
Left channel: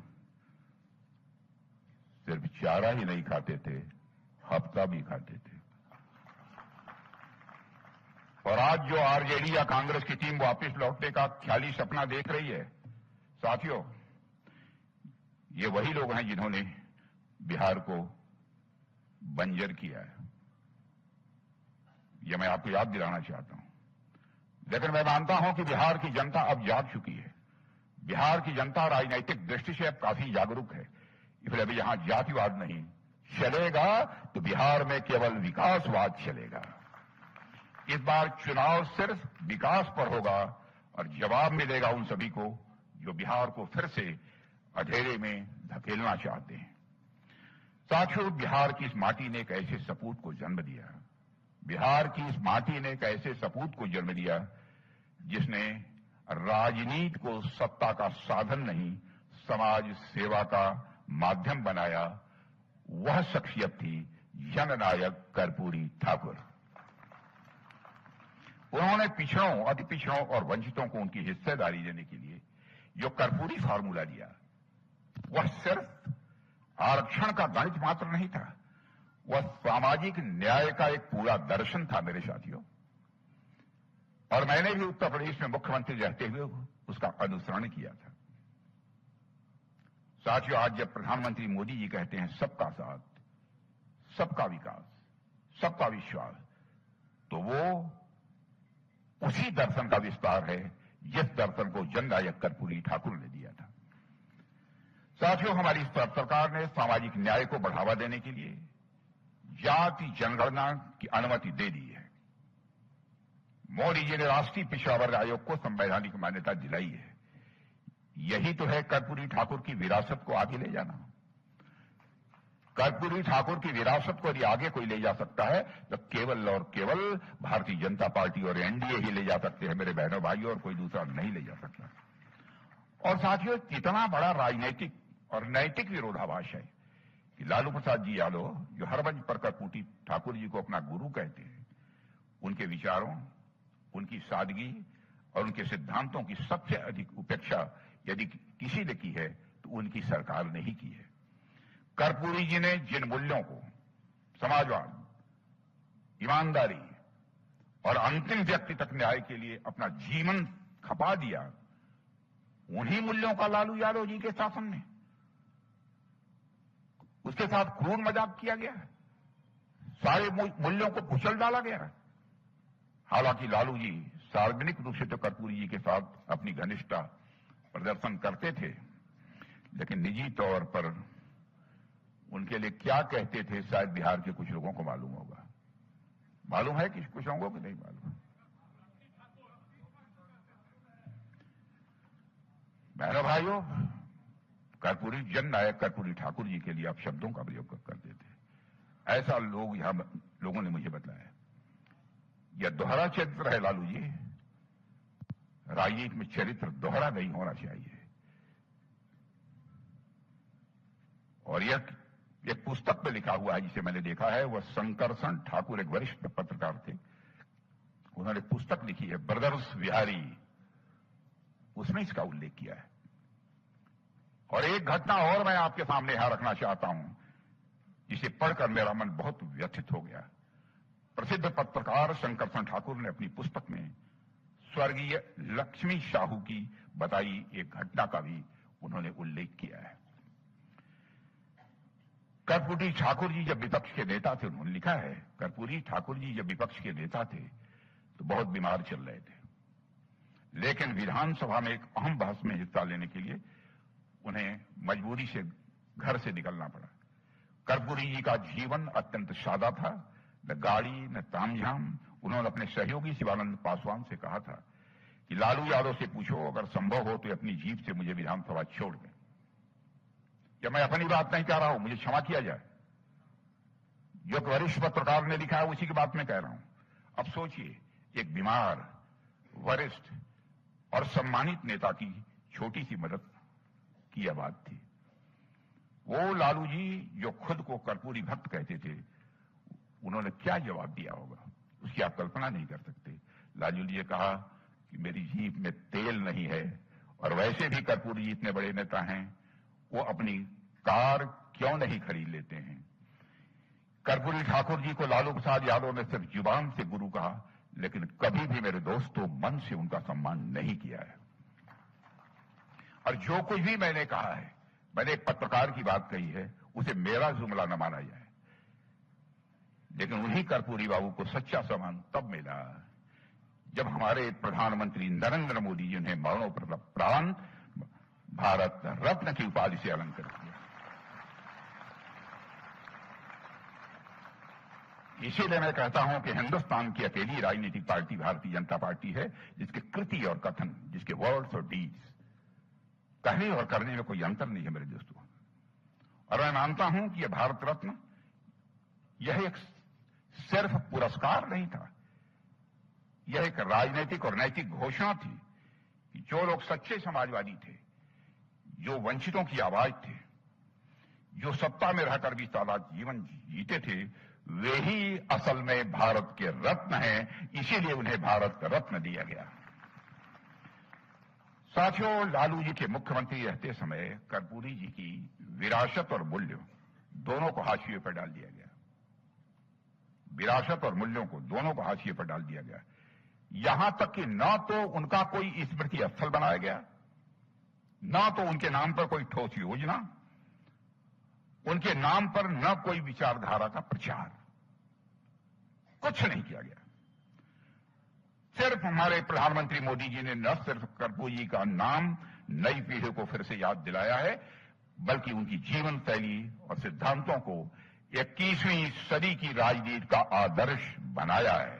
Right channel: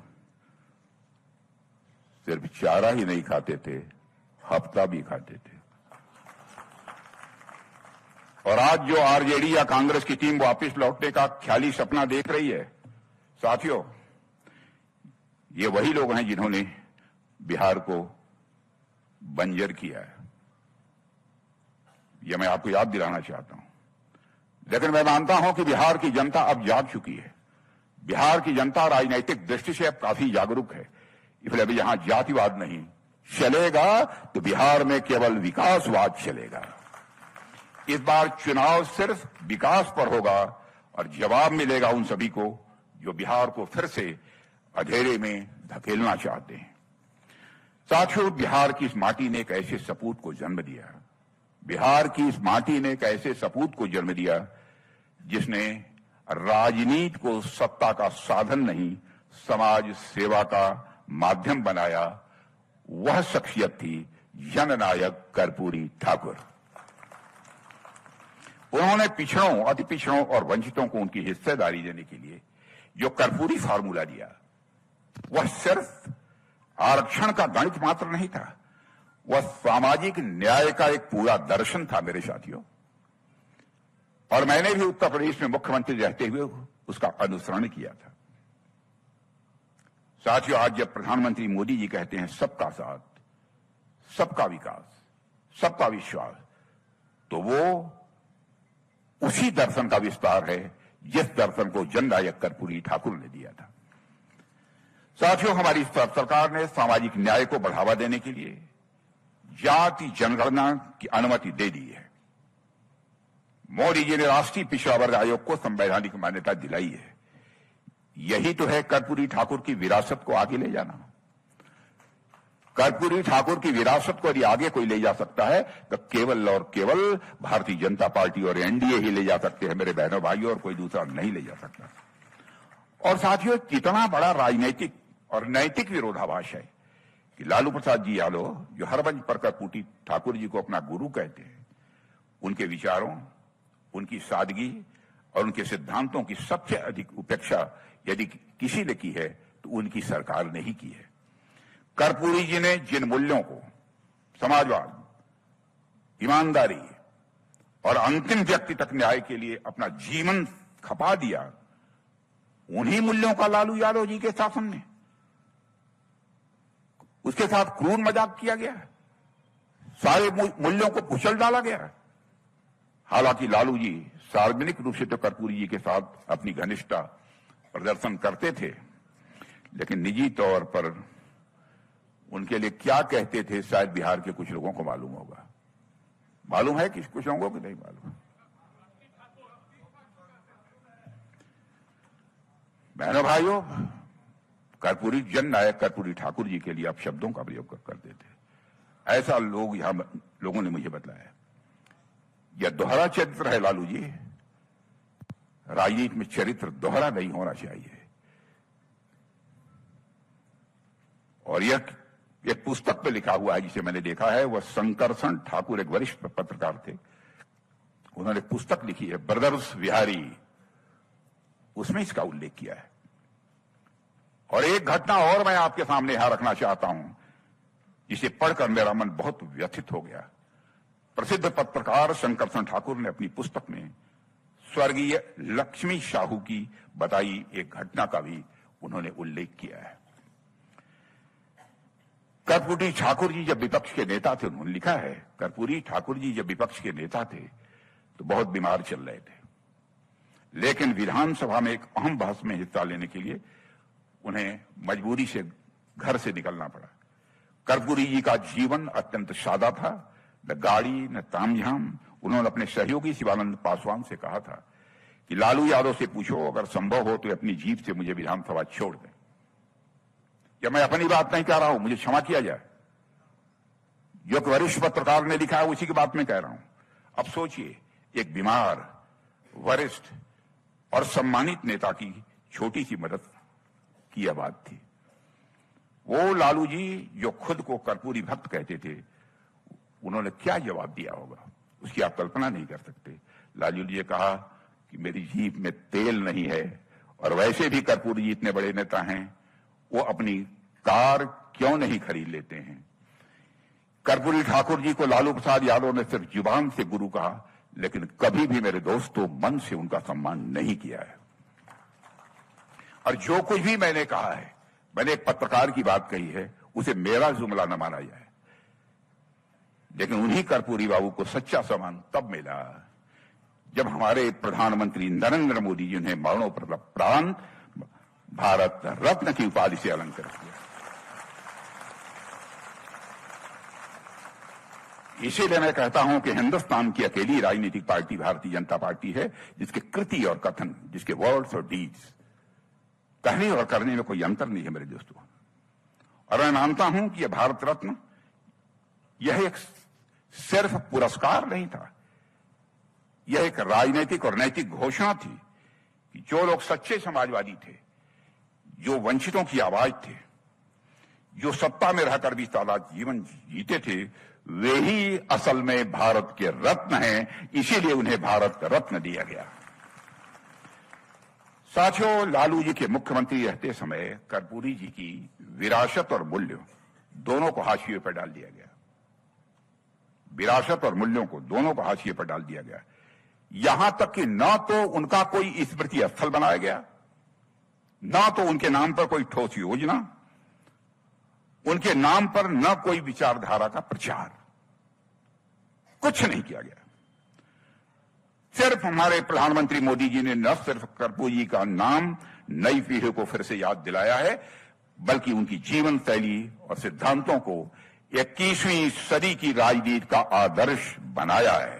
सिर्फ चारा ही नहीं खाते थे, हफ्ता भी खाते थे। और आज जो आरजेडी या कांग्रेस की टीम वापस लौटने का ख्याली सपना देख रही है, साथियों, ये वही लोग हैं जिन्होंने बिहार को बंजर किया है। यह मैं आपको याद दिलाना चाहता हूं। लेकिन मैं मानता हूं कि बिहार की जनता अब जाग चुकी है। बिहार की जनता राजनीतिक दृष्टि से अब काफी जागरूक है। इसलिए अभी यहां जातिवाद नहीं चलेगा, तो बिहार में केवल विकासवाद चलेगा। इस बार चुनाव सिर्फ विकास पर होगा और जवाब मिलेगा उन सभी को जो बिहार को फिर से अंधेरे में धकेलना चाहते हैं। साथियों, बिहार की इस माटी ने एक ऐसे सपूत को जन्म दिया, बिहार की इस माटी ने एक ऐसे सपूत को जन्म दिया जिसने राजनीति को सत्ता का साधन नहीं, समाज सेवा का माध्यम बनाया। वह शख्सियत थी जननायक कर्पूरी ठाकुर। उन्होंने पिछड़ों, अति पिछड़ों और वंचितों को उनकी हिस्सेदारी देने के लिए जो कर्पूरी फार्मूला दिया, वह सिर्फ आरक्षण का गणित मात्र नहीं था, वह सामाजिक न्याय का एक पूरा दर्शन था मेरे साथियों। और मैंने भी उत्तर प्रदेश में मुख्यमंत्री रहते हुए उसका अनुसरण किया था। साथियों, आज जब प्रधानमंत्री मोदी जी कहते हैं सबका साथ, सबका विकास, सबका विश्वास, तो वो उसी दर्शन का विस्तार है जिस दर्शन को जननायक कर्पूरी ठाकुर ने दिया था। साथियों, हमारी सरकार ने सामाजिक न्याय को बढ़ावा देने के लिए जाति जनगणना की अनुमति दे दी है। मोदी जी ने राष्ट्रीय पिछड़ा वर्ग आयोग को संवैधानिक मान्यता दिलाई है। यही तो है कर्पूरी ठाकुर की विरासत को आगे ले जाना। कर्पूरी ठाकुर की विरासत को यदि आगे कोई ले जा सकता है तो केवल और केवल भारतीय जनता पार्टी और एनडीए ही ले जा सकते हैं मेरे बहनों भाइयों, और कोई दूसरा नहीं ले जा सकता। और साथियों, कितना बड़ा राजनीतिक और नैतिक विरोधाभास है कि लालू प्रसाद जी यादव, जो हर मंच पर कर्पूरी ठाकुर जी को अपना गुरु कहते हैं, उनके विचारों, उनकी सादगी और उनके सिद्धांतों की सबसे अधिक उपेक्षा यदि किसी ने की है तो उनकी सरकार ने ही की है। कर्पूरी जी ने जिन मूल्यों को, समाजवाद, ईमानदारी और अंतिम व्यक्ति तक न्याय के लिए अपना जीवन खपा दिया, उन्हीं मूल्यों का लालू यादव जी के शासन में उसके साथ क्रूर मजाक किया गया, सारे मूल्यों को कुचल डाला गया। हालांकि लालू जी सार्वजनिक रूप से तो कर्पूरी जी के साथ अपनी घनिष्ठता प्रदर्शन करते थे, लेकिन निजी तौर पर उनके लिए क्या कहते थे शायद बिहार के कुछ लोगों को मालूम होगा। मालूम है कि कुछ लोगों को नहीं मालूम। बहनों भाइयों, कर्पूरी जननायक कर्पूरी ठाकुर जी के लिए आप शब्दों का प्रयोग करते थे, ऐसा लोगों ने मुझे बतलाया। यह दोहरा चरित्र है लालू जी। राजनीति में चरित्र दोहरा नहीं होना चाहिए। और यह एक पुस्तक पे लिखा हुआ है जिसे मैंने देखा है, वह शंकरसन ठाकुर एक वरिष्ठ पत्रकार थे, उन्होंने पुस्तक लिखी है ब्रदर्स विहारी, उसमें इसका उल्लेख किया है। और एक घटना और मैं आपके सामने यहां रखना चाहता हूं, जिसे पढ़कर मेरा मन बहुत व्यथित हो गया। प्रसिद्ध पत्रकार शंकरसन ठाकुर ने अपनी पुस्तक में स्वर्गीय लक्ष्मी साहू की बताई एक घटना का भी उन्होंने उल्लेख किया है। कर्पूरी ठाकुर जी जब विपक्ष के नेता थे, उन्होंने लिखा है, कर्पूरी ठाकुर जी जब विपक्ष के नेता थे तो बहुत बीमार चल रहे थे, लेकिन विधानसभा में एक अहम बहस में हिस्सा लेने के लिए उन्हें मजबूरी से घर से निकलना पड़ा। कर्पूरी जी का जीवन अत्यंत सादा था, न गाड़ी न तामझाम। उन्होंने अपने सहयोगी शिवानंद पासवान से कहा था कि लालू यादव से पूछो, अगर संभव हो तो अपनी जीप से मुझे विधानसभा छोड़ दें। या मैं अपनी बात नहीं कह रहा हूं, मुझे क्षमा किया जाए, जो एक वरिष्ठ पत्रकार ने लिखा है उसी की बात मैं कह रहा हूं। अब सोचिए, एक बीमार, वरिष्ठ और सम्मानित नेता की छोटी सी मदद की यह बात थी। वो लालू जी जो खुद को कर्पूरी भक्त कहते थे, उन्होंने क्या जवाब दिया होगा, उसकी आप कल्पना नहीं कर सकते। लालू जी ने कहा कि मेरी जीप में तेल नहीं है, और वैसे भी कर्पूरी जी इतने बड़े नेता हैं, वो अपनी कार क्यों नहीं खरीद लेते हैं। कर्पूरी ठाकुर जी को लालू प्रसाद यादव ने सिर्फ जुबान से गुरु कहा, लेकिन कभी भी मेरे दोस्तों मन से उनका सम्मान नहीं किया है। और जो कुछ भी मैंने कहा है, मैंने पत्रकार की बात कही है, उसे मेरा जुमला न माना जाए। लेकिन उन्हीं कर्पूरी बाबू को सच्चा सम्मान तब मिला जब हमारे प्रधानमंत्री नरेंद्र मोदी जी ने मरणोपरांत भारत रत्न की उपाधि से अलंकृत किया। इसीलिए मैं कहता हूं कि हिंदुस्तान की अकेली राजनीतिक पार्टी भारतीय जनता पार्टी है जिसके कृति और कथन, जिसके वर्ड्स और डीड्स, कहने और करने में कोई अंतर नहीं है मेरे दोस्तों। और मैं मानता हूं कि यह भारत रत्न, यह एक सिर्फ पुरस्कार नहीं था, यह एक राजनीतिक और नैतिक घोषणा थी कि जो लोग सच्चे समाजवादी थे, जो वंचितों की आवाज थे, जो सत्ता में रहकर भी सादा जीवन जीते थे, वे ही असल में भारत के रत्न हैं। इसीलिए उन्हें भारत रत्न दिया गया। साथियों, लालू जी के मुख्यमंत्री रहते समय कर्पूरी जी की विरासत और मूल्य दोनों को हाशिए पर डाल दिया गया। विरासत और मूल्यों को दोनों को हाशिए पर डाल दिया गया। यहां तक कि न तो उनका कोई स्मृति स्थल बनाया गया, न तो उनके नाम पर कोई ठोस योजना, उनके नाम पर न कोई विचारधारा का प्रचार, कुछ नहीं किया गया। सिर्फ हमारे प्रधानमंत्री मोदी जी ने न सिर्फ कर्पूरी जी का नाम नई पीढ़ी को फिर से याद दिलाया है, बल्कि उनकी जीवन शैली और सिद्धांतों को 21वीं सदी की राजनीति का आदर्श बनाया है।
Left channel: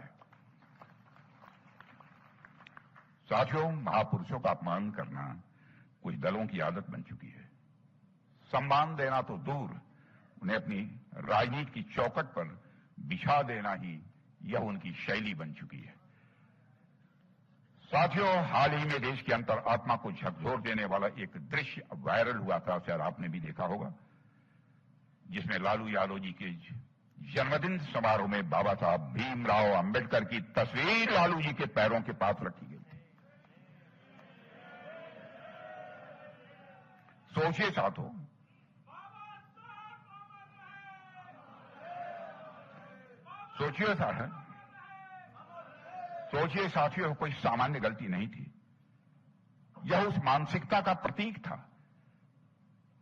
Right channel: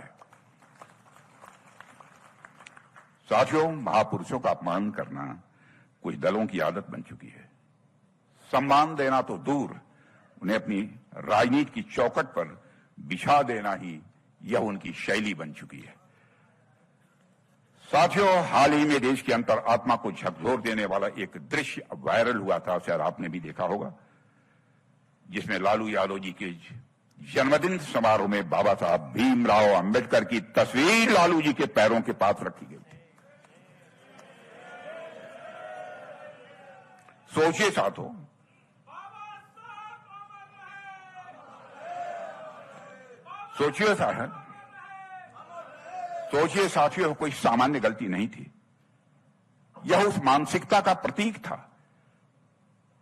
साथियों, महापुरुषों का अपमान करना कुछ दलों की आदत बन चुकी है। सम्मान देना तो दूर, उन्हें अपनी राजनीति की चौखट पर बिछा देना ही यह उनकी शैली बन चुकी है। साथियों, हाल ही में देश के अंतर आत्मा को झकझोर देने वाला एक दृश्य वायरल हुआ था, शायद आपने भी देखा होगा, जिसमें लालू यादव जी के जन्मदिन समारोह में बाबा साहब भीमराव अंबेडकर की तस्वीर लालू जी के पैरों के पास रखी गई थी। सोचिए साथियों, सोचिए साथियों, कोई सामान्य गलती नहीं थी। यह उस मानसिकता का प्रतीक था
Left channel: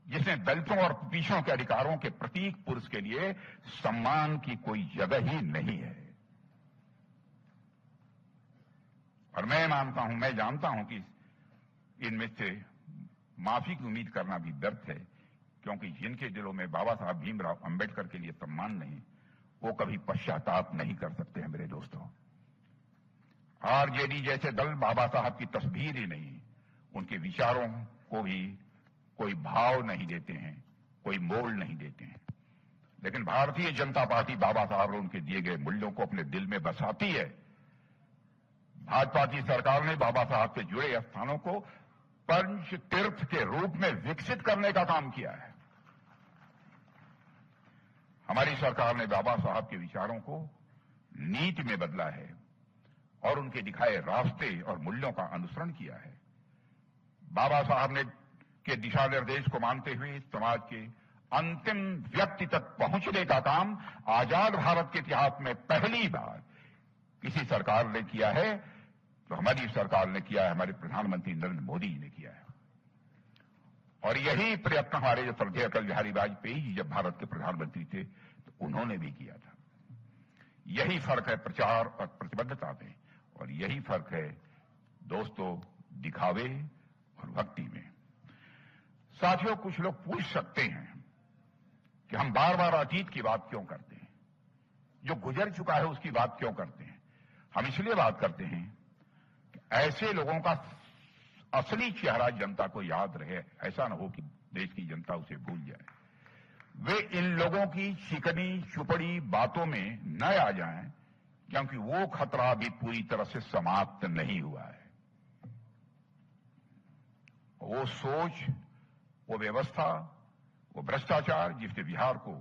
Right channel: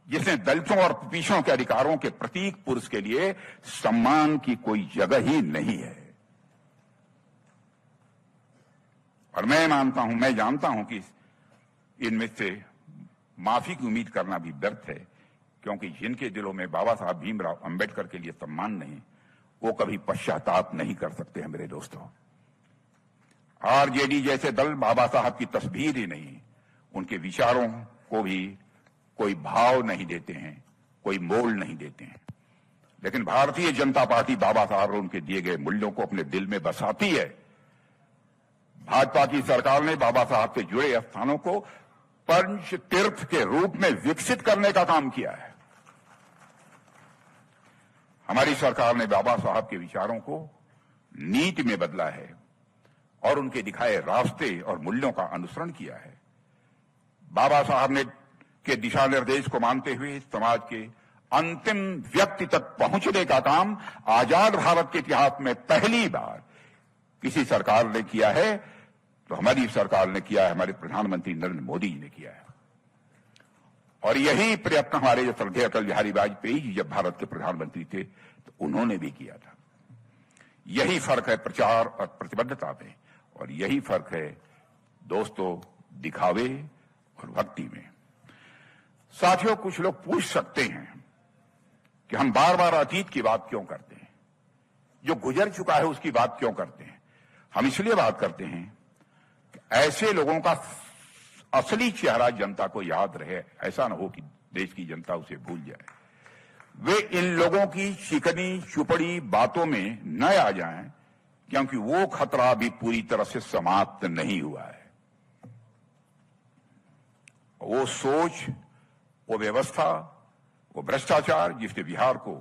जिसने दलितों और पिछड़ों के अधिकारों के प्रतीक पुरुष के लिए सम्मान की कोई जगह ही नहीं है। और मैं मानता हूं, मैं जानता हूं कि इनमें से माफी की उम्मीद करना भी व्यर्थ है, क्योंकि जिनके दिलों में बाबा साहब भीमराव अंबेडकर के लिए सम्मान नहीं, वो कभी पश्चाताप नहीं कर सकते हैं मेरे दोस्तों। आरजेडी जैसे दल बाबा साहब की तस्वीर ही नहीं, उनके विचारों को भी कोई भाव नहीं देते हैं, कोई मोल नहीं देते हैं। लेकिन भारतीय जनता पार्टी बाबा साहब और उनके दिए गए मूल्यों को अपने दिल में बसाती है। भाजपा की सरकार ने बाबा साहब से जुड़े स्थानों को पंच तीर्थ के रूप में विकसित करने का काम किया है। हमारी सरकार ने बाबा साहब के विचारों को नीति में बदला है और उनके दिखाए रास्ते और मूल्यों का अनुसरण किया है। बाबा साहब ने के दिशा निर्देश को मानते हुए समाज के अंतिम व्यक्ति तक पहुंचने का काम आजाद भारत के इतिहास में पहली बार किसी सरकार ने किया है, तो हमारी सरकार ने किया है, हमारे प्रधानमंत्री नरेंद्र मोदी जी ने किया है। और यही प्रयत्न हमारे श्रद्धेय अटल बिहारी वाजपेयी जी जब भारत के प्रधानमंत्री थे तो उन्होंने भी किया था। यही फर्क है प्रचार और प्रतिबद्धता में, और यही फर्क है दोस्तों दिखावे और भक्ति में। साथियों, कुछ लोग पूछ सकते हैं कि हम बार बार अतीत की बात क्यों करते हैं, जो गुजर चुका है उसकी बात क्यों करते हैं। हम इसलिए बात करते हैं कि ऐसे लोगों का असली चेहरा जनता को याद रहे, ऐसा न हो कि देश की जनता उसे भूल जाए। वे इन लोगों की चिकनी चुपड़ी बातों में न आ जाएं, क्योंकि वो खतरा अभी पूरी तरह से समाप्त नहीं हुआ है। वो सोच, वो व्यवस्था, वो भ्रष्टाचार जिसने बिहार को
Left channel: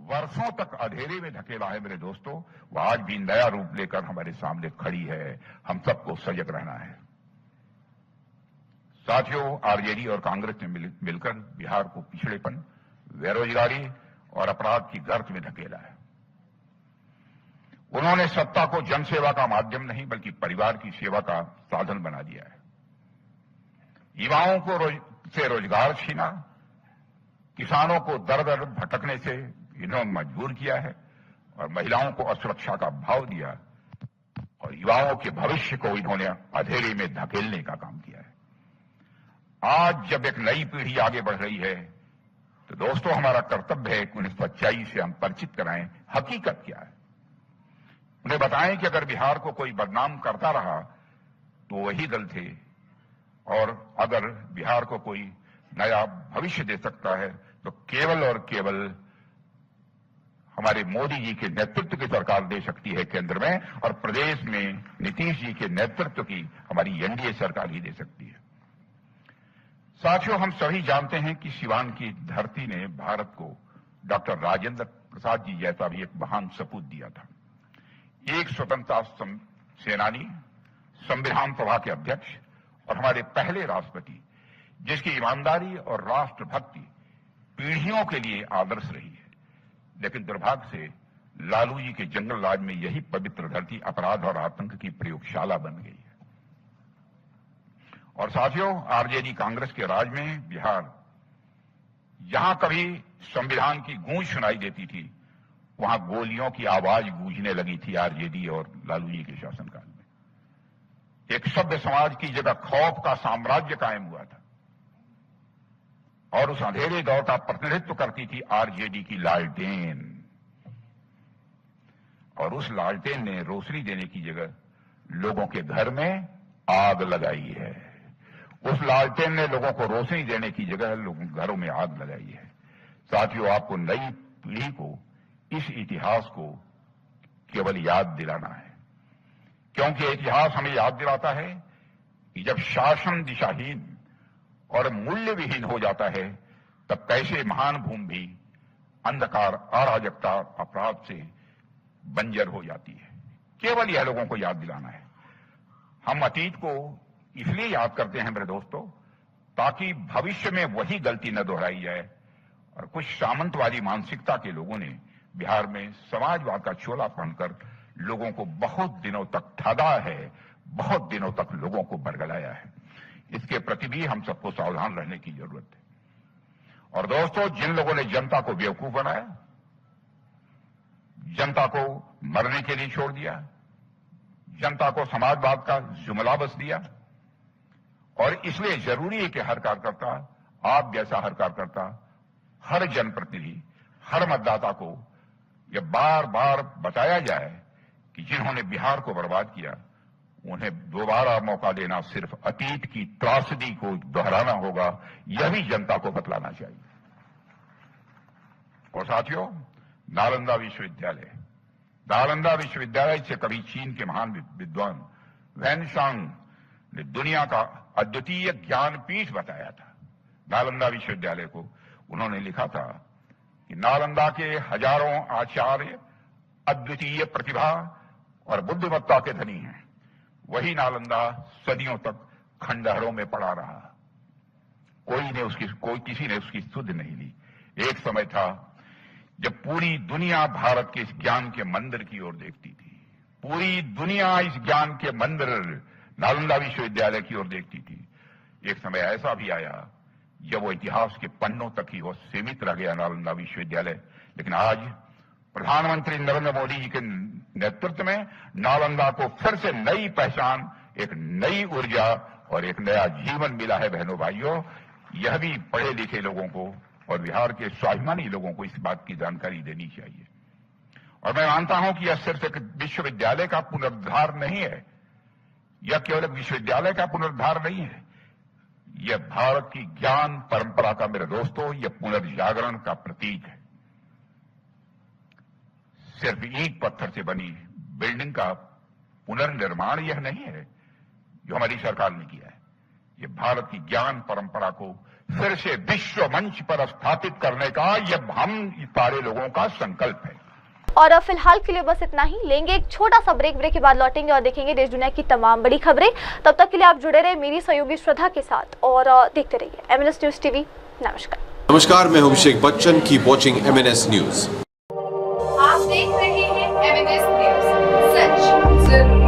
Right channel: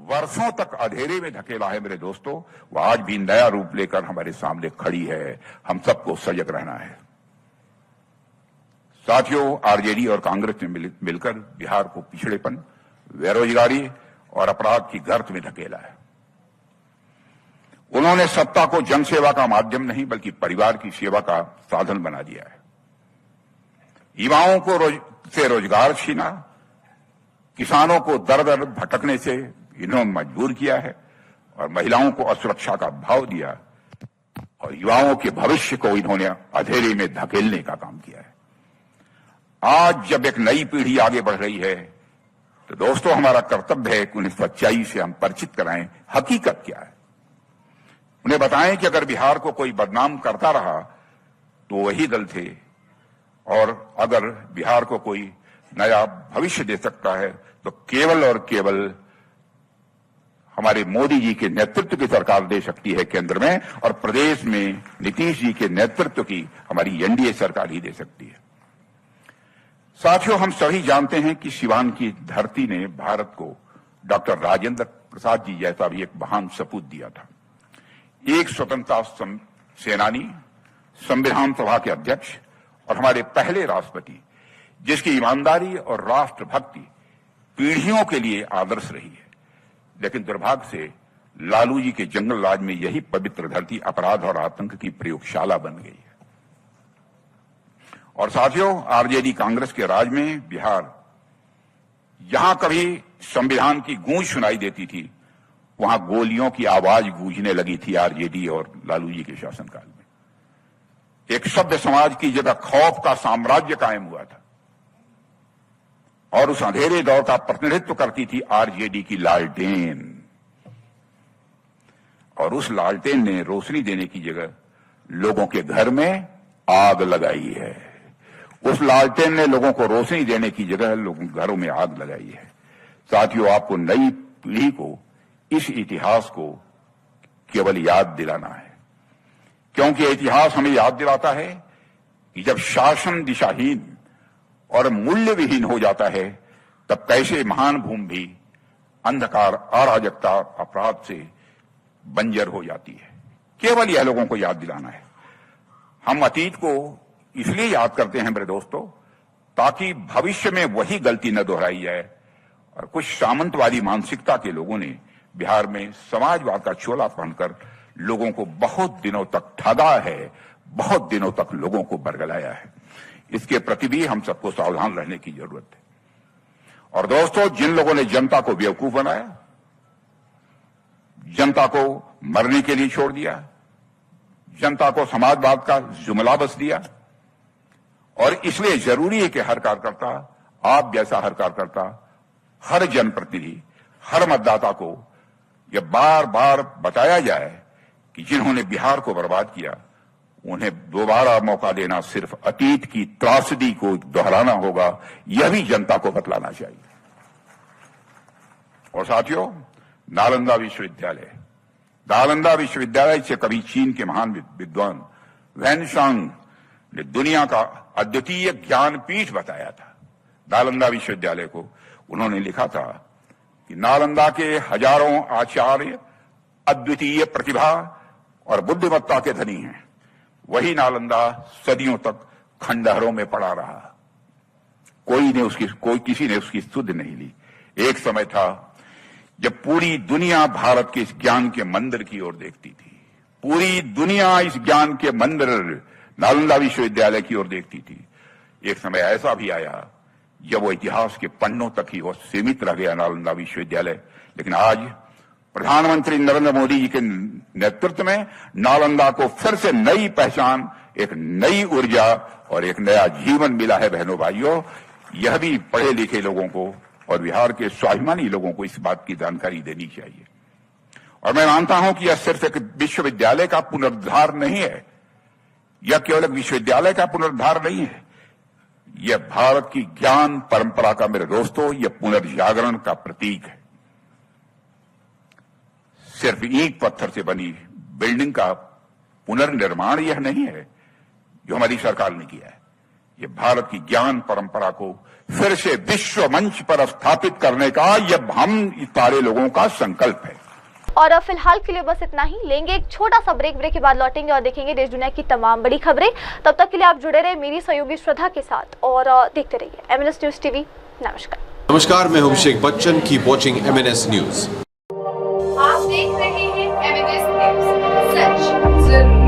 वर्षों तक अंधेरे में धकेला है मेरे दोस्तों, वो आज भी नया रूप लेकर हमारे सामने खड़ी है। हम सबको सजग रहना है। साथियों, आरजेडी और कांग्रेस ने मिलकर बिहार को पिछड़ेपन, बेरोजगारी और अपराध की गर्त में धकेला है। उन्होंने सत्ता को जनसेवा का माध्यम नहीं बल्कि परिवार की सेवा का साधन बना दिया है। युवाओं को से रोजगार छीना, किसानों को दर दर भटकने से इन्होंने मजबूर किया है और महिलाओं को असुरक्षा का भाव दिया और युवाओं के भविष्य को इन्होंने अंधेरे में धकेलने का काम किया है। आज जब एक नई पीढ़ी आगे बढ़ रही है तो दोस्तों हमारा कर्तव्य है कि उन्हें सच्चाई से हम परिचित कराएं, हकीकत क्या है। उन्हें बताएं कि अगर बिहार को कोई बदनाम करता रहा तो वही दल थे, और अगर बिहार को कोई नया भविष्य दे सकता है तो केवल और केवल हमारे मोदी जी के नेतृत्व की सरकार दे सकती है केंद्र में, और प्रदेश में नीतीश जी के नेतृत्व की हमारी एनडीए सरकार ही दे सकती है। साथियों, हम सभी जानते हैं कि सिवान की धरती ने भारत को डॉक्टर राजेंद्र प्रसाद जी जैसा भी एक महान सपूत दिया था। एक स्वतंत्रता सेनानी, संविधान सभा के अध्यक्ष और हमारे पहले राष्ट्रपति, जिसकी ईमानदारी और राष्ट्रभक्ति पीढ़ियों के लिए आदर्श रही है। लेकिन दुर्भाग्य से लालू जी के जंगल राज में यही पवित्र धरती अपराध और आतंक की प्रयोगशाला बन गई है। और साथियों, आरजेडी कांग्रेस के राज में बिहार, जहां कभी संविधान की गूंज सुनाई देती थी, वहां गोलियों की आवाज गूंजने लगी थी आरजेडी और लालू जी के शासनकाल में। एक सभ्य समाज की जगह खौफ का साम्राज्य कायम हुआ था, और उस अंधेरे दौर का प्रतिनिधित्व करती थी आरजेडी की लालटेन। और उस लालटेन ने रोशनी देने की जगह लोगों के घर में आग लगाई है। उस लालटेन ने लोगों को रोशनी देने की जगह लोगों के घरों में आग लगाई है। साथियों, आपको नई पीढ़ी को इस इतिहास को केवल याद दिलाना है, क्योंकि इतिहास हमें याद दिलाता है कि जब शासन दिशाहीन और मूल्य विहीन हो जाता है तब कैसे महान भूमि भी अंधकार, अराजकता, अपराध से बंजर हो जाती है। केवल यह लोगों को याद दिलाना है। हम अतीत को इसलिए याद करते हैं मेरे दोस्तों, ताकि भविष्य में वही गलती न दोहराई जाए। और कुछ सामंतवादी मानसिकता के लोगों ने बिहार में समाजवाद का चोला पहनकर लोगों को बहुत दिनों तक ठगा है, बहुत दिनों तक लोगों को बरगलाया है। इसके प्रति भी हम सबको सावधान रहने की जरूरत है। और दोस्तों, जिन लोगों ने जनता को बेवकूफ बनाया, जनता को मरने के लिए छोड़ दिया, जनता को समाजवाद का जुमला बस दिया, और इसलिए जरूरी है कि हर कार्यकर्ता, आप जैसा हर कार्यकर्ता, हर जनप्रतिनिधि, हर मतदाता को यह बार बार बताया जाए कि जिन्होंने बिहार को बर्बाद किया उन्हें दोबारा मौका देना सिर्फ अतीत की त्रासदी को दोहराना होगा। यह भी जनता को बतलाना चाहिए। और साथियों, नालंदा विश्वविद्यालय से कभी चीन के महान विद्वान वैनसांग ने दुनिया का अद्वितीय ज्ञान पीठ बताया था। नालंदा विश्वविद्यालय को उन्होंने लिखा था कि नालंदा के हजारों आचार्य अद्वितीय प्रतिभा और बुद्धिमत्ता के धनी हैं। वही नालंदा सदियों तक खंडहरों में पड़ा रहा। किसी ने उसकी सुध नहीं ली। एक समय था जब पूरी दुनिया भारत के इस ज्ञान के मंदिर की ओर देखती थी। पूरी दुनिया इस ज्ञान के मंदिर नालंदा विश्वविद्यालय की ओर देखती थी। एक समय ऐसा भी आया जब वो इतिहास के पन्नों तक ही वो सीमित रह गया नालंदा विश्वविद्यालय। लेकिन आज प्रधानमंत्री नरेंद्र मोदी जी के नेतृत्व में नालंदा को फिर से नई पहचान, एक नई ऊर्जा और एक नया जीवन मिला है। बहनों भाइयों, यह भी पढ़े लिखे लोगों को और बिहार के स्वाभिमानी लोगों को इस बात की जानकारी देनी चाहिए। और मैं मानता हूं कि यह सिर्फ एक विश्वविद्यालय का पुनरुद्धार नहीं है, यह केवल एक विश्वविद्यालय का पुनरुद्धार नहीं है, यह भारत की ज्ञान परंपरा का, मेरे दोस्तों, यह पुनर्जागरण का प्रतीक है। सिर्फ ईंट पत्थर से बनी बिल्डिंग का पुनर्निर्माण यह नहीं है जो हमारी सरकार ने किया है। यह भारत की ज्ञान परंपरा को फिर से विश्व मंच पर स्थापित करने का यह हम सारे लोगों का संकल्प है। और अब फिलहाल के लिए बस इतना ही। लेंगे एक छोटा सा ब्रेक के बाद लौटेंगे और देखेंगे देश दुनिया की तमाम बड़ी खबरें। तब तक के लिए आप जुड़े रहे मेरी सहयोगी श्रद्धा के साथ और देखते रहिए MNS न्यूज टीवी। नमस्कार, मैं हूं Abhishek Bachchan. Keep watching MNS news. आप देख रहे हैं MNS न्यूज, सच जरूर।